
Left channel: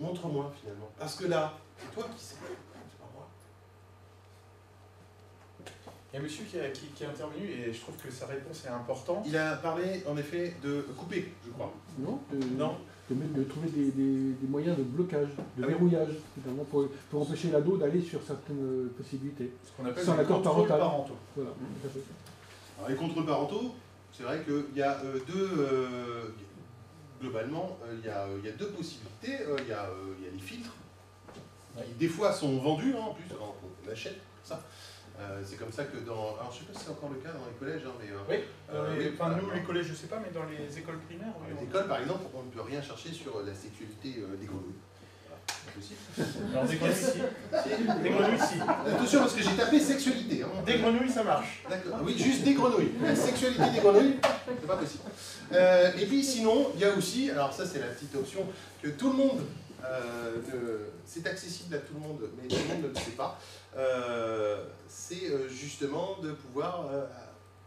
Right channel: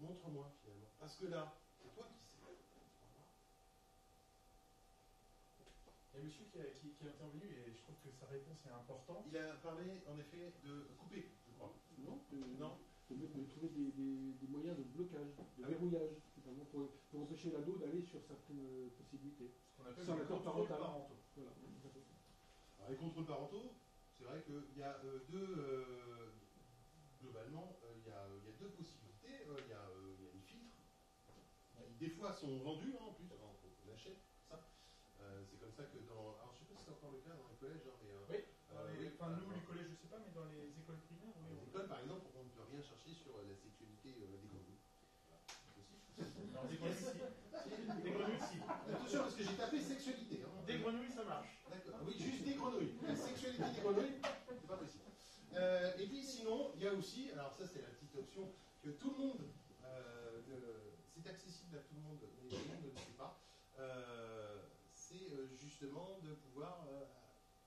Montre-moi finalement, parce que là, c'est toi qui sais, c'est pas moi. Il y a un monsieur qui est intervenu et je trouve que sa réponse est importante. Il a parlé en effet de couper, je crois. Non, non. de trouver des moyens de blocage, de verrouillage, finalement, pour empêcher l'ado d'aller sur certaines possibilités. Ce qu'on appelle sans les l'accord contrôles parental. parentaux. Voilà, tout à fait. Alors, les contrôles parentaux, c'est vrai qu'il y a globalement, il y a deux possibilités. Il y a les filtres, qui des fois sont vendus, en plus, quand on achète ça. C'est comme ça que dans... Alors, je ne sais pas si c'est encore le cas dans les collèges, mais... Oui, nous, les collèges, je ne sais pas, mais dans les écoles primaires... Dans les écoles, par exemple, on ne peut rien chercher sur la sexualité des grenouilles. Voilà, c'est possible. Alors, des grenouilles, si. Des grenouilles, si. Attention, parce que j'ai tapé sexualité. Hein. Des grenouilles, ça marche. D'accord. Oui, juste des grenouilles. La sexualité des grenouilles, c'est pas possible. Et puis, sinon, il y a aussi... Alors, ça, c'est la petite option que tout le monde... c'est accessible à tout le monde, mais tout le monde ne le sait pas. C'est justement de pouvoir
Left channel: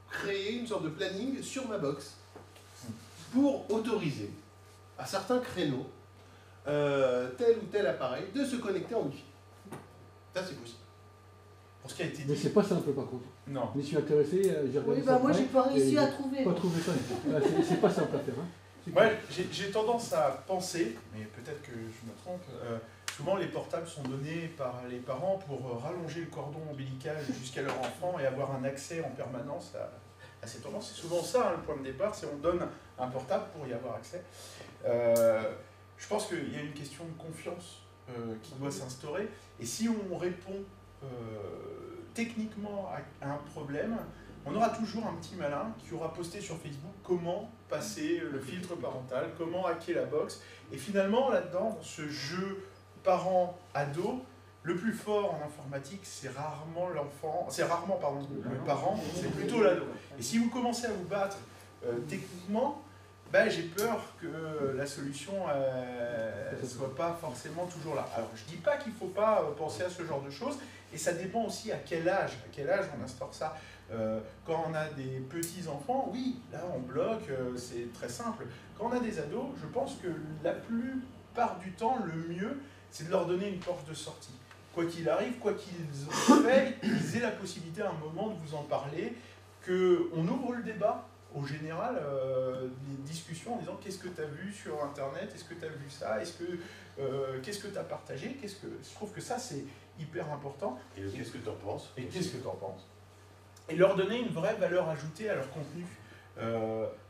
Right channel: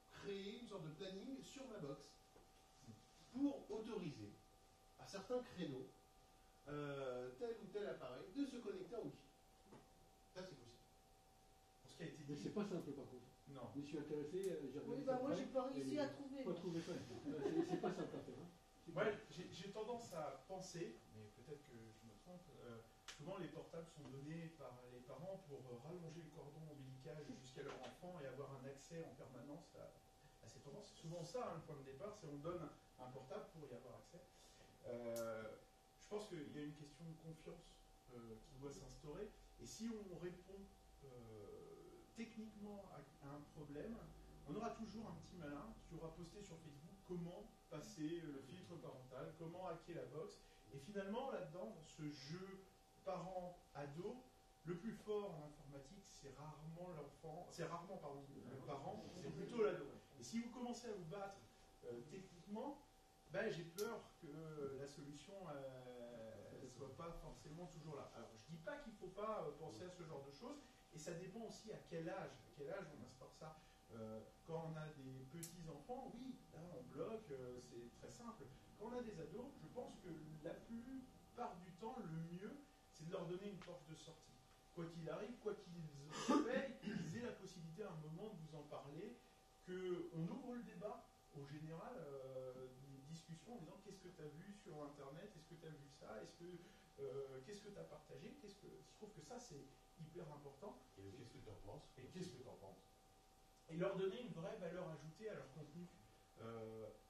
créer une sorte de planning sur ma box pour autoriser à certains créneaux tel ou tel appareil de se connecter en Wi-Fi. Ça, c'est possible. Pour ce qui a été dit. Mais c'est pas simple par contre. Non. Je m'y suis intéressé, j'ai regardé ça. Moi, j'ai pas réussi à trouver. Pas trouvé ça. C'est pas simple à faire. Hein. Ouais, j'ai tendance à penser, mais peut-être que je me trompe, souvent les portables sont donnés par les parents pour rallonger le cordon ombilical jusqu'à leur enfant et avoir un accès en permanence à ces tendances. C'est souvent ça, hein, le point de départ, c'est on donne un portable pour y avoir accès. Je pense qu'il y a une question de confiance qui doit s'instaurer, et si on répond techniquement à un problème, on aura toujours un petit malin qui aura posté sur Facebook comment passer le filtre parental, comment hacker la box. Et finalement, là-dedans, dans ce jeu parent-ado, le plus fort en informatique, c'est rarement l'enfant, c'est rarement le parent, c'est plutôt l'ado. Et si vous commencez à vous battre techniquement, j'ai peur que la solution ne soit pas forcément toujours là. Alors, je ne dis pas qu'il ne faut pas penser à ce genre de choses, et ça dépend aussi à quel âge on instaure ça. Quand on a des petits-enfants, oui, là on bloque, c'est très simple. Quand on a des ados, je pense que la plupart du temps, le mieux, c'est de leur donner une porte de sortie. Quoi qu'il arrive, quoi qu'ils aient, ils aient la possibilité à un moment de vous en parler, qu'on ouvre le débat, au général, des discussions en disant qu'est-ce que tu as vu sur Internet, est-ce que tu as vu ça, qu'est-ce que tu as partagé, je trouve que ça c'est hyper important. Et qu'est-ce que tu en penses? Et qu'est-ce que tu en penses? Et leur donner une vraie valeur ajoutée à leur contenu.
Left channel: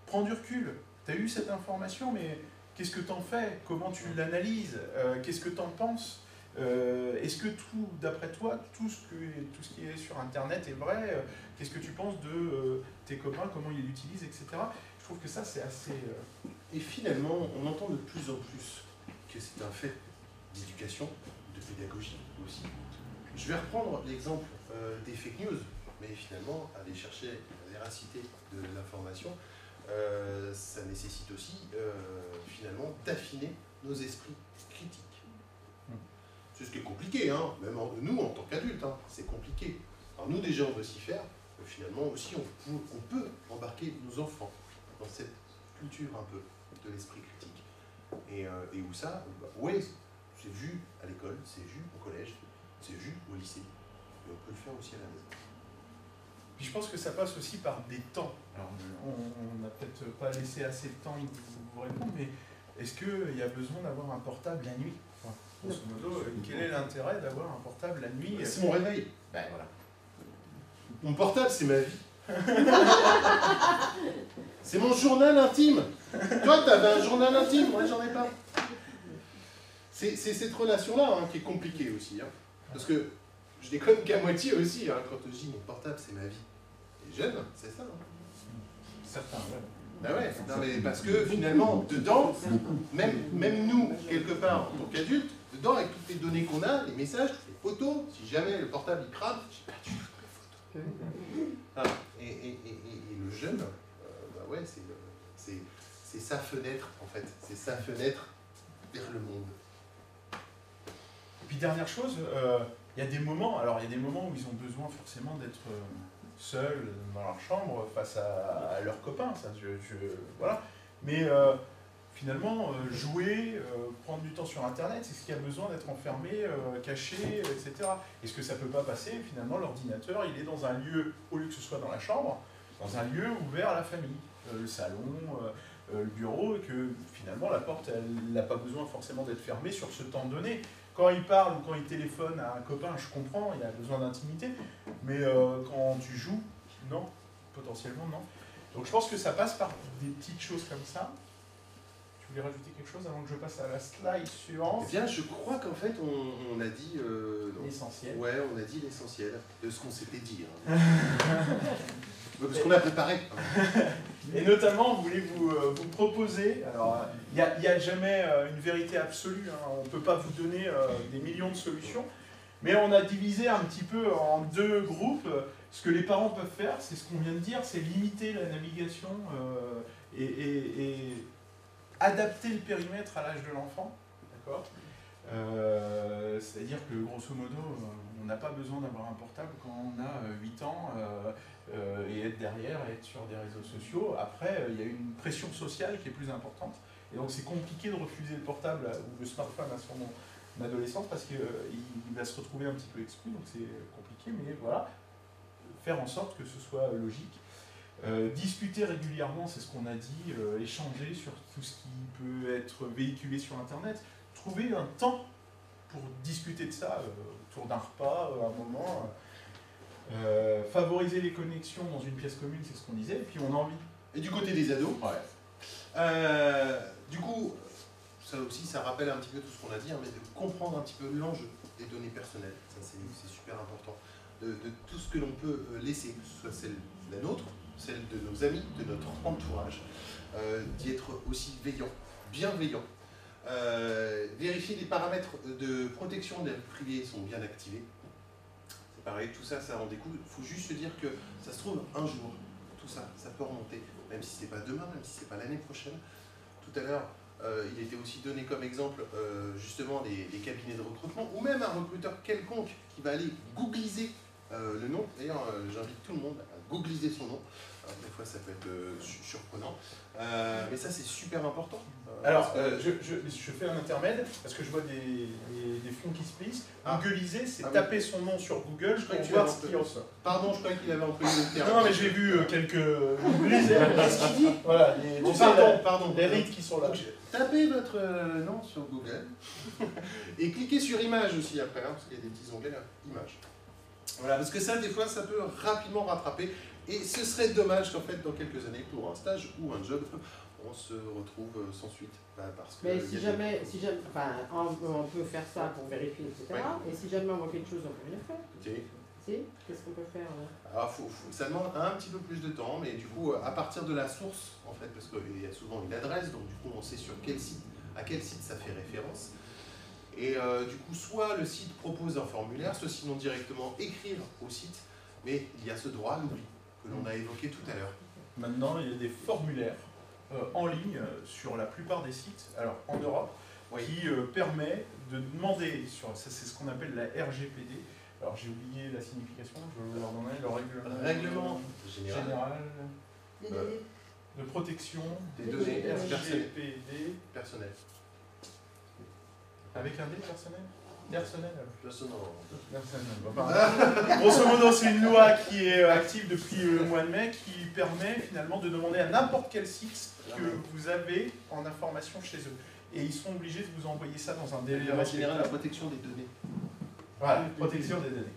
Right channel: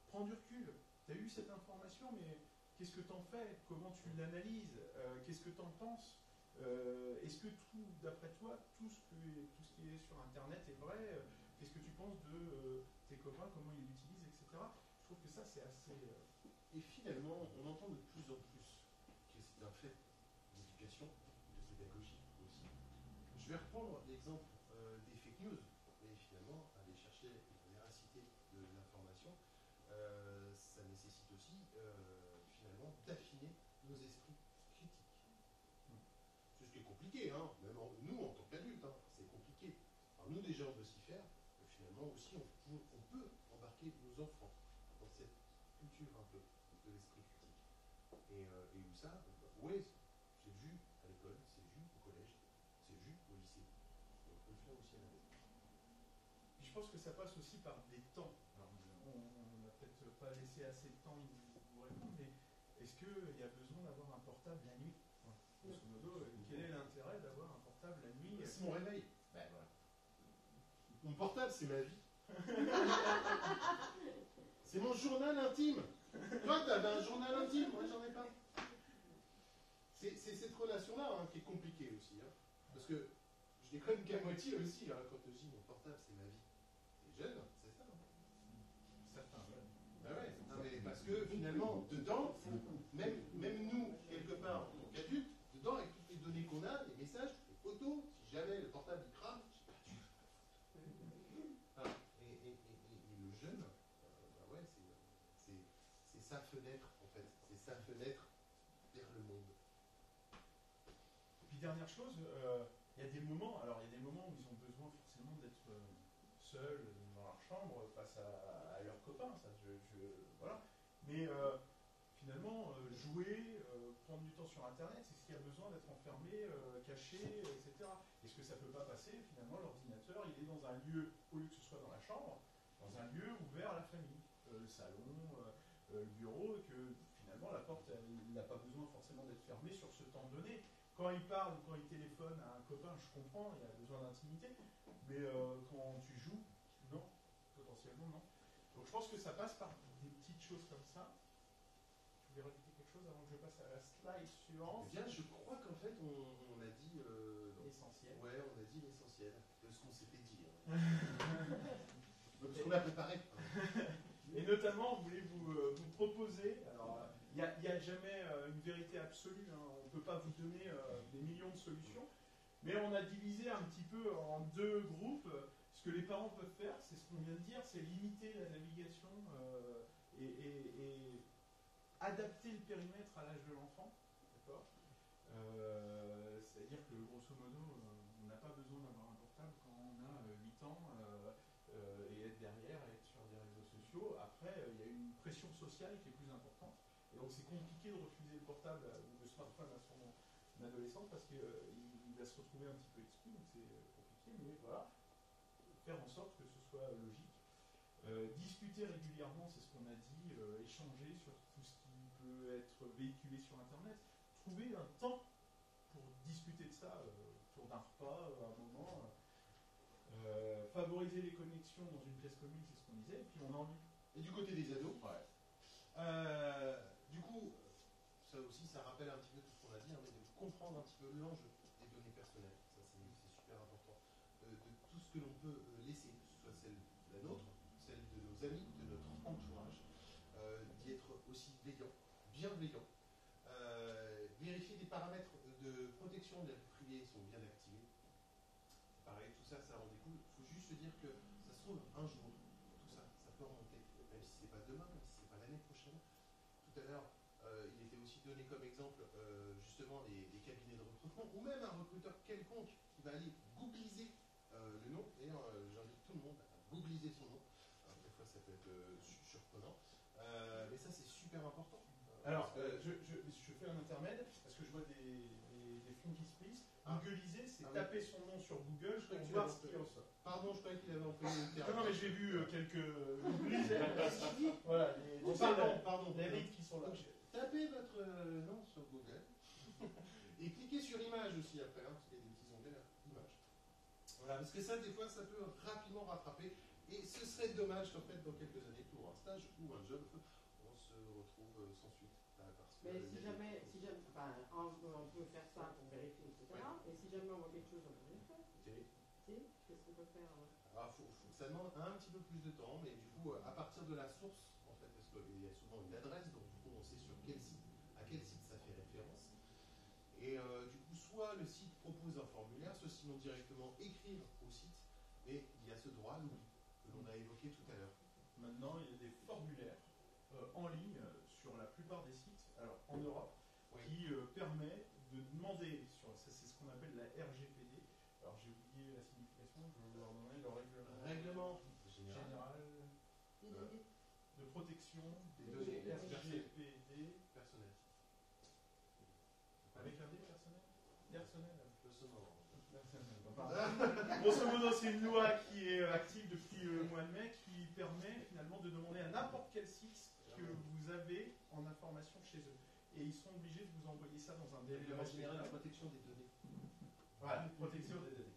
Prends du recul, tu as eu cette information, mais qu'est-ce que tu en fais? Comment tu l'analyses? Qu'est-ce que tu en penses? Est-ce que d'après toi, tout ce qui est sur Internet est vrai? Qu'est-ce que tu penses de tes copains, comment ils l'utilisent, etc. Je trouve que ça, c'est assez... Et finalement, on entend de plus en plus que c'est un fait d'éducation, de pédagogie aussi. Je vais reprendre l'exemple des fake news, mais finalement, aller chercher la véracité de l'information, ça nécessite aussi, finalement, d'affiner nos esprits critiques. C'est ce qui est compliqué, hein, même nous, en tant qu'adultes, hein, c'est compliqué. Alors nous, déjà, on veut s'y faire. Finalement, aussi, on peut embarquer nos enfants dans cette culture un peu de l'esprit critique. Et où ça, oui, c'est vu à l'école, c'est vu au collège, c'est vu au lycée. Et on peut le faire aussi à la maison. Puis je pense que ça passe aussi par des temps. Alors, on n'a peut-être pas laissé assez de temps de vous répondre, mais est-ce qu'il y a besoin d'avoir un portable la nuit? Grosso modo, quel est l'intérêt d'avoir un portable la nuit? C'est mon réveil. Ben voilà. Mon portable, c'est ma vie. C'est mon journal intime. Toi, t'avais un journal intime, moi, j'en ai pas. C'est cette relation-là hein, qui est compliquée aussi. Hein. Parce que je déconne qu'à moitié aussi, hein, quand je dis mon portable, c'est ma vie. Les jeunes, c'est ça. Hein. Certains, ouais. Ben ouais, non, mais parce que finalement, dedans, même nous, quelque part, en tant qu'adultes, dedans, avec toutes les données qu'on a, les messages, toutes les photos, si jamais le portable il crame, j'ai perdu toutes les photos. Ah, et le jeune, bah ouais, c'est sa fenêtre, en fait. C'est sa fenêtre vers le monde. Et puis dernière chose, il y a des moments où ils ont besoin forcément d'être seuls dans leur chambre face à leurs copains, ça, voilà. Mais finalement, jouer, prendre du temps sur Internet, c'est ce qui a besoin d'être enfermé, caché, etc. Est-ce que ça peut pas passer? Finalement, l'ordinateur, il est dans un lieu, au lieu que ce soit dans la chambre, dans un lieu ouvert à la famille, le salon, le bureau, et que finalement la porte, elle n'a pas besoin forcément d'être fermée sur ce temps donné. Quand il parle ou quand il téléphone à un copain, je comprends, il a besoin d'intimité, mais quand tu joues, non, potentiellement non. Donc je pense que ça passe par des petites choses comme ça. Tu voulais rajouter quelque chose avant que je passe à la slide suivante? Eh bien, je crois qu'en fait, on a dit... l'essentiel. Ouais, on a dit l'essentiel de ce qu'on s'était dit. Hein. Parce qu'on a préparé. Et notamment, on voulait vous proposer, alors il n'y a jamais une vérité absolue, hein, on ne peut pas vous donner des millions de solutions, mais on a divisé un petit peu en deux groupes. Ce que les parents peuvent faire, c'est ce qu'on vient de dire, c'est limiter la navigation et adapter le périmètre à l'âge de l'enfant, d'accord ? C'est-à-dire que grosso modo, on n'a pas besoin d'avoir un portable quand on a 8 ans et être derrière, et être sur des réseaux sociaux. Après, il y a une pression sociale qui est plus importante, et donc c'est compliqué de refuser le portable ou le smartphone à son adolescence parce qu'il va se retrouver un petit peu exclu, donc c'est compliqué, mais voilà, faire en sorte que ce soit logique. Discuter régulièrement, c'est ce qu'on a dit, échanger sur tout ce qui peut être véhiculé sur Internet, trouver un temps pour discuter de ça autour d'un repas, à un moment, favoriser les connexions dans une pièce commune, c'est ce qu'on disait, et puis on a envie. Et du côté des ados, du coup, ça aussi, ça rappelle un petit peu tout ce qu'on a dit, hein, mais de comprendre un petit peu l'enjeu des données personnelles, ça c'est super important, de tout ce que l'on peut laisser, que ce soit la nôtre, celle de nos amis, de notre entourage, d'y être aussi bienveillant. Vérifier les paramètres de protection de la vie privée sont bien activés. C'est pareil, tout ça, ça en découle. Il faut juste se dire que ça se trouve un jour, tout ça, ça peut remonter, même si c'est pas demain, même si c'est pas l'année prochaine. Tout à l'heure, il était aussi donné comme exemple justement les cabinets de recrutement, ou même un recruteur quelconque qui va aller googliser le nom. D'ailleurs, j'invite tout le monde à googliser son nom. Alors, des fois, ça peut être surprenant, mais ça, c'est super important. Alors, je fais un intermède, parce que je vois des fonds qui se plissent. Googliser, c'est taper son nom sur Google pour voir ce qui en sort. Pardon, je croyais qu'il avait employé le terme. Non, mais j'ai vu quelques Googlisers. Qu'est-ce qu'il dit? Voilà, pardon. Les rites qui sont là. Tapez votre nom sur Google et cliquez sur image aussi après, hein, parce qu'il y a des petits onglets là, image. Voilà, parce que ça, des fois, ça peut rapidement rattraper. Et ce serait dommage qu'en fait, dans quelques années, pour un stage ou un job, on se retrouve sans suite. Parce que mais si jamais, enfin, on peut faire ça pour vérifier, etc. Ouais. Et si jamais on voit quelque chose, on peut rien faire. Si, qu'est-ce qu'on peut faire là? Alors, ça demande un petit peu plus de temps, mais du coup, à partir de la source, en fait, parce qu'il y a souvent une adresse, donc du coup, on sait sur quel site, à quel site ça fait référence. Et du coup, soit le site propose un formulaire, soit sinon directement écrire au site, mais il y a ce droit à l'oubli que l'on a évoqué tout à l'heure. Maintenant, il y a des formulaires en ligne sur la plupart des sites, alors en Europe, qui permet de demander, c'est ce qu'on appelle la RGPD. Alors j'ai oublié la signification, je vais vous leur donner le règlement général de protection des données RGPD personnelles. Avec un D personnel? Personnel. Personnel. Grosso modo, c'est une loi qui est active depuis le mois de mai qui permet finalement de demander à n'importe quel site que vous avez en information chez eux. Et ils sont obligés de vous envoyer ça dans un délai respectable. La protection des données. Voilà, protection des données.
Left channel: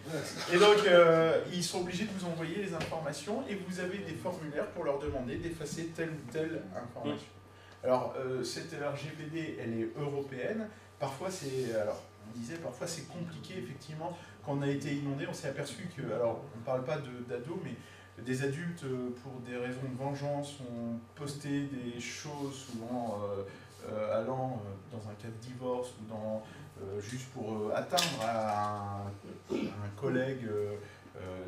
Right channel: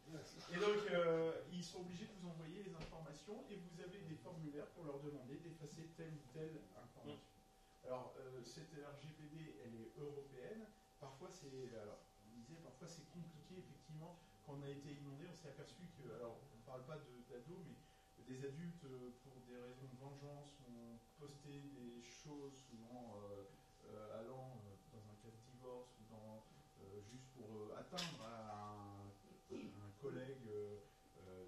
Et donc, ils sont obligés de vous envoyer les informations et vous avez des formulaires pour leur demander d'effacer telle ou telle information. Alors, cette RGPD, elle est européenne. Parfois, parfois c'est compliqué, effectivement. Quand on a été inondé, on s'est aperçu que, alors, on ne parle pas d'ados, mais des adultes, pour des raisons de vengeance, ont posté des choses souvent allant dans un cas de divorce ou juste pour atteindre à un collègue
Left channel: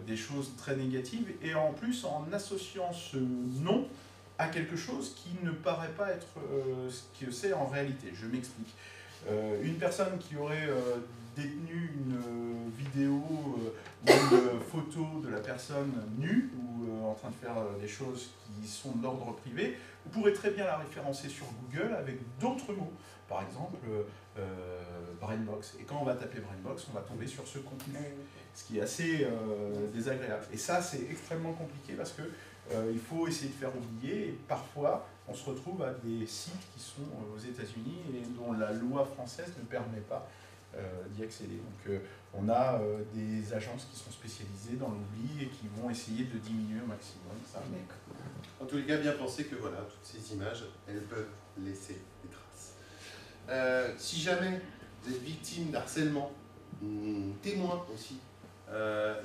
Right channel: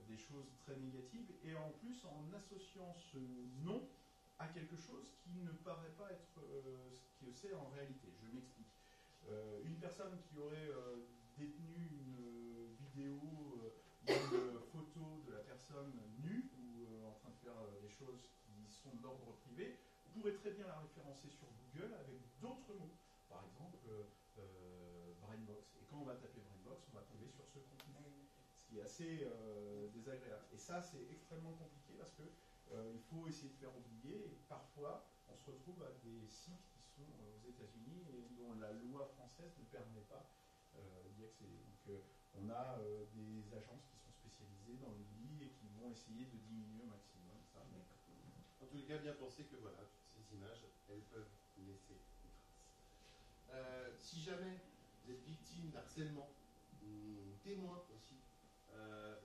des choses très négatives, et en plus en associant ce nom à quelque chose qui ne paraît pas être ce que c'est en réalité. Je m'explique. Une personne qui aurait détenu une vidéo ou une photo de la personne nue ou en train de faire des choses qui sont d'ordre privé, vous pourrez très bien la référencer sur Google avec d'autres mots. Par exemple, Brainbox. Et quand on va taper Brainbox, on va tomber sur ce contenu, ce qui est assez désagréable. Et ça, c'est extrêmement compliqué parce que il faut essayer de faire oublier, et parfois, on se retrouve à des sites qui sont aux États-Unis et dont la loi française ne permet pas d'y accéder. Donc on a des agences qui sont spécialisées dans l'oubli et qui vont essayer de diminuer au maximum ça. En tous les cas, bien penser que voilà, toutes ces images, elles peuvent laisser des traces. Si jamais vous êtes victime d'harcèlement, témoin aussi,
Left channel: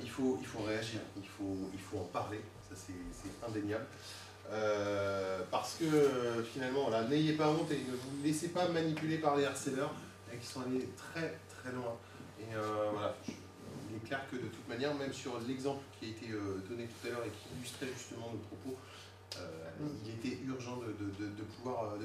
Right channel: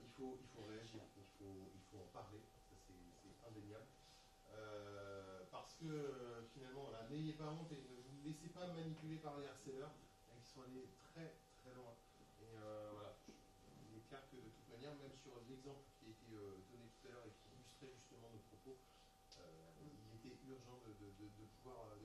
il faut réagir, il faut en parler, ça c'est indéniable. Parce que finalement, voilà, n'ayez pas honte et ne vous laissez pas manipuler par les harceleurs qui sont allés très très loin. Et voilà, il est clair que de toute manière, même sur l'exemple qui a été donné tout à l'heure et qui illustrait justement nos propos, il était urgent de pouvoir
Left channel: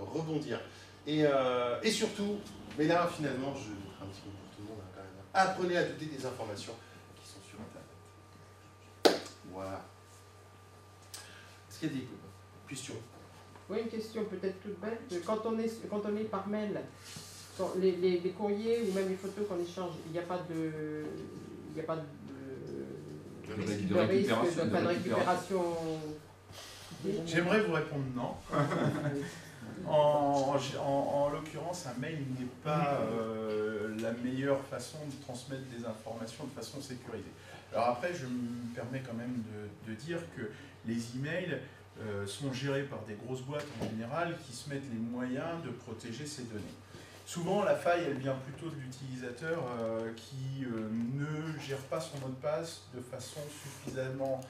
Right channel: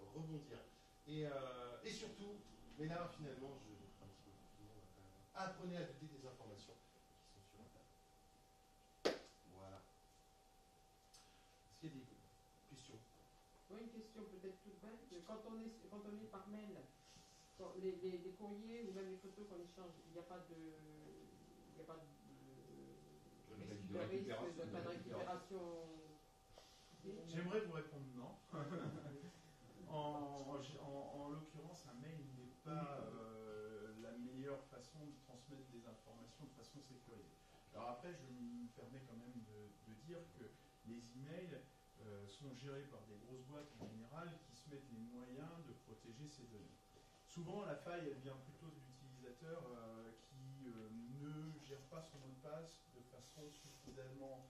rebondir. Et surtout, mais là finalement, je vais un petit peu pour tout le monde quand même, apprenez à douter des informations qui sont sur Internet. Voilà. Est-ce qu'il y a des questions? Oui, une question peut-être toute bête. Quand on est par mail, les courriers ou même les photos qu'on échange, il n'y a pas de risque de récupération. J'aimerais vous répondre non. En l'occurrence, un mail n'est pas la meilleure façon de transmettre des informations de façon sécurisée. Alors après, je me permets quand même de dire que les emails sont gérés par des grosses boîtes en général qui se mettent les moyens de protéger ces données. Souvent, la faille, elle vient plutôt de l'utilisateur qui ne gère pas son mot de passe de façon suffisamment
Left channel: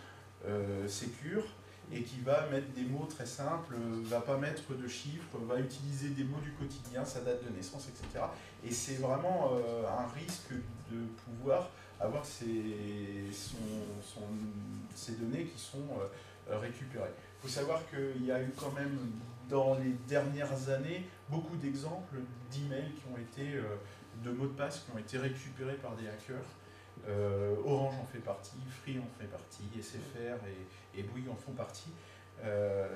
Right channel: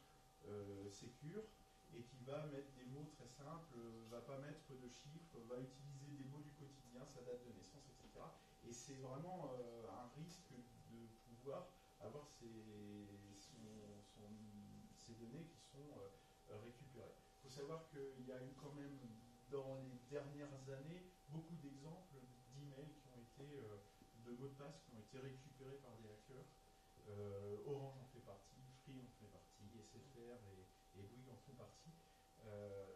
sécure et qui va mettre des mots très simples, va pas mettre de chiffres, va utiliser des mots du quotidien, sa date de naissance, etc. Et c'est vraiment un risque de pouvoir avoir ces données qui sont récupérées. Il faut savoir qu'il y a eu quand même dans les dernières années beaucoup d'exemples d'emails qui ont été, de mots de passe qui ont été récupérés par des hackers. Orange en fait partie, Free en fait partie, SFR et Bouygues en font partie.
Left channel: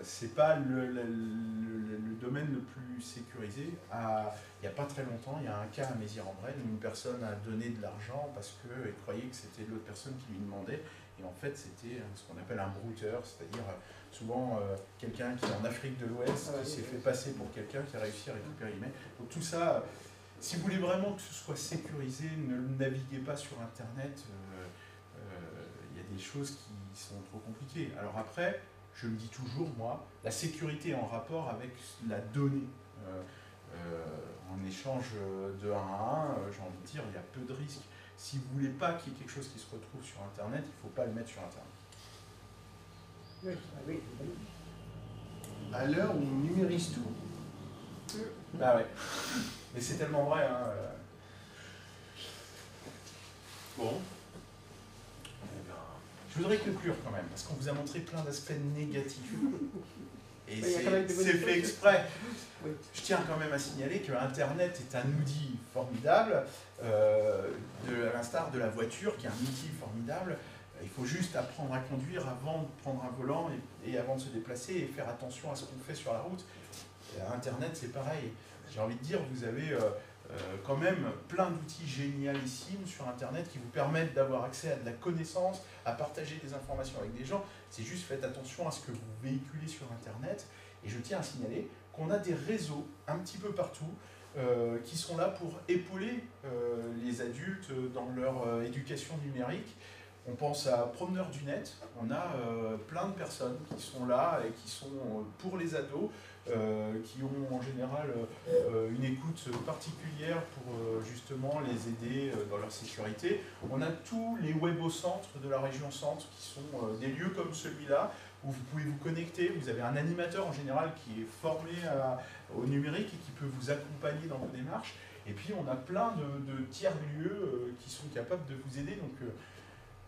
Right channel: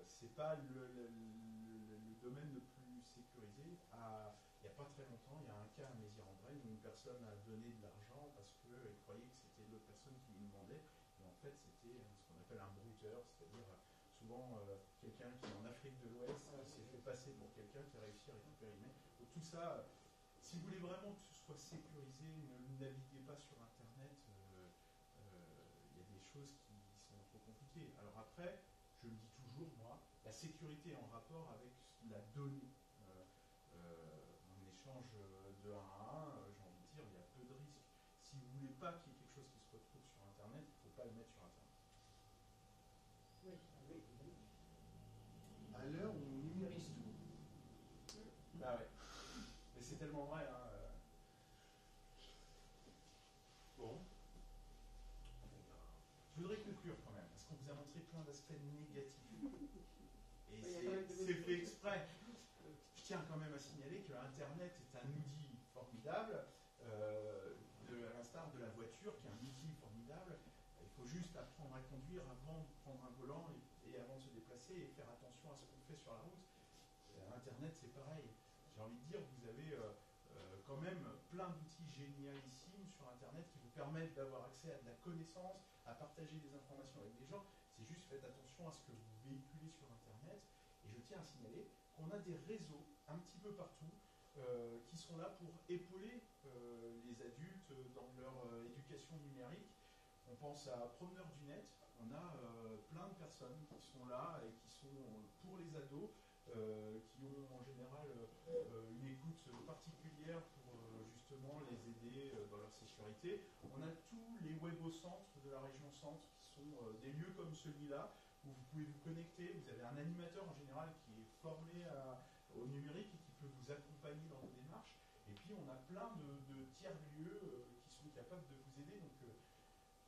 C'est pas le domaine le plus sécurisé. Il n'y a pas très longtemps, il y a un cas à Mézières-en-Brenne où une personne a donné de l'argent parce qu'elle croyait que c'était l'autre personne qui lui demandait. Et en fait, c'était ce qu'on appelle un brouteur, c'est-à-dire souvent quelqu'un qui est en Afrique de l'Ouest, qui s'est fait passer pour quelqu'un qui a réussi à récupérer l'email. Donc tout ça, si vous voulez vraiment que ce soit sécurisé, ne naviguez pas sur Internet. Il y a des choses qui sont trop compliquées. Alors après, je me dis toujours, moi, la sécurité est en rapport avec la donnée. En échange de 1 à 1, j'ai envie de dire, il y a peu de risques. Si vous ne voulez pas qu'il y ait quelque chose qui se retrouve sur Internet, il ne faut pas le mettre sur Internet. Oui. À l'heure où on numérise tout. Bah ouais. Mais c'est tellement vrai. Hein. Bon. Je voudrais conclure quand même, parce qu'on vous a montré plein d'aspects négatifs. Et c'est fait exprès. Oui. Je tiens quand même à signaler que Internet est un outil formidable, à l'instar de la voiture qui est un outil formidable. Il faut juste apprendre à conduire avant de prendre un volant et avant de se déplacer et faire attention à ce qu'on fait sur la route. Et Internet, c'est pareil. J'ai envie de dire, vous avez quand même plein d'outils génialissimes sur Internet qui vous permettent d'avoir accès à de la connaissance, à partager des informations avec des gens. C'est juste faites attention à ce que vous véhiculez sur Internet. Et je tiens à signaler qu'on a des réseaux un petit peu partout qui sont là pour épauler les adultes dans leur éducation numérique. On pense à Promeneurs du Net, on a plein de personnes qui sont là et qui sont pour les ados, qui ont en général une écoute particulière pour justement les aider dans leur sécurité. On a tous les webocentres de la région centre qui sont des lieux comme celui-là où vous pouvez vous connecter, vous avez un animateur en général qui est formé au numérique et qui peut vous accompagner dans vos démarches. Et puis on a plein de tiers-lieux qui sont capables de vous aider. Donc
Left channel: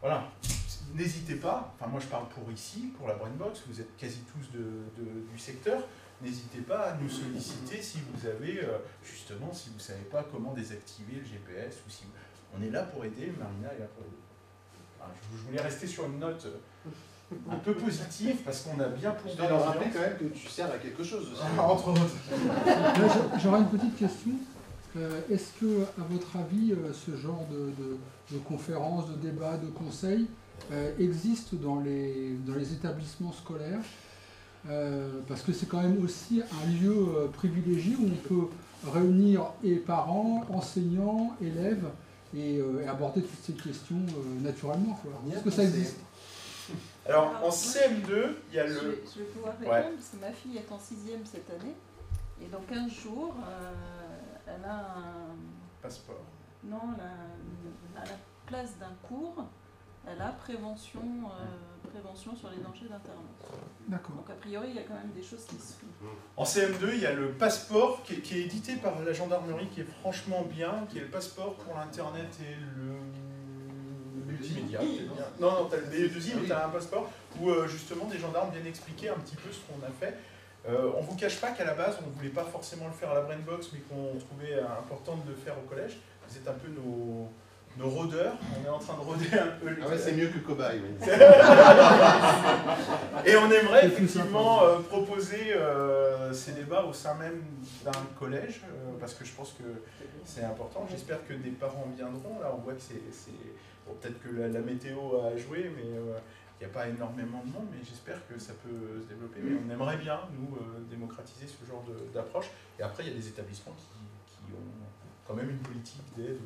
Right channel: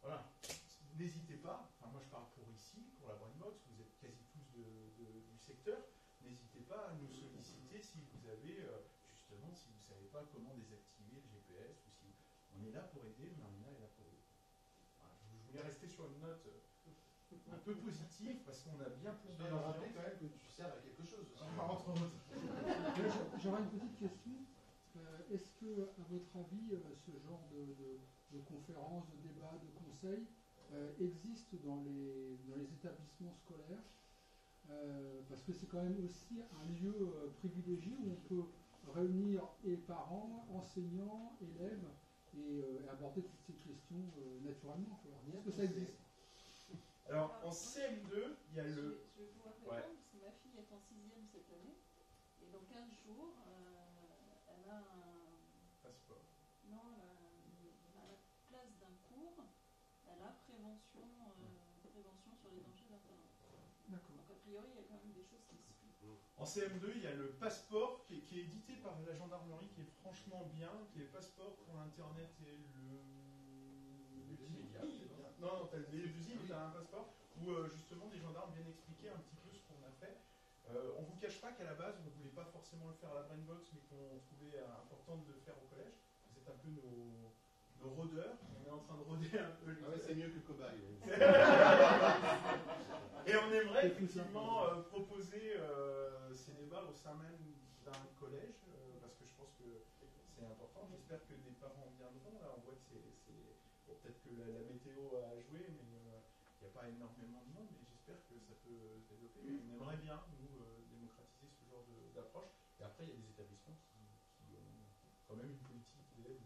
voilà, n'hésitez pas, enfin moi je parle pour ici, pour la Brainbox, vous êtes quasi tous du secteur, n'hésitez pas à nous solliciter si vous avez, justement, si vous ne savez pas comment désactiver le GPS, ou si on est là pour aider, Marina est là pour aider. Enfin, je voulais rester sur une note un peu positive, parce qu'on a bien plongé dans l'ambiance. Je dois rappeler quand même que tu sers à quelque chose aussi. Entre autres. J'aurais une petite question. Est-ce que, à votre avis, ce genre de conférences, de débats, de conseils existe dans les établissements scolaires parce que c'est quand même aussi un lieu privilégié où on peut réunir et parents, enseignants, élèves et aborder toutes ces questions naturellement. Est-ce que ça existe? Alors en CM2, il y a le... Je vais pouvoir répondre parce que ma fille est en 6e cette année et dans 15 jours, elle a un... Passeport. Non, à la place d'un cours, elle a prévention sur les dangers d'Internet. D'accord. Donc a priori, il y a quand même des choses qui se font. En CM2, il y a le passeport qui est édité par la gendarmerie, qui est franchement bien, qui est le passeport pour l'Internet et le multimédia. Non, tu as le BE2I, mais tu as un passeport où justement des gendarmes viennent expliquer un petit peu ce qu'on a fait. On ne vous cache pas qu'à la base, on ne voulait pas forcément le faire à la Brainbox, mais qu'on trouvait important de le faire au collège. Vous êtes un peu nos rôdeurs, on est en train de rôder un peu. Ah ouais, c'est mieux que le cobaye. Oui. Et on aimerait effectivement proposer ces débats au sein même d'un collège, parce que je pense que c'est important. J'espère que des parents viendront. Là, on voit que c'est bon, peut-être que la météo a joué, mais il n'y a pas énormément de monde, mais j'espère que ça peut se développer. Mais on aimerait bien, nous, démocratiser ce genre d'approche. Et après, il y a des établissements qui ont quand même une politique d'aide,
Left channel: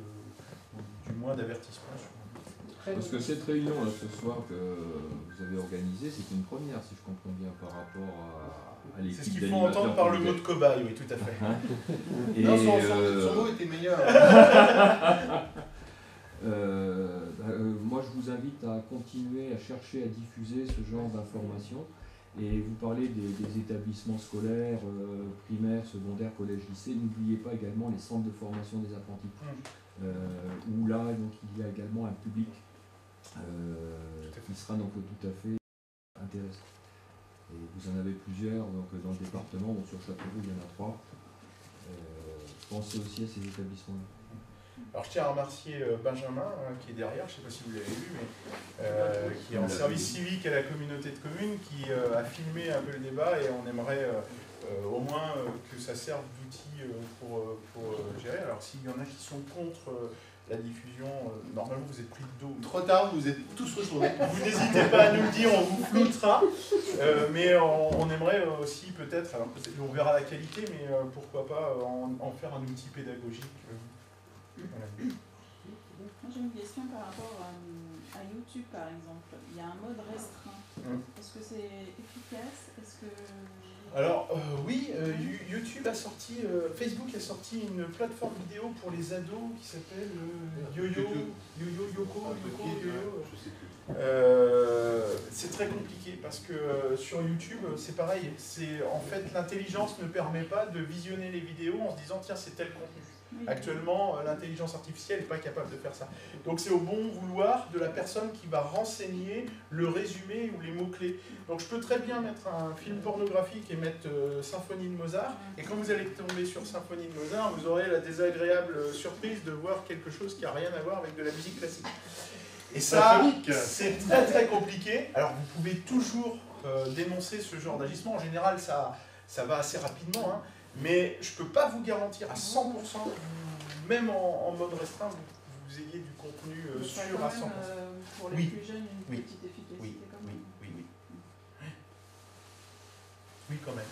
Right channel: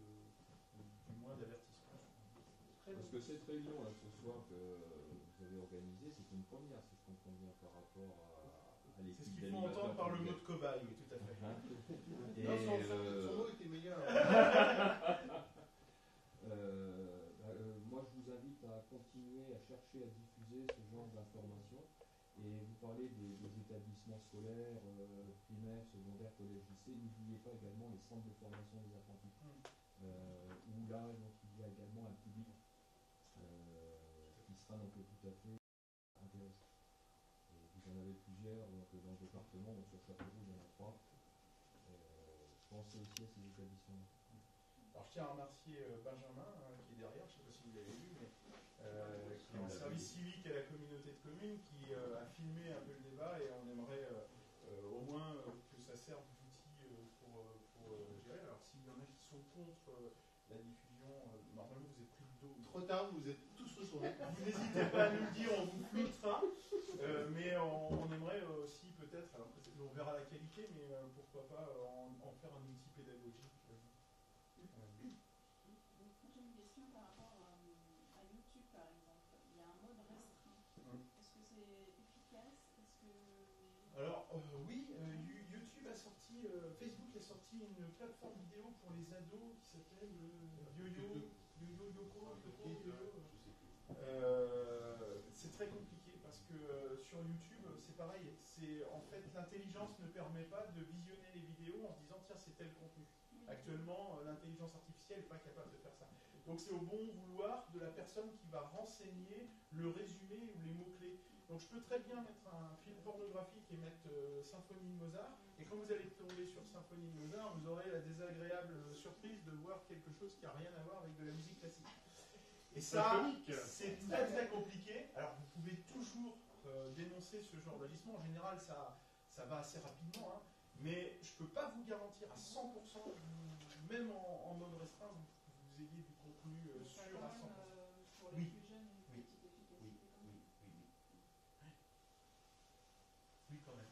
ou du moins d'avertissement. Parce que cette réunion là, ce soir que vous avez organisée, c'est une première, si je comprends bien, par rapport à l'équipe. C'est ce qu'il faut entendre par le mot de cobaye, oui, tout à fait. Et non, son mot était meilleur. Moi, je vous invite à continuer à chercher à diffuser ce genre d'informations. Et vous parlez des établissements scolaires, primaires, secondaires, collèges, lycées. N'oubliez pas également les centres de formation des apprentis. Où là, donc, il y a également un public qui sera donc tout à fait intéressant. Et vous en avez plusieurs donc, dans le département, donc sur Châteauroux, il y en a 3. Pensez aussi à ces établissements-là. Alors je tiens à remercier Benjamin, qui est derrière, je ne sais pas si vous l'avez vu, mais qui est en service civique à la communauté de communes, qui a filmé un peu le débat, et on aimerait au moins que ça serve d'outil pour gérer. Alors s'il y en a qui sont contre la diffusion, normalement vous êtes pris de dos. Trop tard, vous êtes tous retournés. Vous n'hésitez pas à nous le dire, on vous floutera. Mais on aimerait aussi peut-être, alors on verra la qualité, mais pourquoi pas en faire un outil pédagogique. Voilà. Moi j'ai une question par rapport à YouTube par exemple. Il y a un mode restreint. Est-ce que c'est efficace? Est-ce que... Alors oui, YouTube a sorti, Facebook a sorti une plateforme vidéo pour les ados qui s'appelle Yoko. C'est très compliqué parce que sur YouTube c'est pareil. En fait l'intelligence ne permet pas de visionner les vidéos en se disant tiens c'est tel contenu. Actuellement, l'intelligence artificielle n'est pas capable de faire ça. Donc c'est au bon vouloir de la personne qui va renseigner le résumé ou les mots-clés. Donc je peux très bien mettre un film pornographique et mettre Symphonie de Mozart, et quand vous allez tomber sur Symphonie de Mozart, vous aurez la désagréable surprise de voir quelque chose qui n'a rien à voir avec de la musique classique. Et ça, c'est très très compliqué. Alors vous pouvez toujours dénoncer ce genre d'agissement. En général, ça va assez rapidement, hein. Mais je ne peux pas vous garantir à 100%, même en mode restreint, vous ayez du contenu sûr à 100%. Pour les plus jeunes, une petite efficacité quand même. Oui, quand même.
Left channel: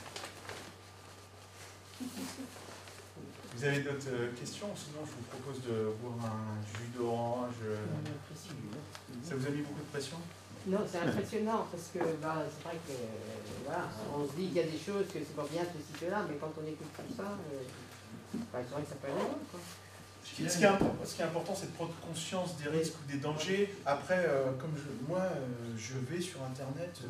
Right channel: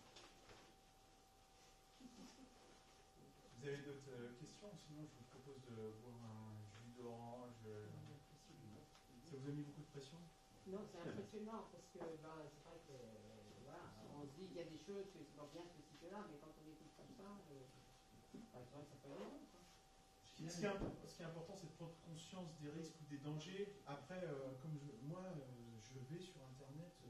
Vous avez d'autres questions? Sinon, je vous propose de boire un jus d'orange. Ça vous a mis beaucoup de pression? Non, c'est impressionnant parce que c'est vrai que voilà, on se dit qu'il y a des choses que c'est pas bien ceci que là, mais quand on écoute tout ça, c'est vrai que ça peut aller loin, quoi. Ce qui est important, c'est de prendre conscience des risques ou des dangers. Après, comme moi, je vais sur Internet,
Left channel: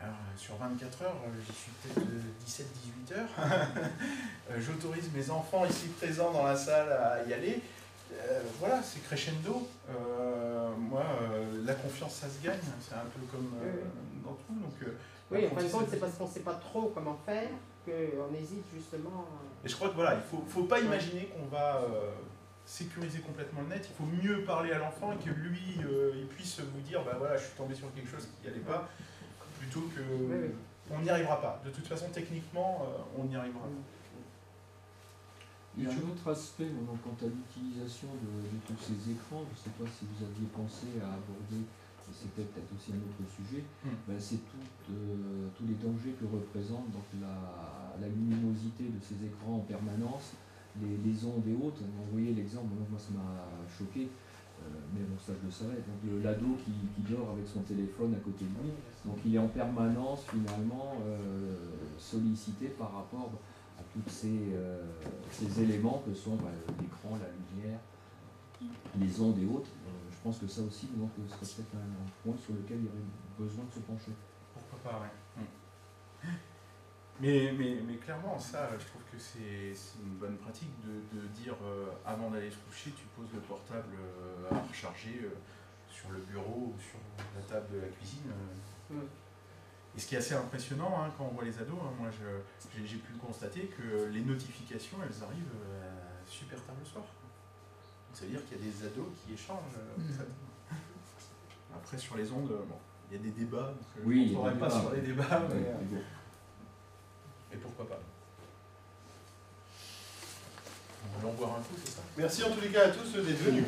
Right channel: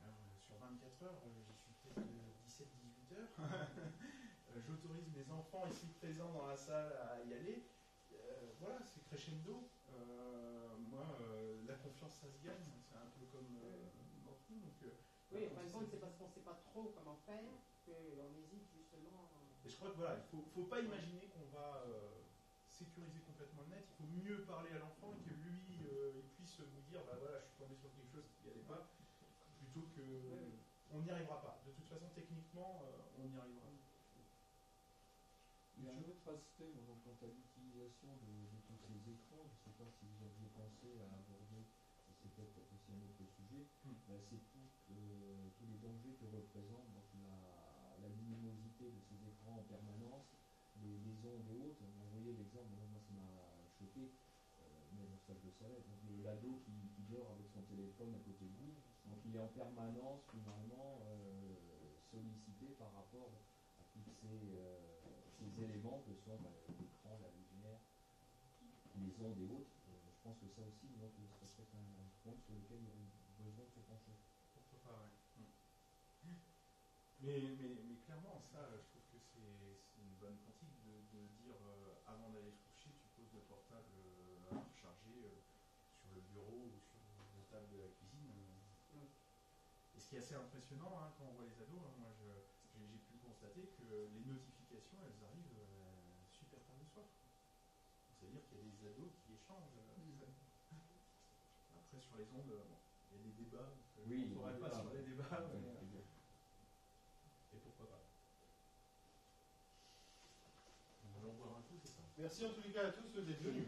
alors, sur 24 heures, j'y suis peut-être 17-18 heures. J'autorise mes enfants ici présents dans la salle à y aller. Voilà, c'est crescendo. Moi, la confiance, ça se gagne. C'est un peu comme dans tout. Donc, oui, en fin de compte, c'est parce qu'on ne sait pas trop comment faire qu'on hésite justement. Et je crois que voilà, il ne faut pas imaginer qu'on va sécuriser complètement le net. Il faut mieux parler à l'enfant et que lui, il puisse vous dire, bah voilà, je suis tombé sur quelque chose qui n'y allait pas, plutôt que on n'y arrivera pas. De toute façon, techniquement, on n'y arrivera pas. Il y a un autre aspect quant à l'utilisation de tous ces écrans. Je ne sais pas si vous aviez pensé à aborder c'était peut-être aussi un autre sujet, c'est tous les dangers que représente donc la luminosité de ces écrans en permanence, les ondes et autres. Vous voyez l'exemple, moi ça m'a choqué, mais bon ça je le savais, donc l'ado qui dort avec son téléphone à côté de lui, donc il est en permanence finalement sollicité par rapport à tous ces éléments que sont l'écran, la lumière, les ondes et autres. Je pense que ça aussi donc, serait peut-être un point sur lequel il y aurait besoin de se pencher. Pourquoi pas, ouais. Mais clairement, ça, je trouve que c'est une bonne pratique de dire avant d'aller se coucher, tu poses le portable à recharger sur le bureau ou sur la table de la cuisine. Et ce qui est assez impressionnant quand on voit les ados, moi j'ai pu constater que les notifications, elles arrivent super tard le soir. Donc, ça veut dire qu'il y a des ados qui échangent. Après, sur les ondes, il y a des débats, donc je ne rentrerai pas sur les débats. Mais pourquoi pas. On va en boire un coup, c'est ça? Merci en tous les cas à tous d'être venus.